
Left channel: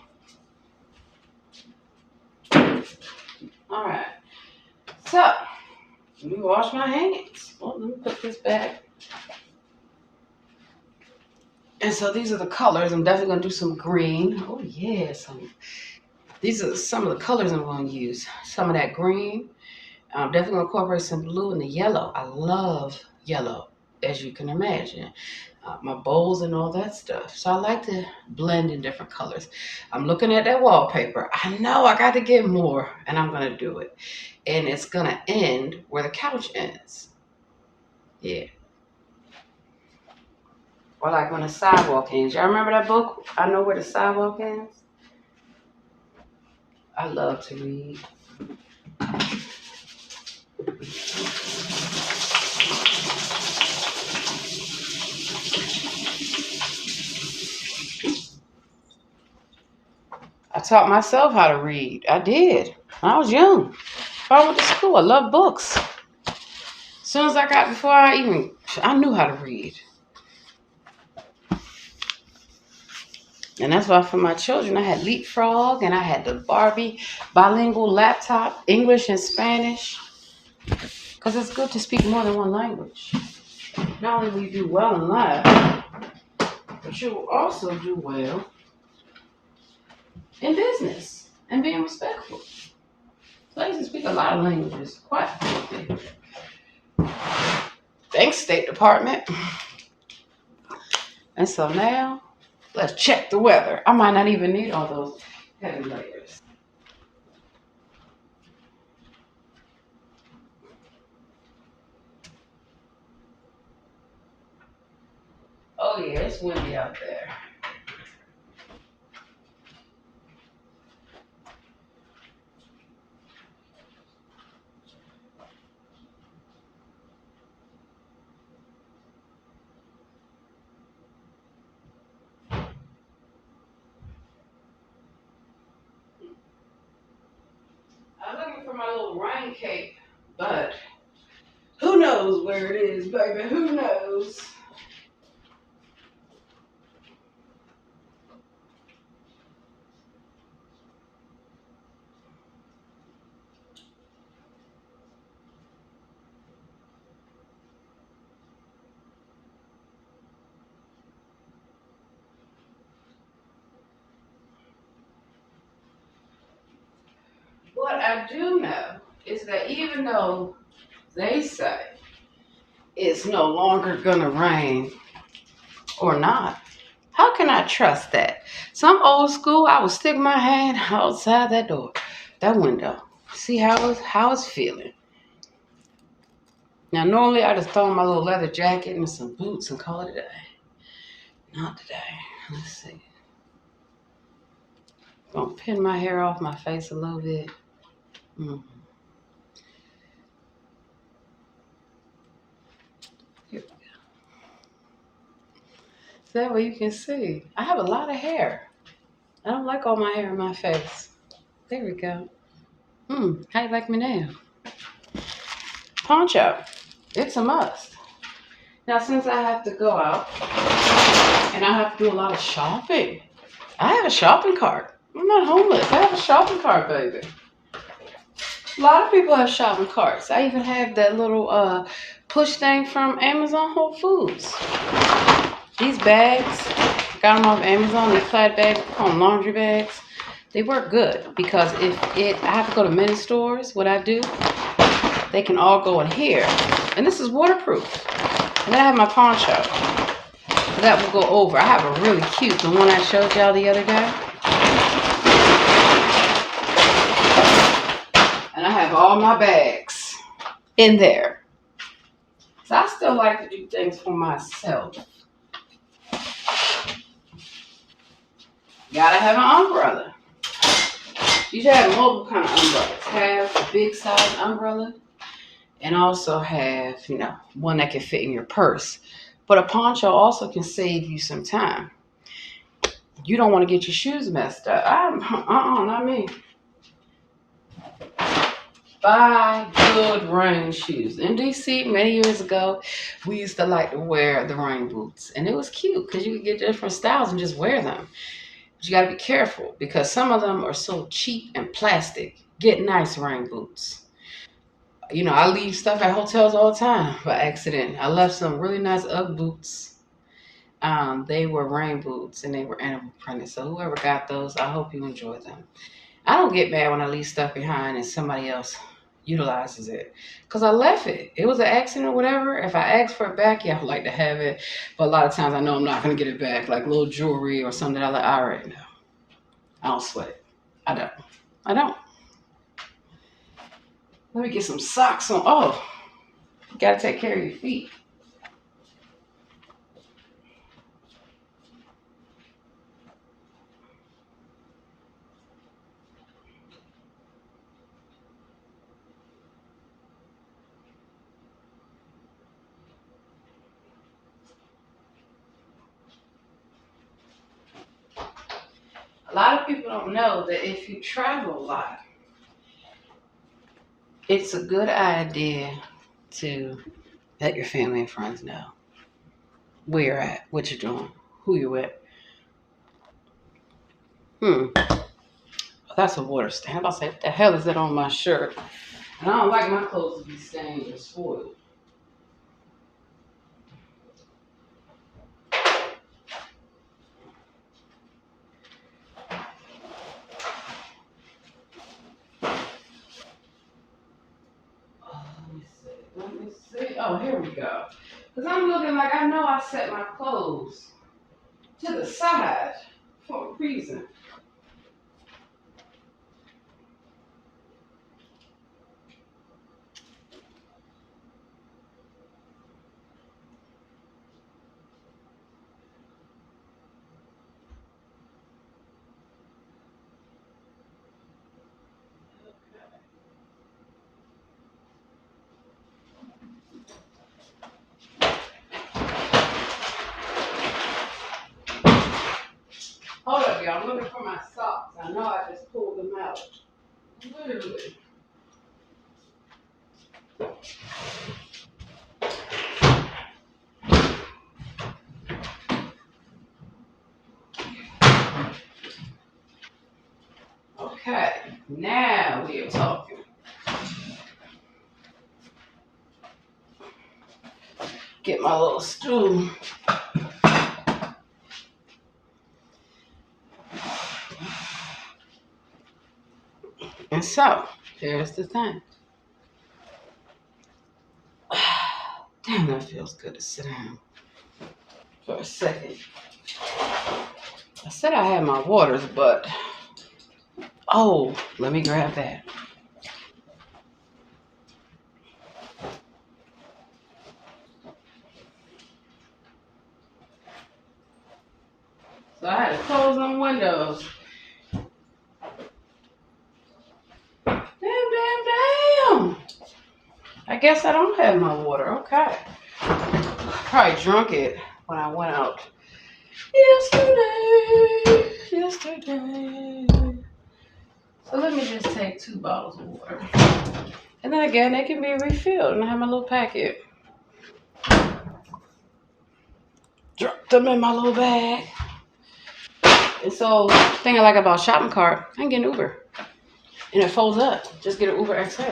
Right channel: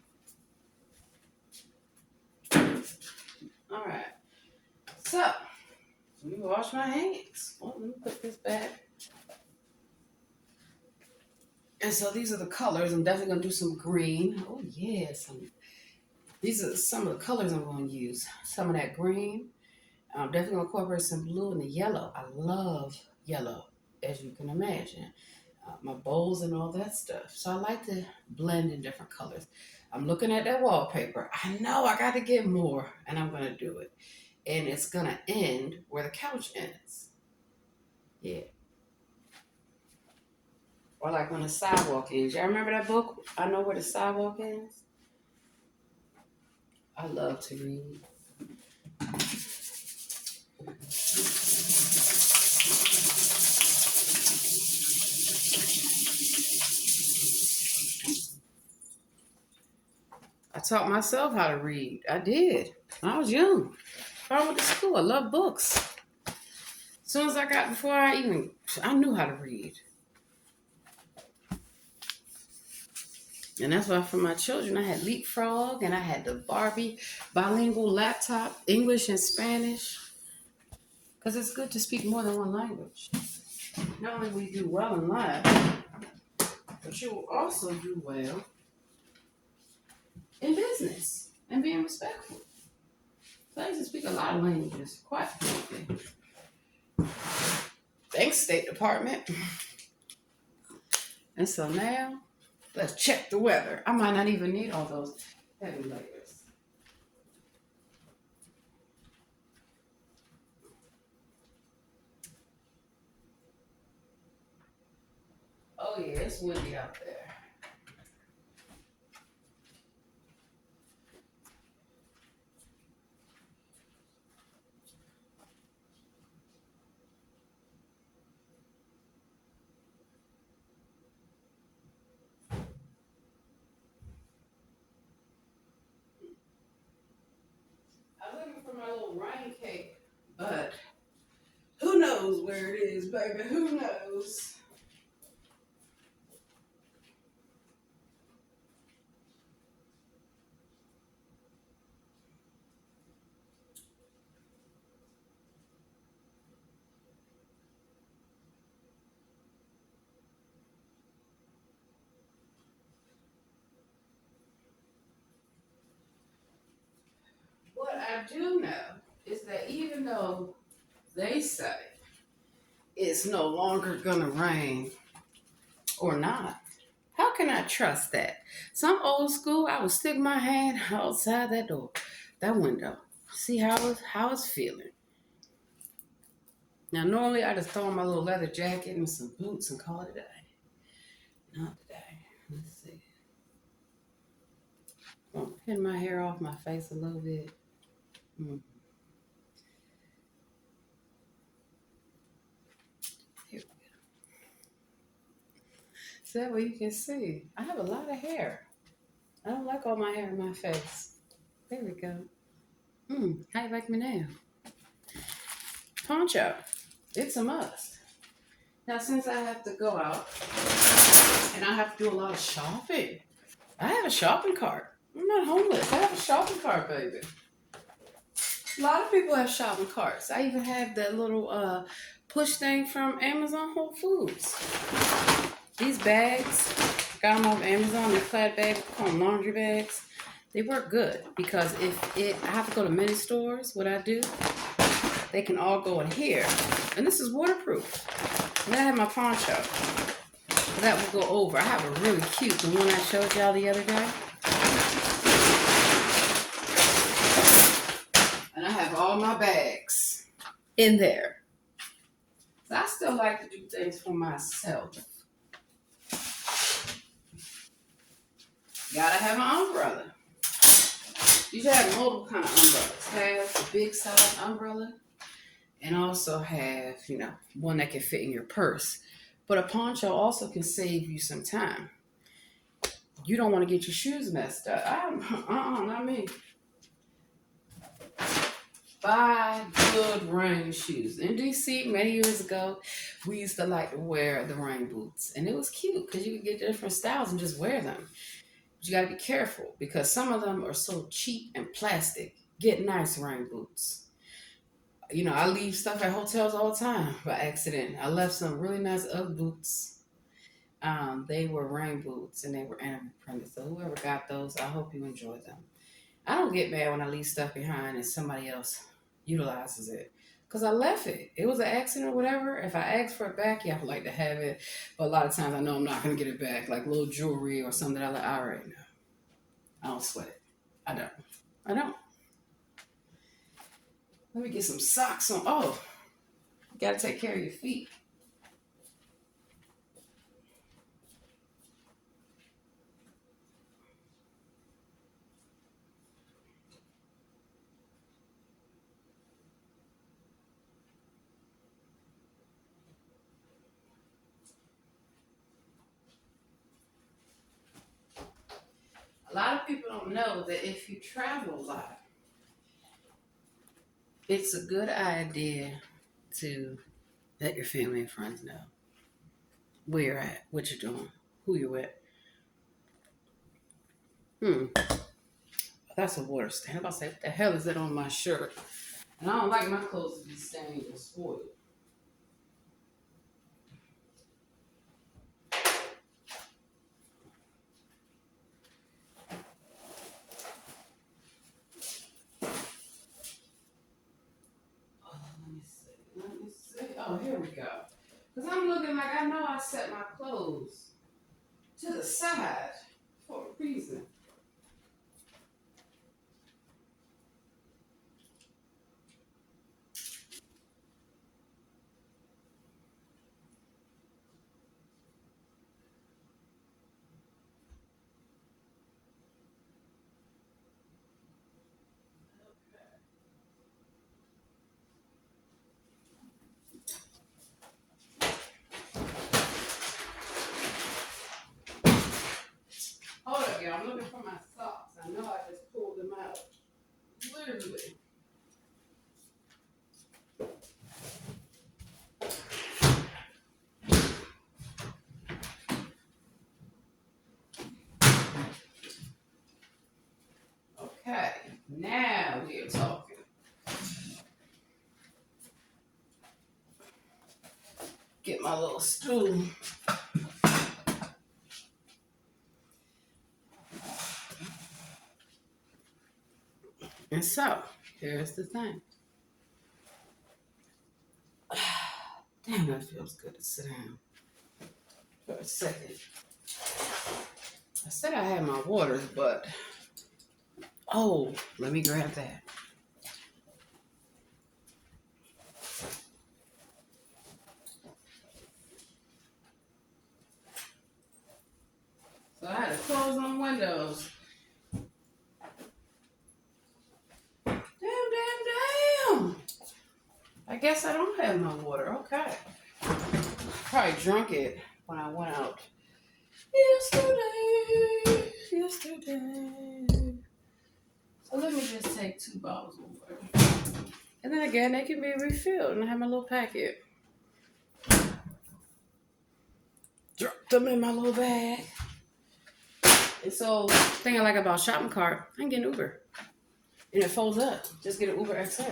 All right. So, let me wash my hands. Oh, let me put this back. And so these are the colors. I'm definitely going to do some green. Oh, yeah. These are some of the colors I'm going to use. Some of that green. I'm definitely going to incorporate some blue and the yellow. I love yellow, as you can imagine. My bowls and all that stuff. So I like to blend in different colors. I'm looking at that wallpaper. I know I got to get more, and I'm going to do it. And it's going to end where the couch ends. Yeah. Or like when the sidewalk ends. Y'all remember that book, I Know Where the Sidewalk Ends? I love to read. I taught myself how to read. I did. I was young. Before I went to school, I loved books. As soon as I knew how to read. And that's why for my children, I had Leapfrog and I had the Barbie bilingual laptop, English and Spanish. Because it's good to speak more than one language. Not only will you do well in life, but you will also do well in business and being respectful. So I used to speak a lot of languages quite fluently. Thanks, State Department. And so now, let's check the weather. I might not even need all those heavy layers. Oh yeah, it's windy out there. I'm looking for my little rain cape, but who knows where it is, baby? Who knows? What I do know is that even though they say it's no longer gonna rain or not, how can I trust that? Some old school, I would stick my hand outside that door, that window, see how it's feeling. Now normally I just throw on my little leather jacket and some boots and call it a day. Not today. Let's see. Gonna pin my hair off my face a little bit. Here we go. So that way you can see. I have a lot of hair. I don't like all my hair in my face. There we go. How you like me now? Poncho. It's a must. Now since I have to go out and I have to do a lot of shopping, I have a shopping cart. I'm not homeless. I have a shopping cart, baby. A lot of people have shopping carts. I even have that little push thing from Amazon Whole Foods. These bags, got them off Amazon. These plaid bags, call them laundry bags. They work good because I have to go to many stores. What I do, they can all go in here, and this is waterproof. And then I have my poncho. that will go over. I have a really cute, the one I showed y'all the other day. And I have all my bags in there. So I still like to do things for myself. Gotta have an umbrella. You should have multiple kind of umbrellas. Have a big size umbrella and also have, one that can fit in your purse. But a poncho also can save you some time. You don't want to get your shoes messed up. Not me. Buy good rain shoes. In DC, many years ago, we used to like to wear the rain boots. And it was cute because you could get different styles and just wear them. But you got to be careful because some of them are so cheap and plastic. Get nice rain boots. I leave stuff at hotels all the time by accident. I left some really nice Ugg boots. They were rain boots and they were animal printed. So whoever got those, I hope you enjoy them. I don't get mad when I leave stuff behind and somebody else utilizes it because I left it. It was an accident or whatever. If I ask for it back, yeah, I would like to have it. But a lot of times I know I'm not going to get it back, like little jewelry or something I like. I already know. I don't sweat it. I don't. I don't. Let me get some socks on. Oh, you got to take care of your feet. A lot of people don't know that if you travel a lot, it's a good idea to let your family and friends know where you're at, what you're doing, who you're with. That's a water stain. I say, what the hell is that on my shirt? And I don't like my clothes to be stained or spoiled. Oh, let me see. Oh, here we go. Because I'm looking like I know I set my clothes to the side for a reason. Hold up, y'all. I'm looking for my socks. I know I just pulled them out. Literally. Okay. Now we are talking. Get my little stool. And so, here's the thing. Damn, that feels good to sit down for a second. I said I had my waters, but oh, let me grab that. So I had to close them windows. Damn. I guess I don't have my water. Okay. Probably drunk it when I went out yesterday. So let me just take 2 bottles of water. And then again, they can be refilled. And I have my little packet. Drop them in my little bag. And so, the thing I like about shopping cart, I can get an Uber. And it folds up. Just get an Uber XL.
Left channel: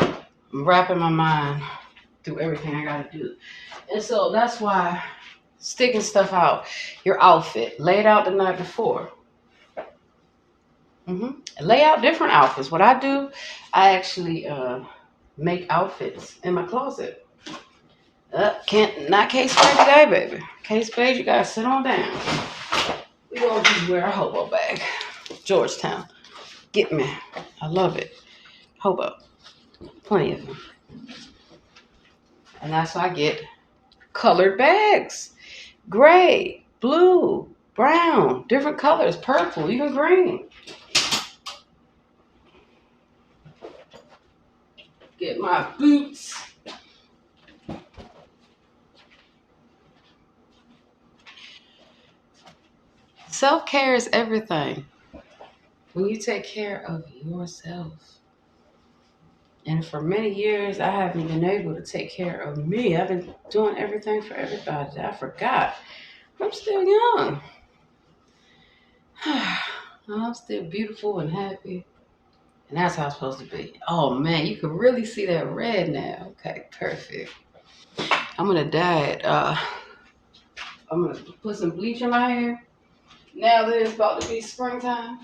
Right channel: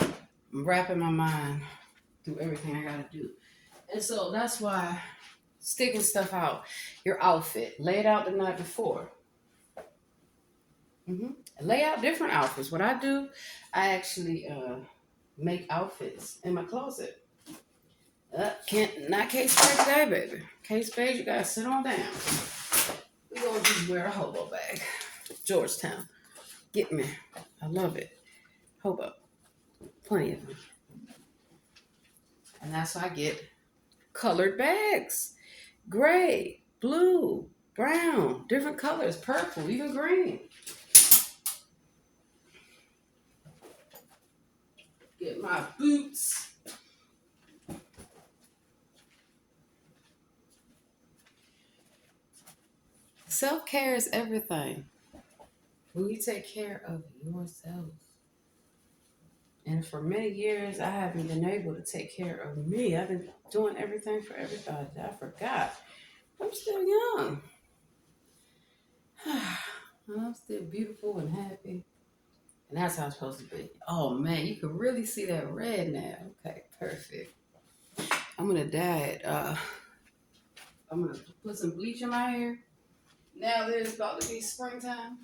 I'm wrapping my mind through everything I gotta do. And so that's why sticking stuff out, your outfit, lay it out the night before. Lay out different outfits. What I do, I actually make outfits in my closet. Can't not Kate Spade today, baby. Kate Spade, you gotta sit on down. We gonna just wear a hobo bag. Georgetown. Get me. I love it. Hobo. Plenty of them. And that's why I get colored bags. Gray, blue, brown, different colors, purple, even green. Get my boots. Self-care is everything. When you take care of yourself. And for many years, I haven't been able to take care of me. I've been doing everything for everybody. I forgot. I'm still young. I'm still beautiful and happy. And that's how it's supposed to be. Oh man, you can really see that red now. Okay, perfect. I'm gonna dye it. I'm gonna put some bleach in my hair. Now that it's about to be springtime.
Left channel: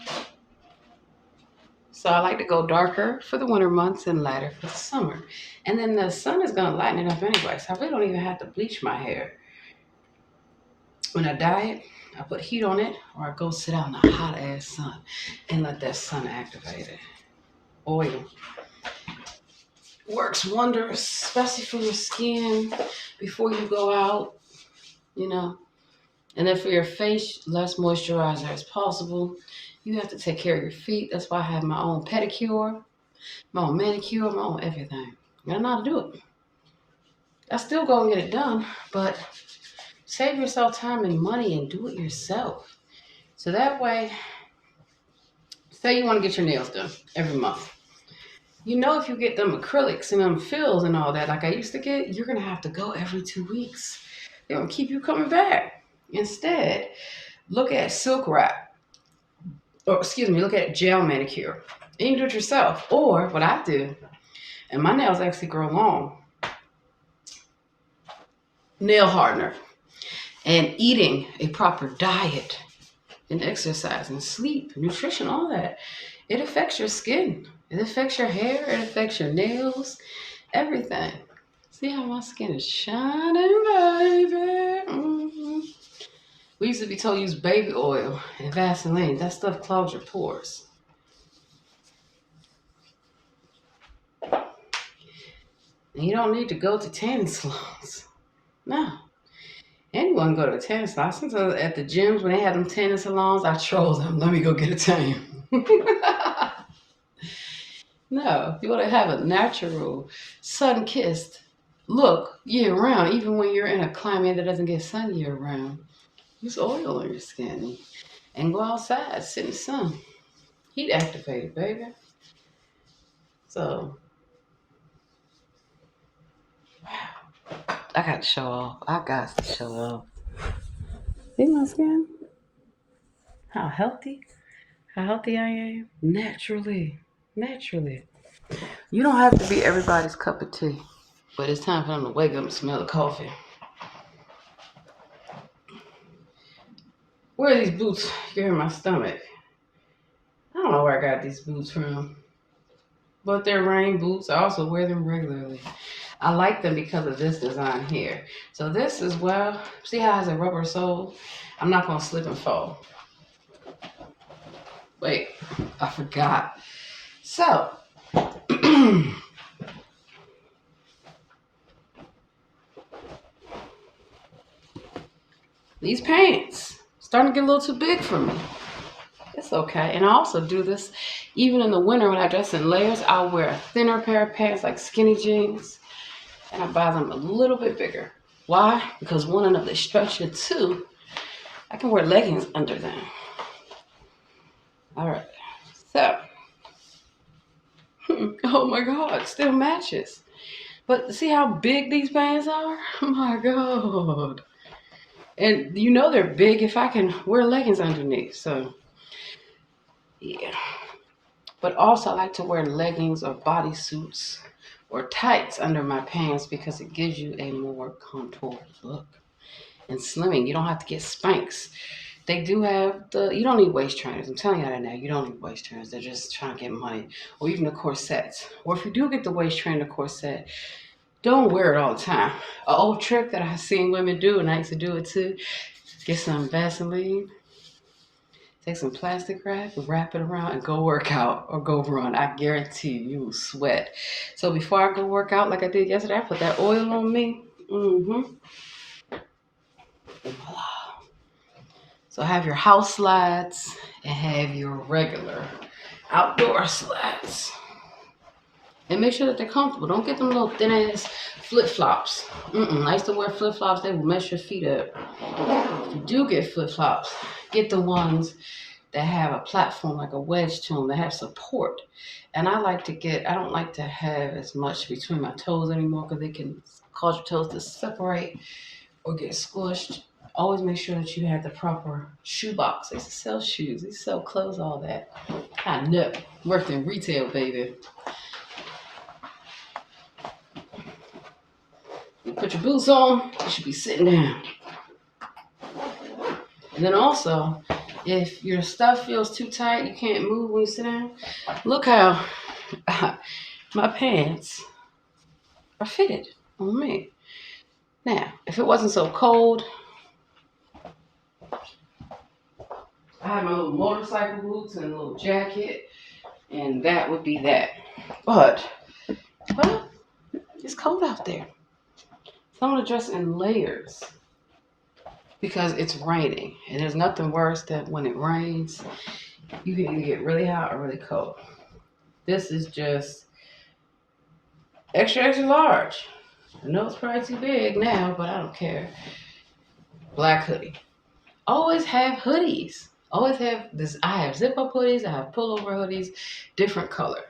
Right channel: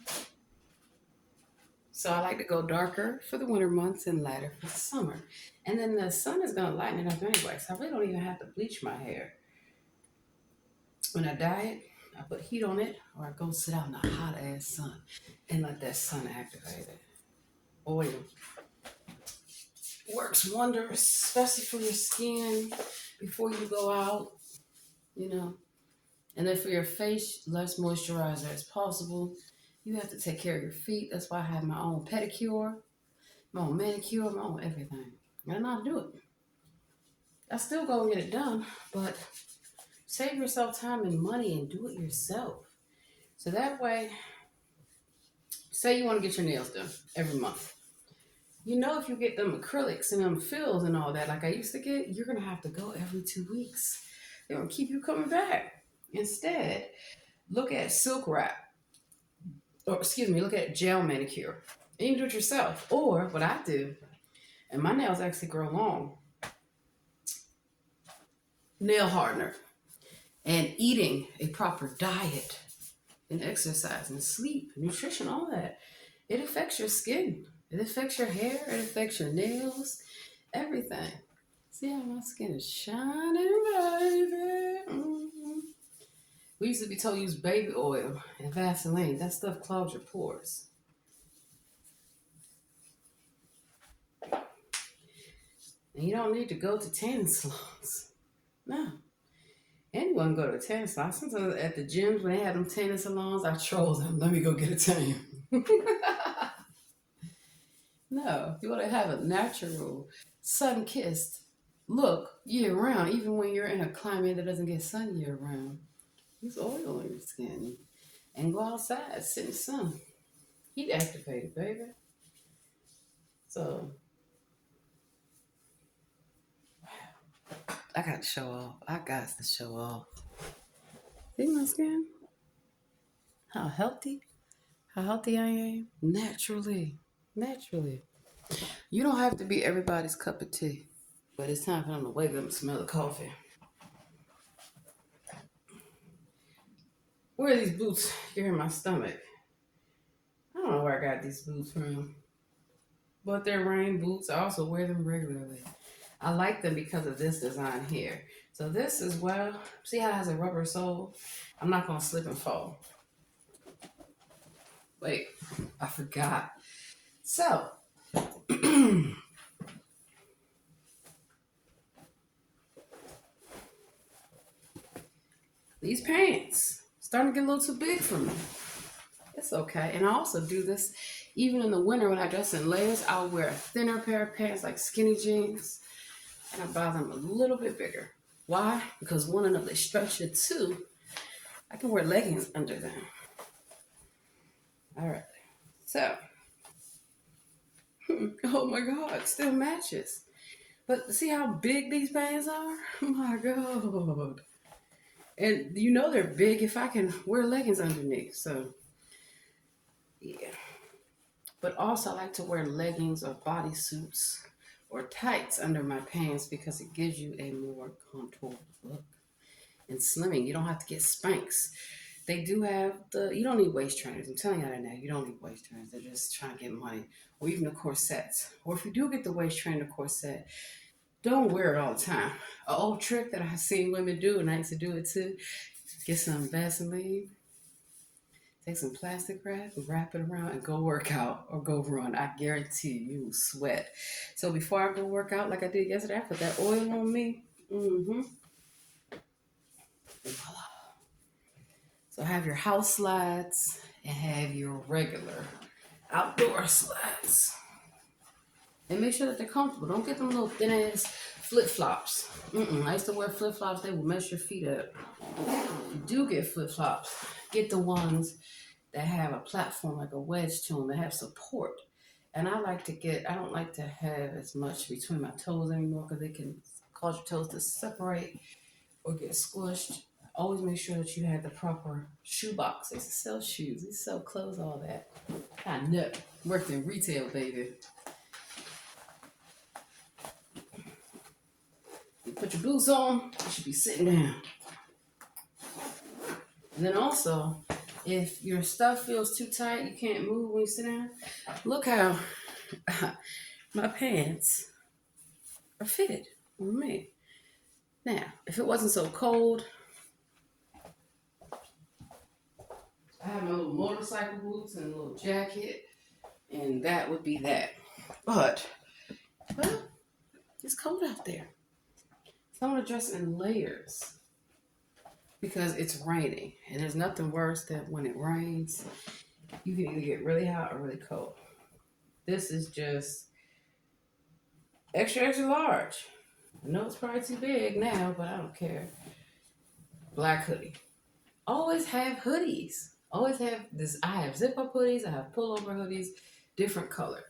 So I like to go darker for the winter months and lighter for the summer. And then the sun is gonna lighten it up anyway. So I really don't even have to bleach my hair. When I dye it, I put heat on it or I go sit out in the hot ass sun and let that sun activate it. Oil works wonders, especially for your skin before you go out, you know. And then for your face, less moisturizer as possible. You have to take care of your feet. That's why I have my own pedicure, my own manicure, my own everything. I know how to do it. I still go and get it done, but save yourself time and money and do it yourself. So that way, say you want to get your nails done every month. You know, if you get them acrylics and them fills and all that, like I used to get, you're going to have to go every 2 weeks. They're going to keep you coming back. Instead, look at silk wrap, or excuse me, look at gel manicure. And you can do it yourself. Or what I do, and my nails actually grow long, nail hardener. And eating a proper diet and exercise and sleep, nutrition, all that, it affects your skin. It affects your hair. It affects your nails, everything. See how my skin is shining, baby? Mm-hmm. We used to be told to use baby oil and Vaseline. That stuff clogs your pores. And you don't need to go to tanning salons. No. Anyone go to a tanning salon. Sometimes at the gyms when they have them tanning salons, I troll them. Let me go get a tan. No, you want to have a natural, sun-kissed look year round, even when you're in a climate that doesn't get sun year round. Use oil on your skin and go outside, sit in the sun. Heat activated, baby. So, wow. I got to show off. I got to show off. See my skin? How healthy? How healthy I am? Naturally. Naturally. You don't have to be everybody's cup of tea. But it's time for them to wake up and smell the coffee. Where are these boots? You hear my stomach. I don't know where I got these boots from. But they're rain boots. I also wear them regularly. I like them because of this design here. So this is, well, see how it has a rubber sole? I'm not going to slip and fall. Wait, I forgot. So, these pants starting to get a little too big for me. It's okay. And I also do this even in the winter when I dress in layers. I'll wear a thinner pair of pants like skinny jeans and I buy them a little bit bigger. Why? Because one, enough they stretch, and two, I can wear leggings under them. All right. So, oh my God, it still matches. But see how big these pants are? Oh my God. And you know they're big if I can wear leggings underneath. So, yeah. But also, I like to wear leggings or bodysuits or tights under my pants because it gives you a more contoured look. And slimming, you don't have to get Spanx. They do have you don't need waist trainers. I'm telling you that now. You don't need waist trainers. They're just trying to get money. Or even the corsets. Or if you do get the waist trainer corset, Don't wear it all the time. An old trick that I've seen women do, and I used to do it too. Get some Vaseline, take some plastic wrap, wrap it around, and go work out or go run. I guarantee you will sweat. So before I go work out like I did yesterday, I put that oil on me. Mm-hmm. So have your house slides and have your regular outdoor slides. And make sure that they're comfortable. Don't get them little thin ass flip flops. I used to wear flip flops, they will mess your feet up. If you do get flip flops, get the ones that have a platform like a wedge to them that have support. And I don't like to have as much between my toes anymore because they can cause your toes to separate or get squished. Always make sure that you have the proper shoe box. They sell shoes, they sell clothes, all that. I know. Worked in retail, baby. You put your boots on, you should be sitting down. And then also, if your stuff feels too tight, you can't move when you sit down, look how my pants are fitted on me. Now, if it wasn't so cold, I have my little motorcycle boots and a little jacket, and that would be that. But, well, it's cold out there. So I'm gonna dress in layers because it's raining, and there's nothing worse than when it rains, you can either get really hot or really cold. This is just extra, extra large. I know it's probably too big now, but I don't care. Black hoodie. Always have hoodies. Always have this. I have zip up hoodies. I have pullover hoodies, different color,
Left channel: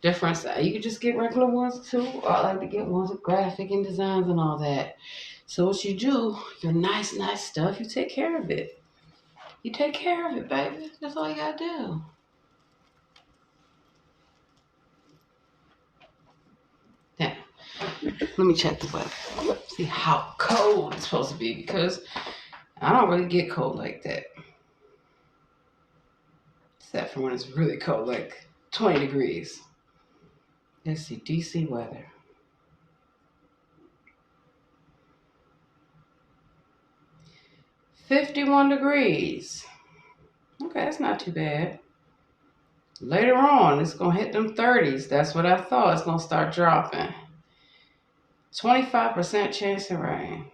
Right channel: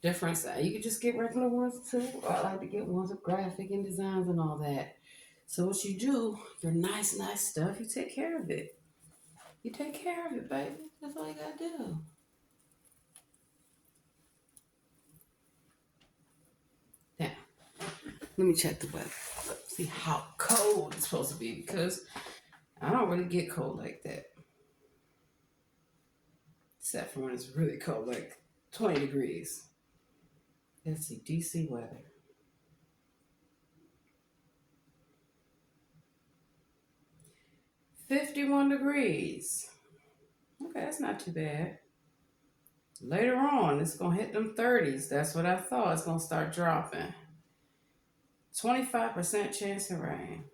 different size. You can just get regular ones too, or I like to get ones with graphic and designs and all that. So what you do, your nice, nice stuff, you take care of it. You take care of it, baby. That's all you gotta do. Now, let me check the weather. See how cold it's supposed to be because I don't really get cold like that. Except for when it's really cold, like 20 degrees. Let's see, DC weather. 51 degrees. Okay, that's not too bad. Later on, it's going to hit them 30s. That's what I thought. It's going to start dropping. 25% chance of rain.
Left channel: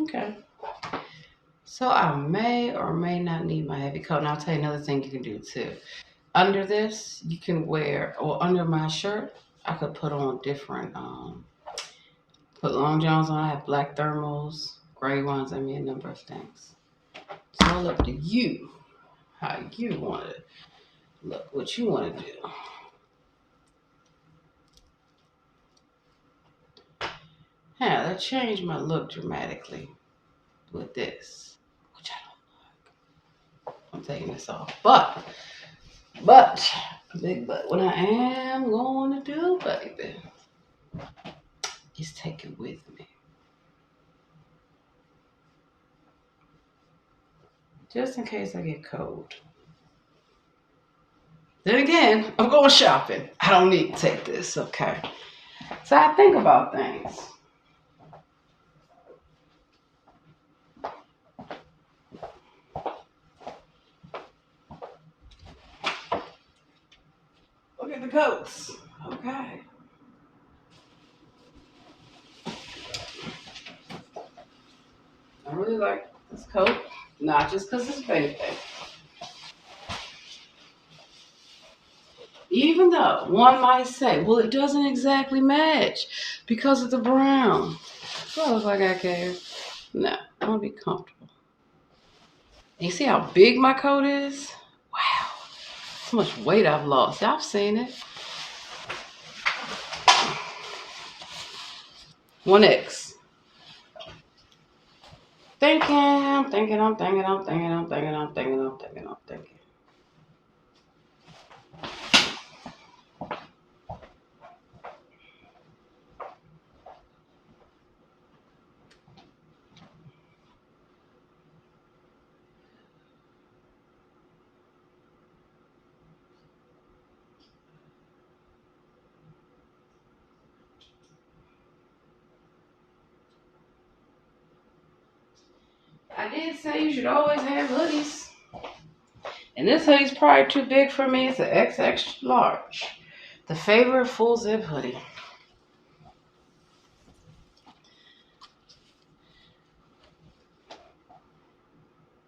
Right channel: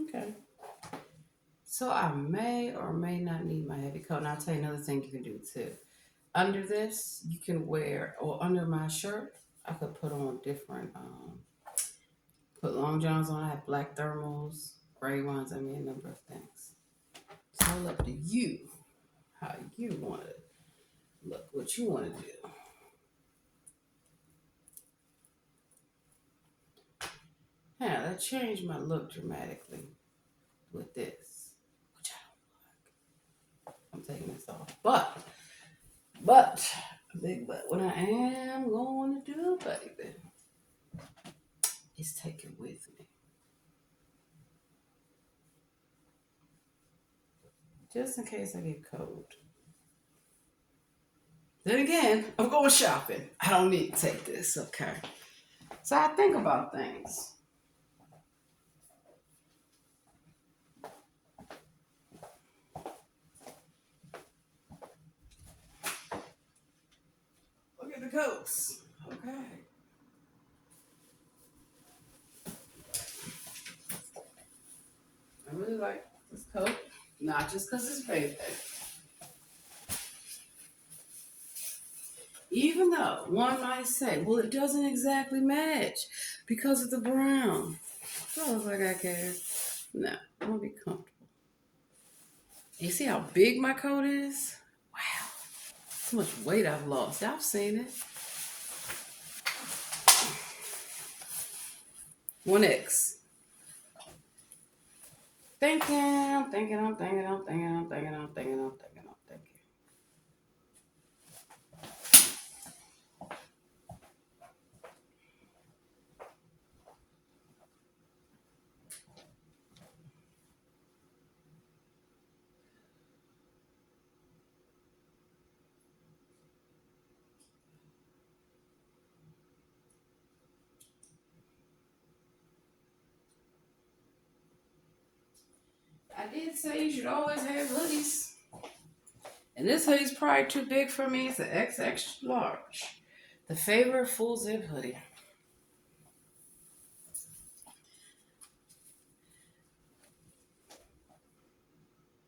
Okay. So I may or may not need my heavy coat. And I'll tell you another thing you can do too. Under this, you can wear, or under my shirt, I could put on different, put long johns on. I have black thermals, gray ones. I mean, a number of things. It's all up to you, how you want to look, what you want to do. Yeah, that changed my look dramatically with this, which I don't like. I'm taking this off, but, big but, what I am going to do, baby, is take it with me. Just in case I get cold. Then again, I'm going shopping. I don't need to take this, okay? So I think about things. Look at the coats. Okay. I really like this coat. Not just because it's baby. Even though one might say, well, it doesn't exactly match because of the brown. So I was like, I care. No, I want to be comfortable. And you see how big my coat is? Wow. So much weight I've lost. Y'all seen it. 1X. Thinking, I'm thinking, I'm thinking, I'm thinking, I'm thinking, I'm thinking, I'm thinking, I'm thinking. I did say you should always have hoodies. And this hoodie's probably too big for me. It's an XX large. The favorite full zip hoodie.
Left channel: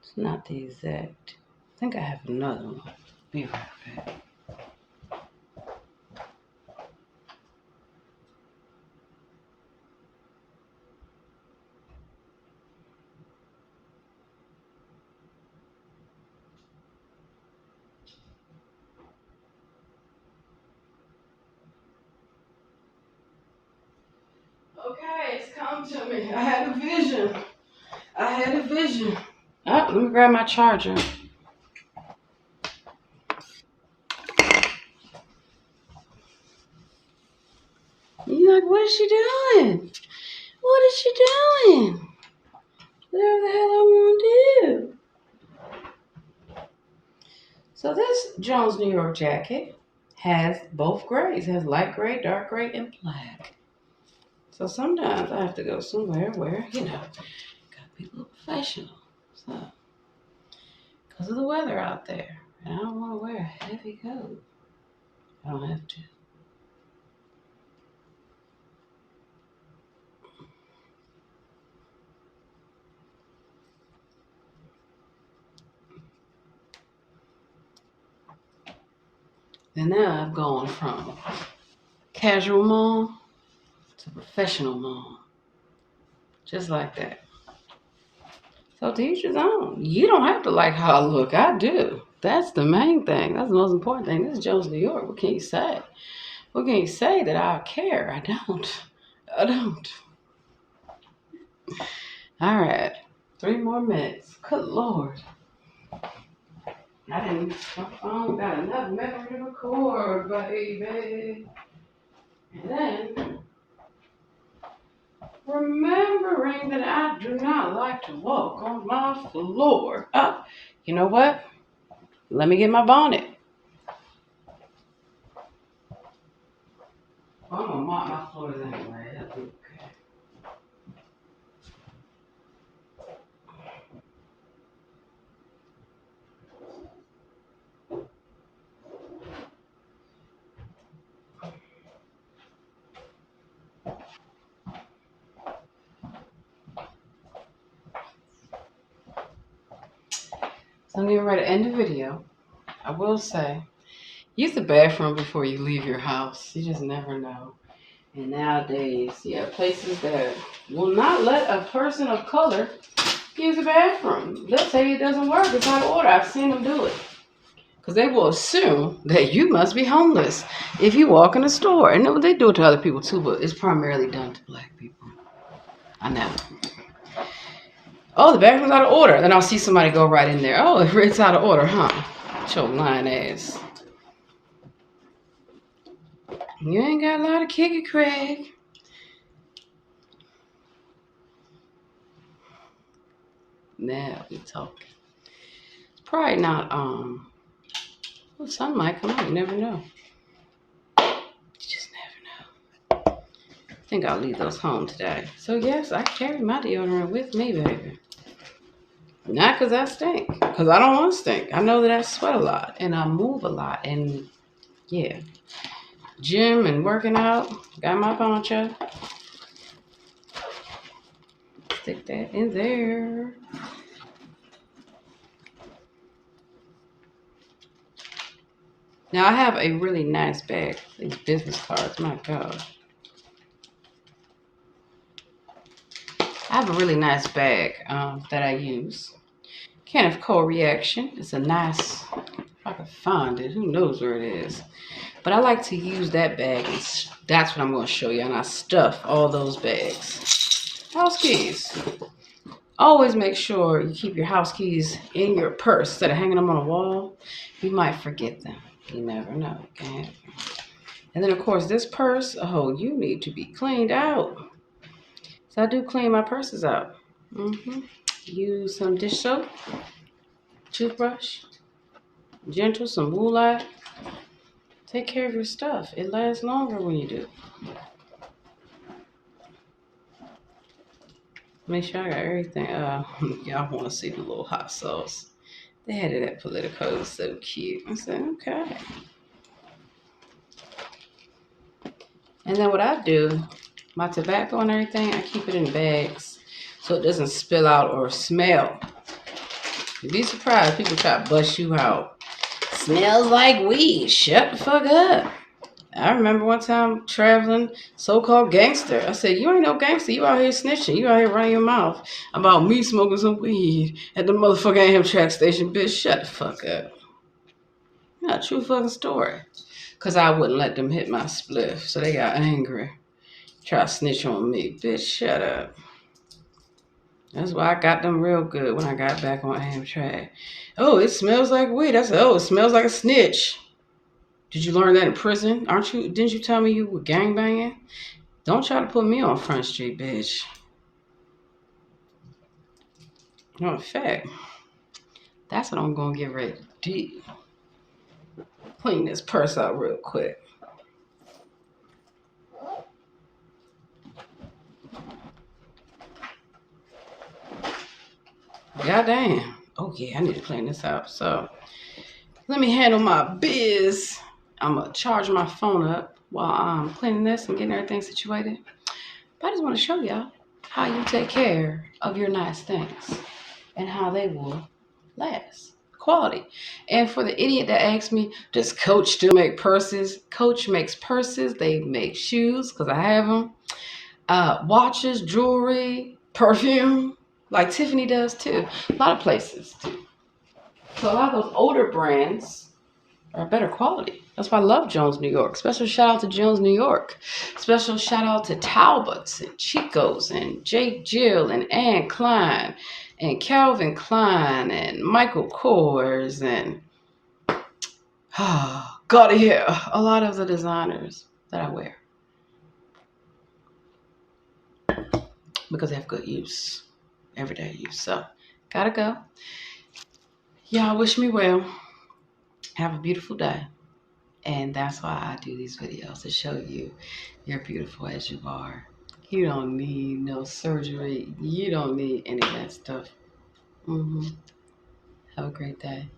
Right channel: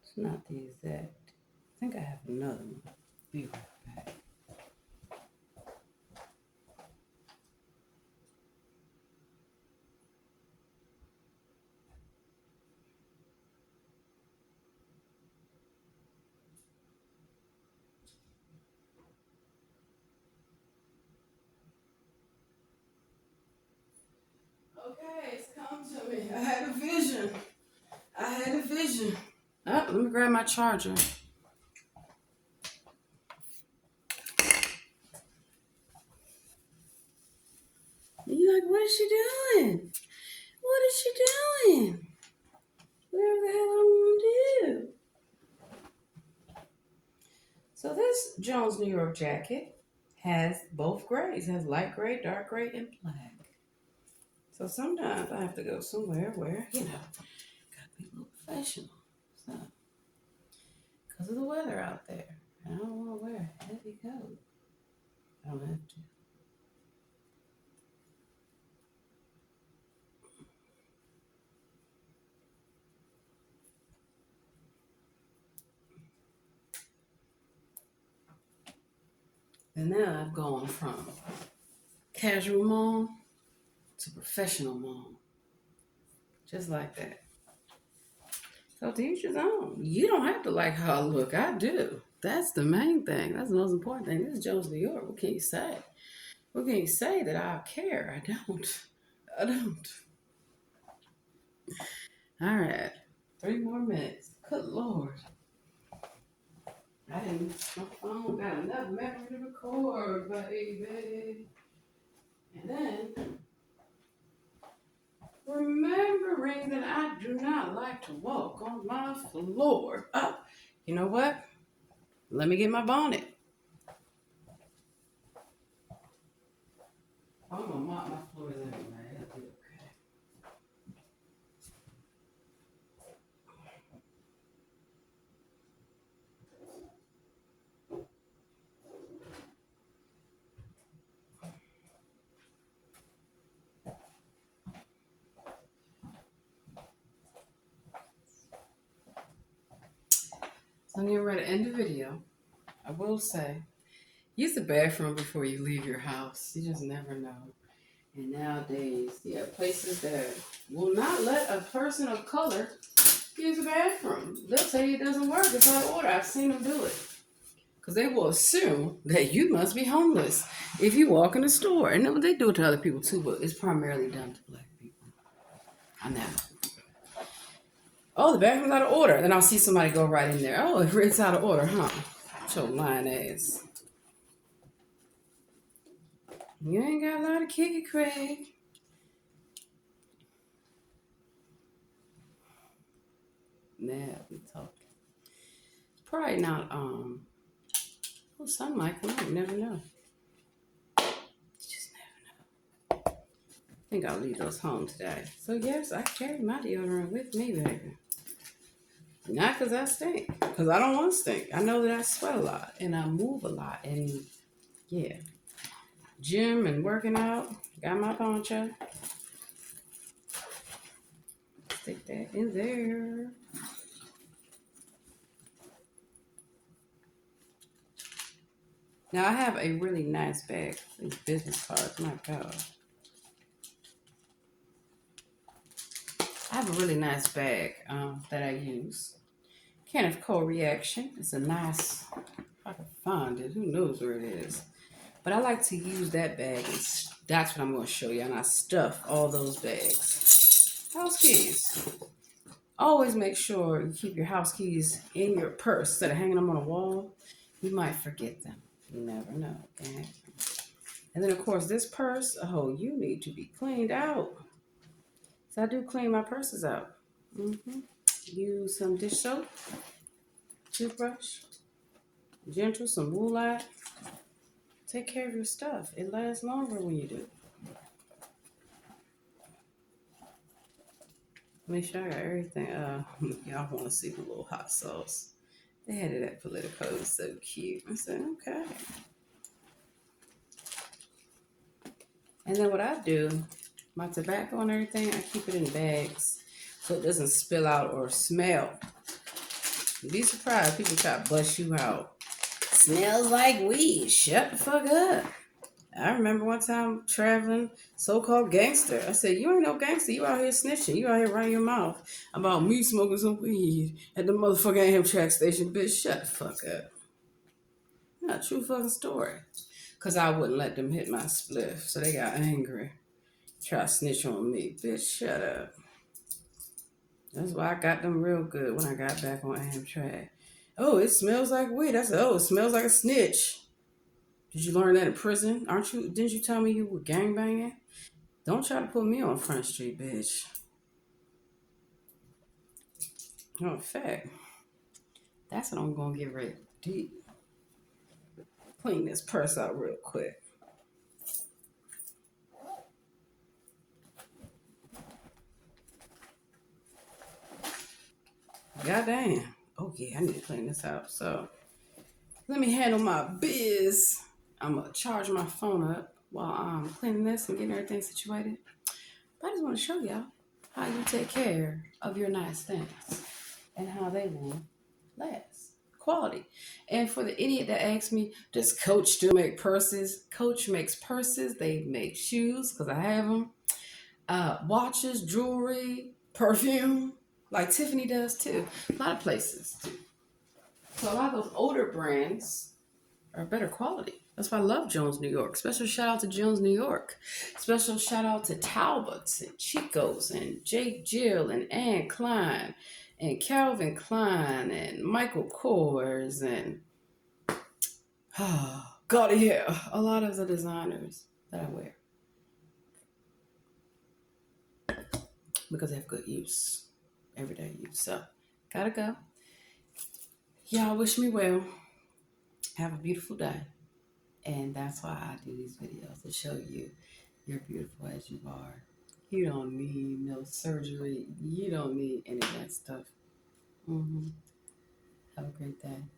It's not the exact. I think I have another one. Be right back. Okay, it's come to me. I had a vision. Oh, let me grab my charger. You're like, what is she doing? What is she doing? Whatever the hell I want to do. So this Jones New York jacket has both grays. It has light gray, dark gray, and black. So sometimes I have to go somewhere where, gotta be a little professional. So, because of the weather out there. And I don't want to wear a heavy coat. I don't have to. And now I've gone from casual mom to professional mom. Just like that. So to each his own. You don't have to like how I look. I do. That's the main thing. That's the most important thing. This is Jones, New York. What can you say? What can you say that I care? I don't. All right. 3 more minutes. Good Lord. My phone got enough memory to record, baby. And then, remembering that I do not like to walk on my floor. Oh, you know what? Let me get my bonnet. I'm gonna mop my floors anyway. That'll be okay. So I'm getting ready to end the video. I will say, use the bathroom before you leave your house. You just never know. And nowadays, places that will not let a person of color use the bathroom. They'll tell you it doesn't work. It's out of order. I've seen them do it. Because they will assume that you must be homeless if you walk in the store. And they do it to other people too, but it's primarily done to black people. I know. Oh, the bathroom's out of order. Then I'll see somebody go right in there. Oh, it's out of order, huh? Your lying ass. You ain't got a lot of kick it, Craig. Now we talking. It's probably not, well, sun might come out. You never know. You just never know. I think I'll leave those home today. So, yes, I carry my deodorant with me, baby. Not because I stink. Because I don't want to stink. I know that I sweat a lot. And I move a lot. And, yeah. Gym and working out. Got my poncho. Stick that in there. Now, I have a really nice bag. These business cards. My God. I have a really nice bag that I use. Kenneth Cole Reaction. It's a nice, if I can find it, who knows where it is. But I like to use that bag, and that's what I'm going to show you. And I stuff all those bags. House keys. Always make sure you keep your house keys in your purse instead of hanging them on a wall. You might forget them. You never know. Okay? And then, of course, this purse, you need to be cleaned out. So I do clean my purses out. Use some dish soap, toothbrush, gentle, some wool. Take care of your stuff. It lasts longer when you do. Make sure I got everything. Y'all want to see the little hot sauce. They had it at Politico. It was so cute. I said, okay. And then what I do, my tobacco and everything, I keep it in bags so it doesn't spill out or smell. You'd be surprised. People try to bust you out. Smells like weed. Shut the fuck up. I remember one time traveling, so-called gangster. I said, you ain't no gangster. You out here snitching. You out here running your mouth about me smoking some weed at the motherfucking Amtrak station. Bitch, shut the fuck up. Not a true fucking story. Because I wouldn't let them hit my spliff. So they got angry. Try to snitch on me. Bitch, shut up. That's why I got them real good when I got back on Amtrak. Oh, it smells like weed. I said, oh, it smells like a snitch. Did you learn that in prison? Didn't you tell me you were gangbanging? Don't try to put me on Front Street, bitch. In fact, that's what I'm gonna get ready to do. Clean this purse out real quick. Goddamn. Oh yeah, I need to clean this out. So let me handle my biz. I'm gonna charge my phone up while I'm cleaning this and getting everything situated. But I just want to show y'all how you take care of your nice things and how they will last. Quality. And for the idiot that asked me, does Coach still make purses? Coach makes purses. They make shoes because I have them. Watches, jewelry, perfume, like Tiffany does too. A lot of places too. So a lot of those older brands are better quality. That's why I love Jones, New York. Special shout out to Jones, New York. Special shout out to Talbots and Chico's and Jake Jill and Anne Klein and Calvin Klein and Michael Kors and gotta hear a lot of the designers that I wear because they have good use, everyday use. So gotta go. Y'all wish me well. Have a beautiful day. And that's why I do these videos, to show you you're beautiful as you are. You don't need no surgery. You don't need any of that stuff. Have a great day.